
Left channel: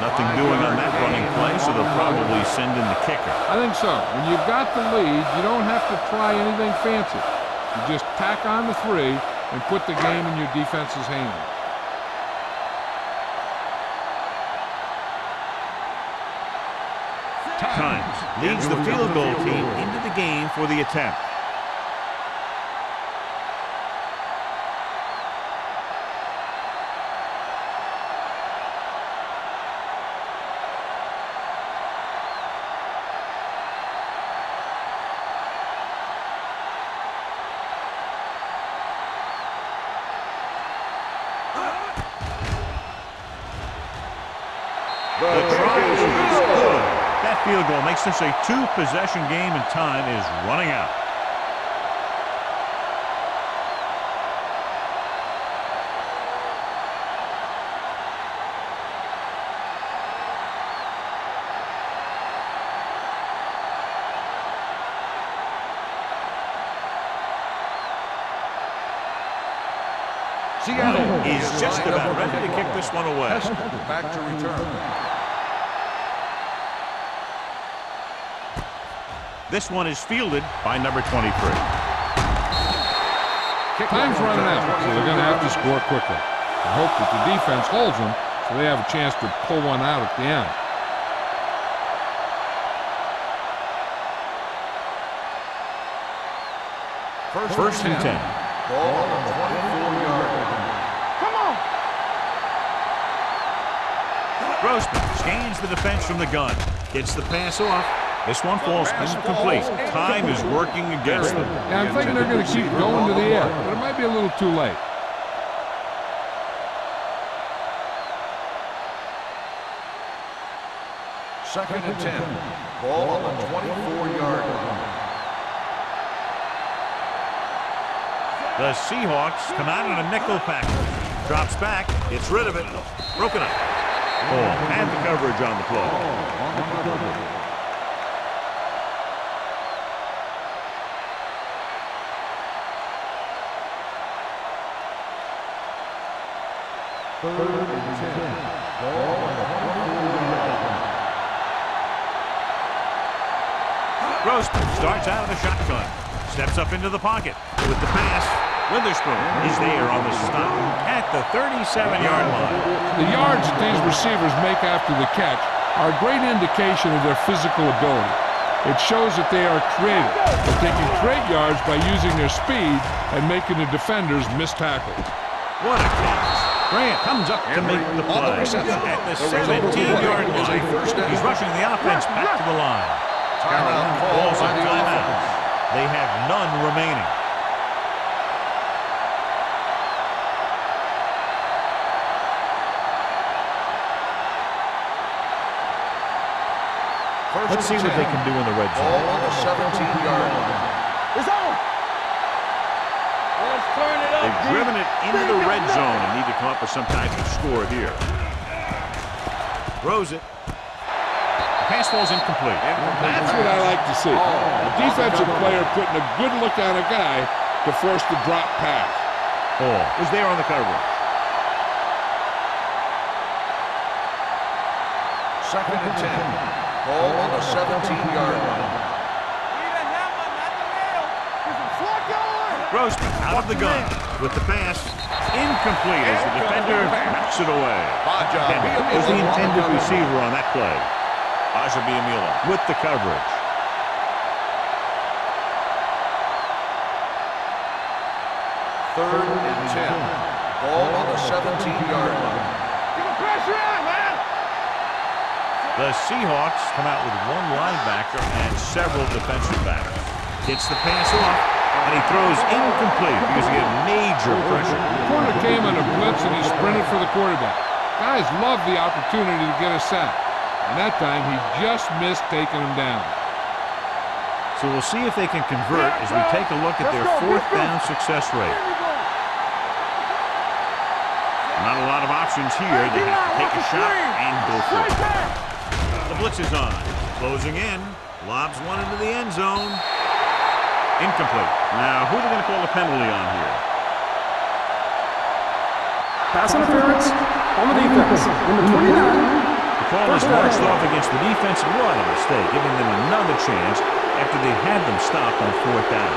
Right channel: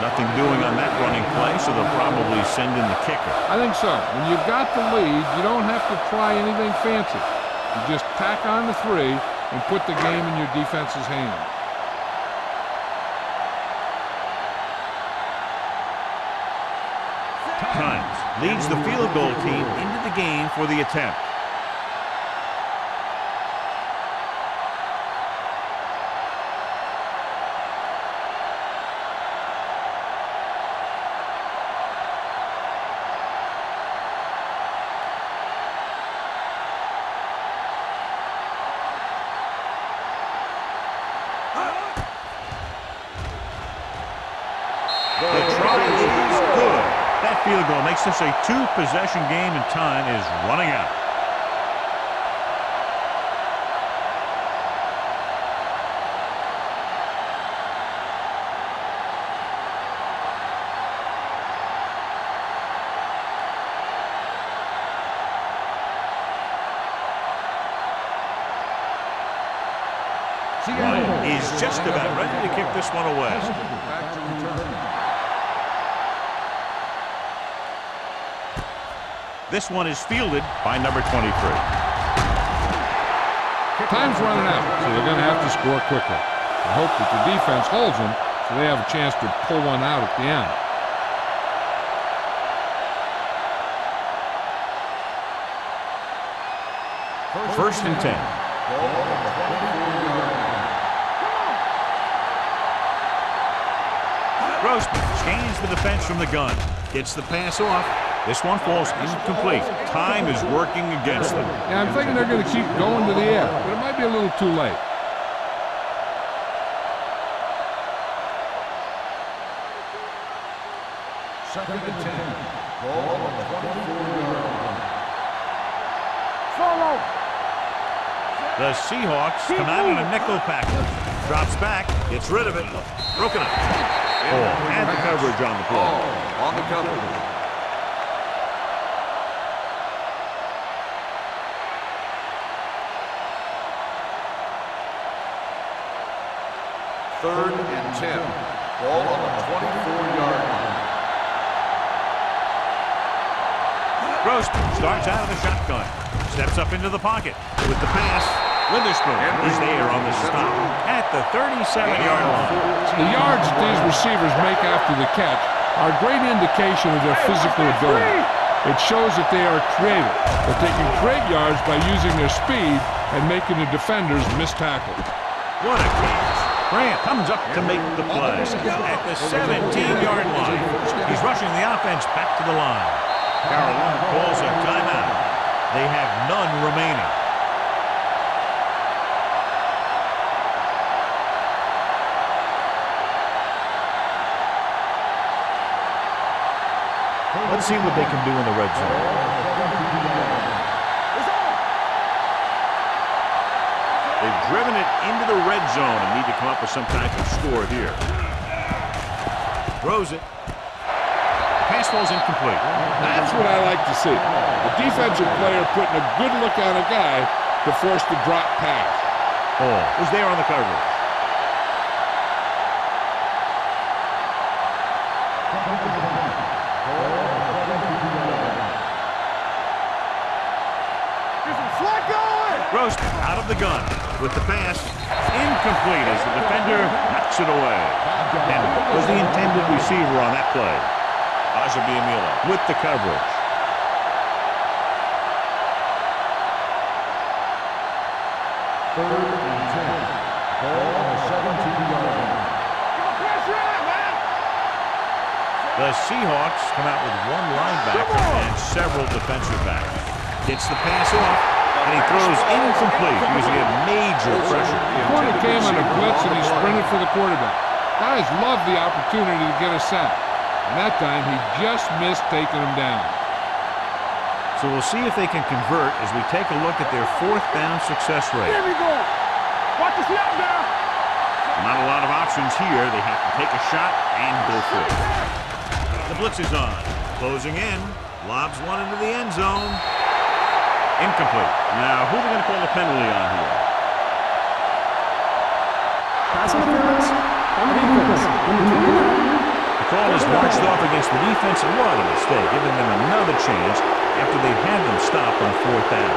Nothing doing on that running play, so they'll probably send in the kicker. I think so. When you've got the lead, you don't have to try anything fancy. You just tack on the 3 and put the game in your defense's hands. Times leads the field goal team into the game for the attempt. The try is good. That field goal makes this a 2-possession game, and time is running out. Seattle is just about ready to kick this one away. Back to return. This one is fielded by number 23. Time's running out, so they're going to have to score quickly. I hope that the defense holds them so they have a chance to pull one out at the end. First and 10. Ball on the 24-yard line. Come on. Grossman scans the defense from the gun. Gets the pass off. This one falls incomplete. Time is working against them. Yeah, I'm thinking they're going to keep going to the air, but it might be a little too late. Second and 10. Ball on the 24-yard line. Solo. The Seahawks come out in a nickel package. Drops back. Gets rid of it. Broken up. Ball had the coverage on the play. On the coverage. Third and 10. Ball on the 24-yard line. Grossman starts out of the shotgun. Steps up into the pocket. With the pass, Witherspoon is there on the stop at the 37-yard line. The yards that these receivers make after the catch are a great indication of their physical ability. It shows that they are creative, that they can create yards by using their speed and making the defenders miss tackles. What a catch. Grant comes up to make the play at the 17-yard line. He's rushing the offense back to the line. Carolina calls a timeout. They have none remaining. Let's see what they can do in the red zone. 17-yard line. It's on. They've driven it into the red zone and need to come up with some type of score here. Throws it. The pass falls incomplete. That's what I like to see. A defensive player putting a good look on a guy to force the drop pass. Hall was there on the coverage. Second and 10. Ball on the 17-yard line. Get some slot going. Grossman out of the gun with the pass. Incomplete as the defender knocks it away. Henry was the intended receiver on that play. Ajabiamila with the coverage. Third and 10. Ball on the 17-yard line. Get the pressure on, man. The Seahawks come out with one linebacker and several defensive backs. Gets the pass off, and he throws incomplete because he had major pressure. The corner came on a blitz, and he sprinted for the quarterback. Guys love the opportunity to get a sack, and that time he just missed taking him down. So we'll see if they can convert as we take a look at their fourth down success rate. Here we go. Watch the shot down. Not a lot of options here. They have to take a shot and go for it. The blitz is on. Closing in. Lobs one into the end zone. Incomplete. Now, who are they going to call a penalty on here? Pass interference on the defense. Number 29. The call is marched off against the defense. What a mistake, giving them another chance after they've had them stopped on fourth down.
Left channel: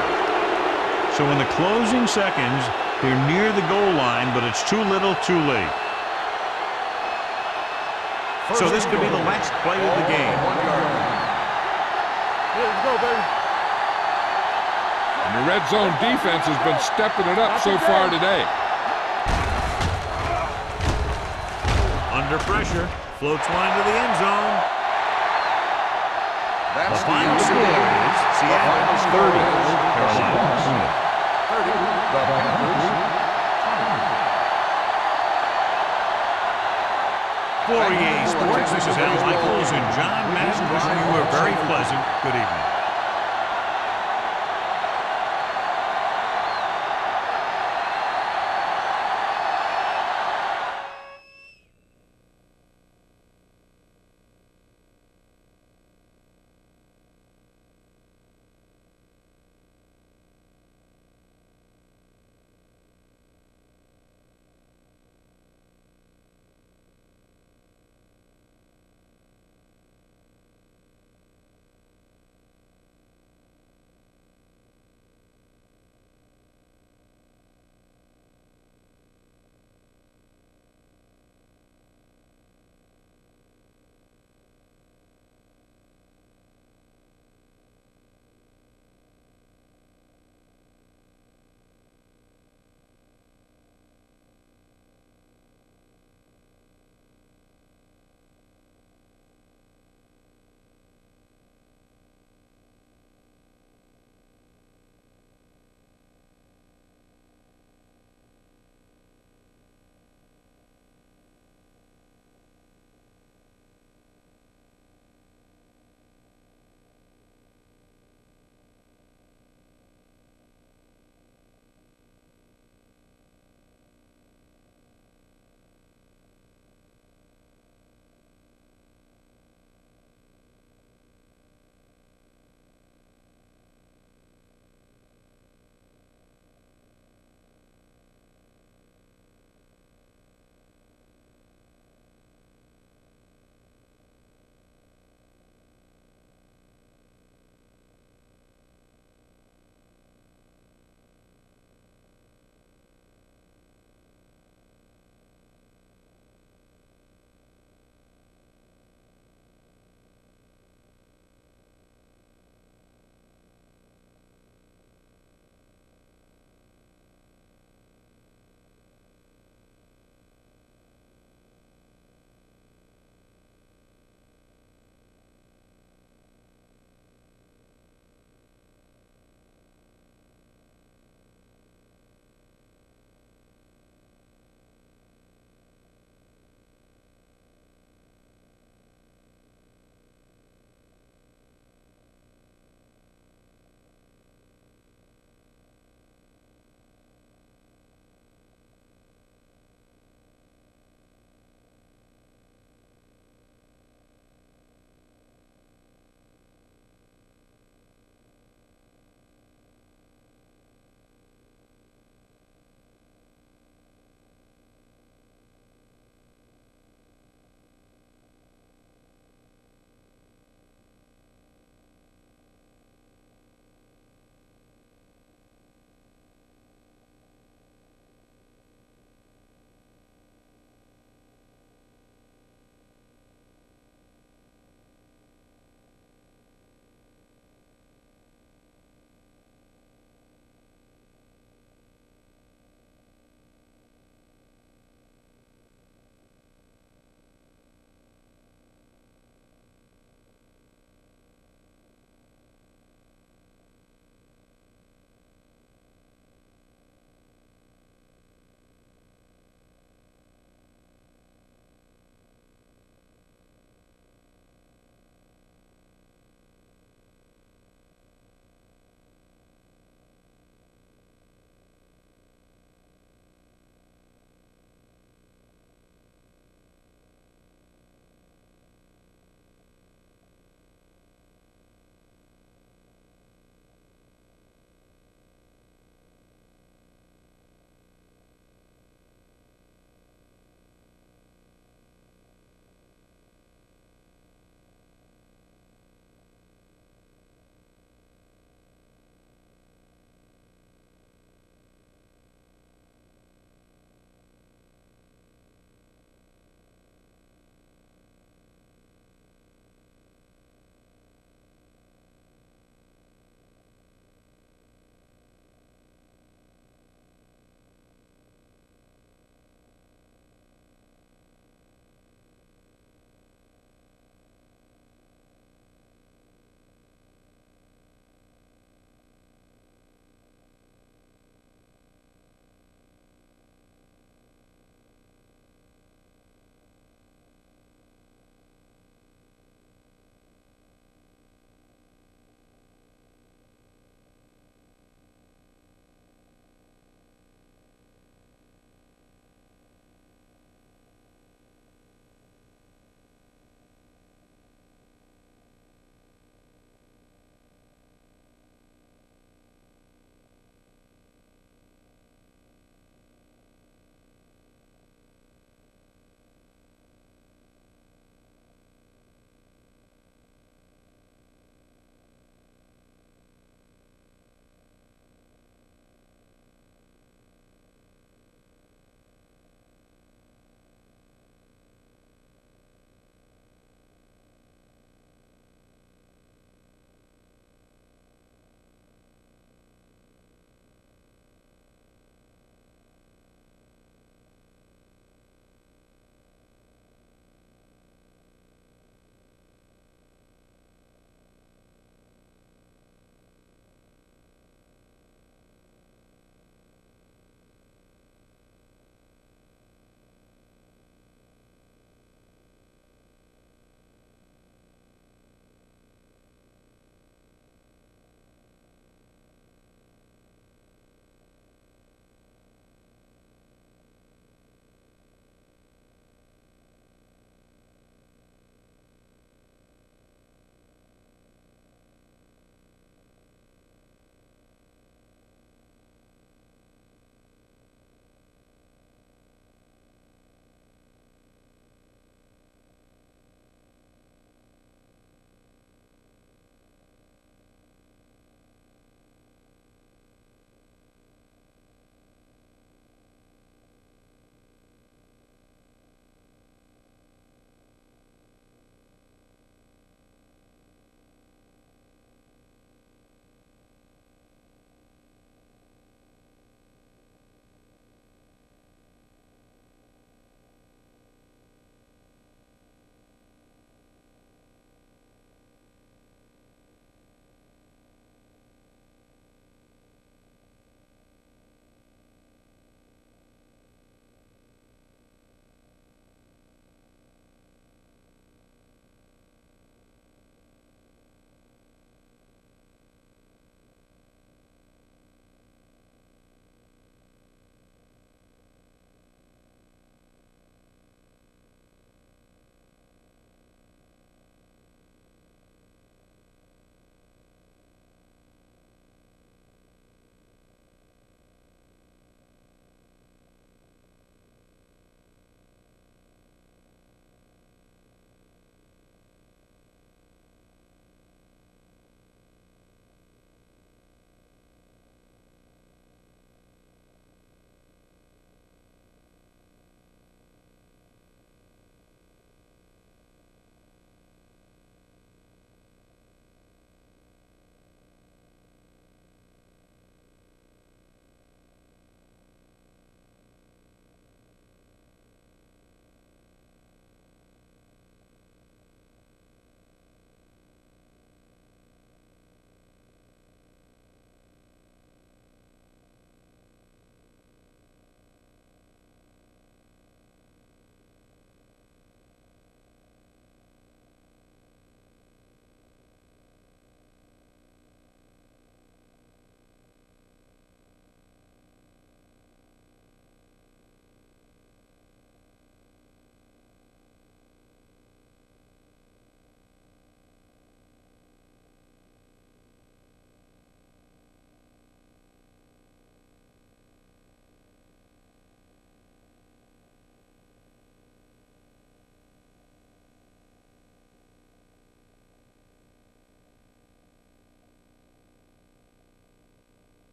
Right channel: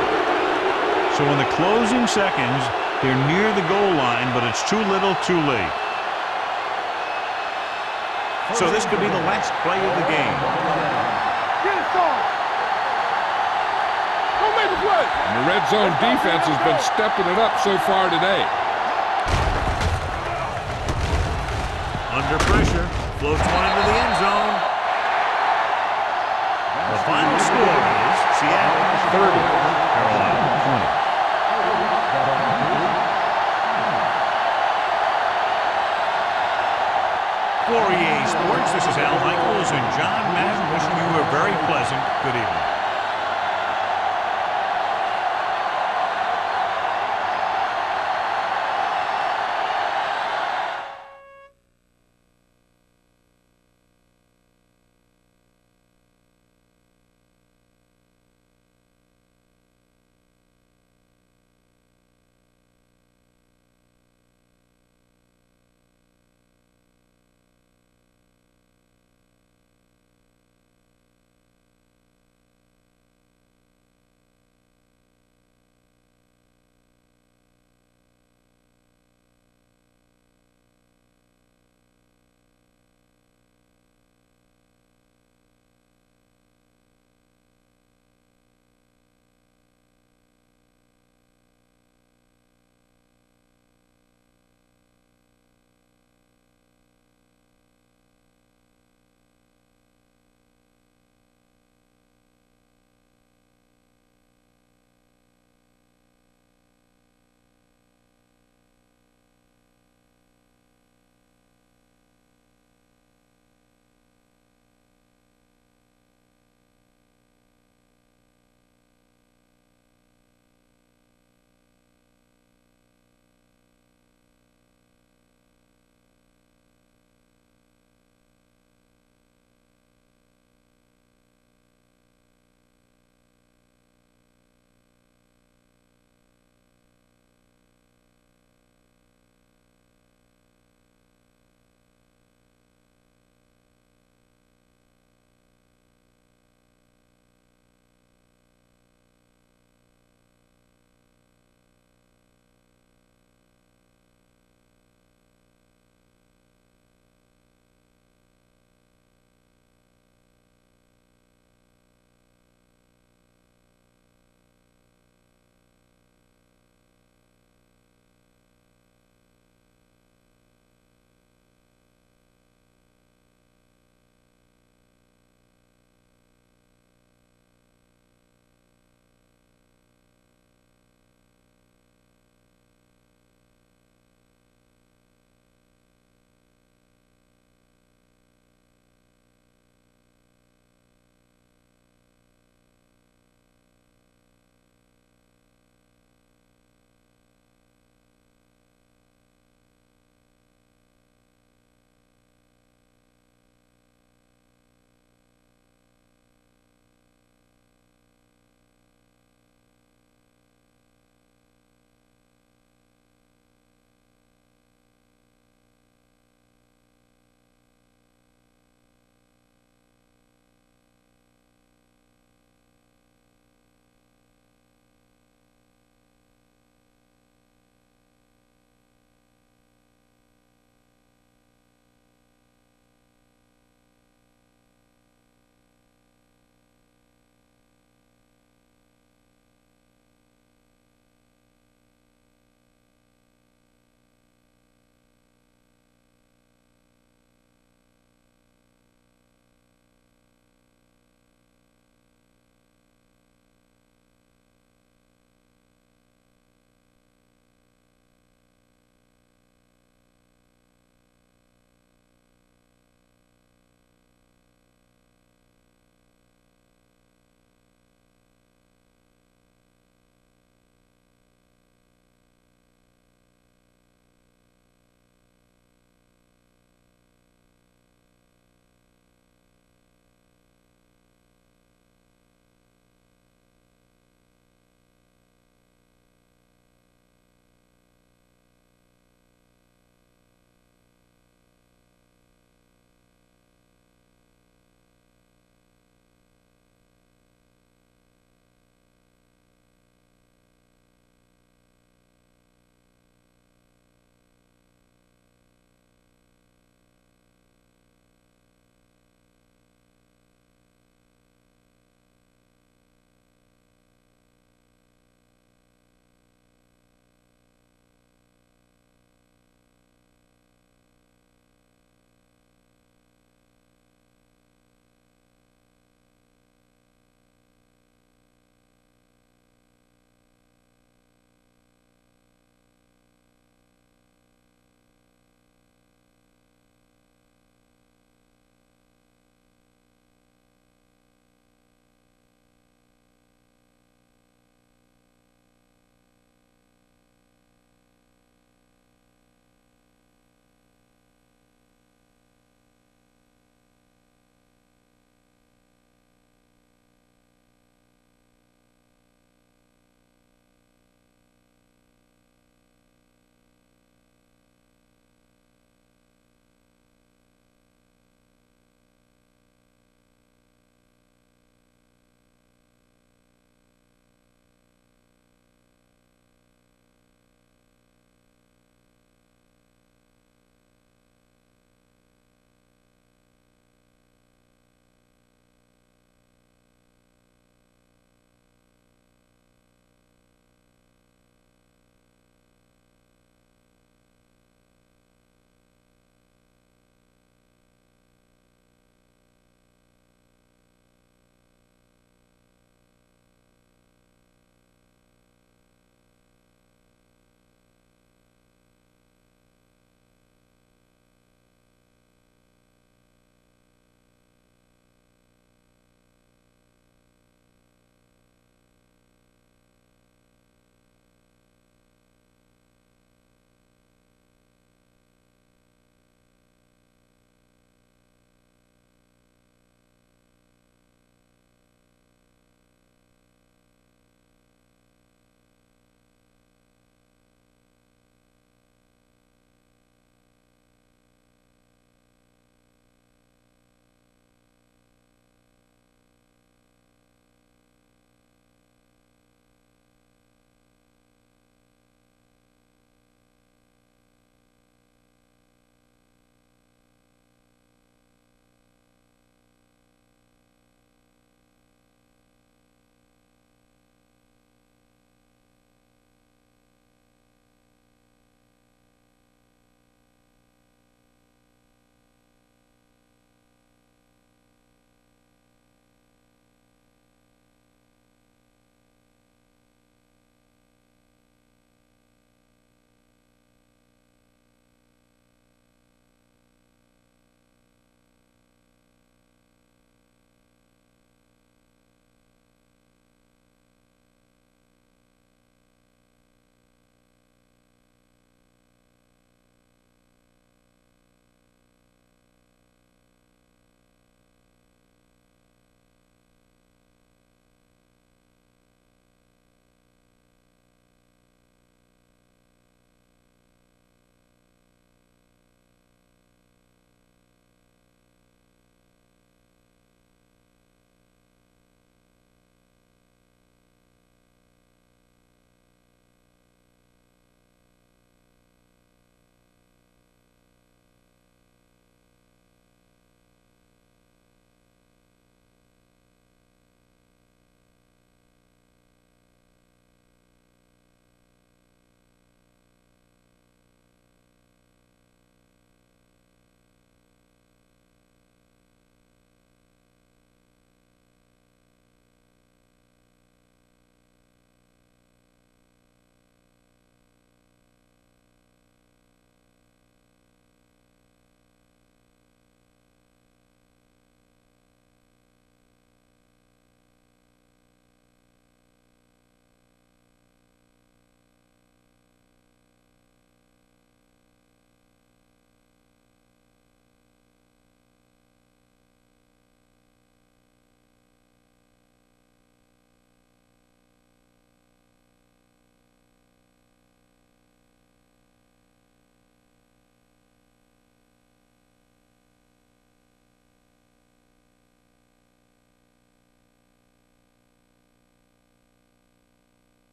So in the closing seconds, they're near the goal line, but it's too little, too late. So this could be the last play of the game. Get it started. Let's go, baby. Go make a play. And the red zone defense has been stepping it up so far today. Under pressure, floats one into the end zone. The final score is Seattle 30, Carolina 20. The Panthers. For EA Sports, this is Al Michaels and John Madden wishing you a very pleasant good evening.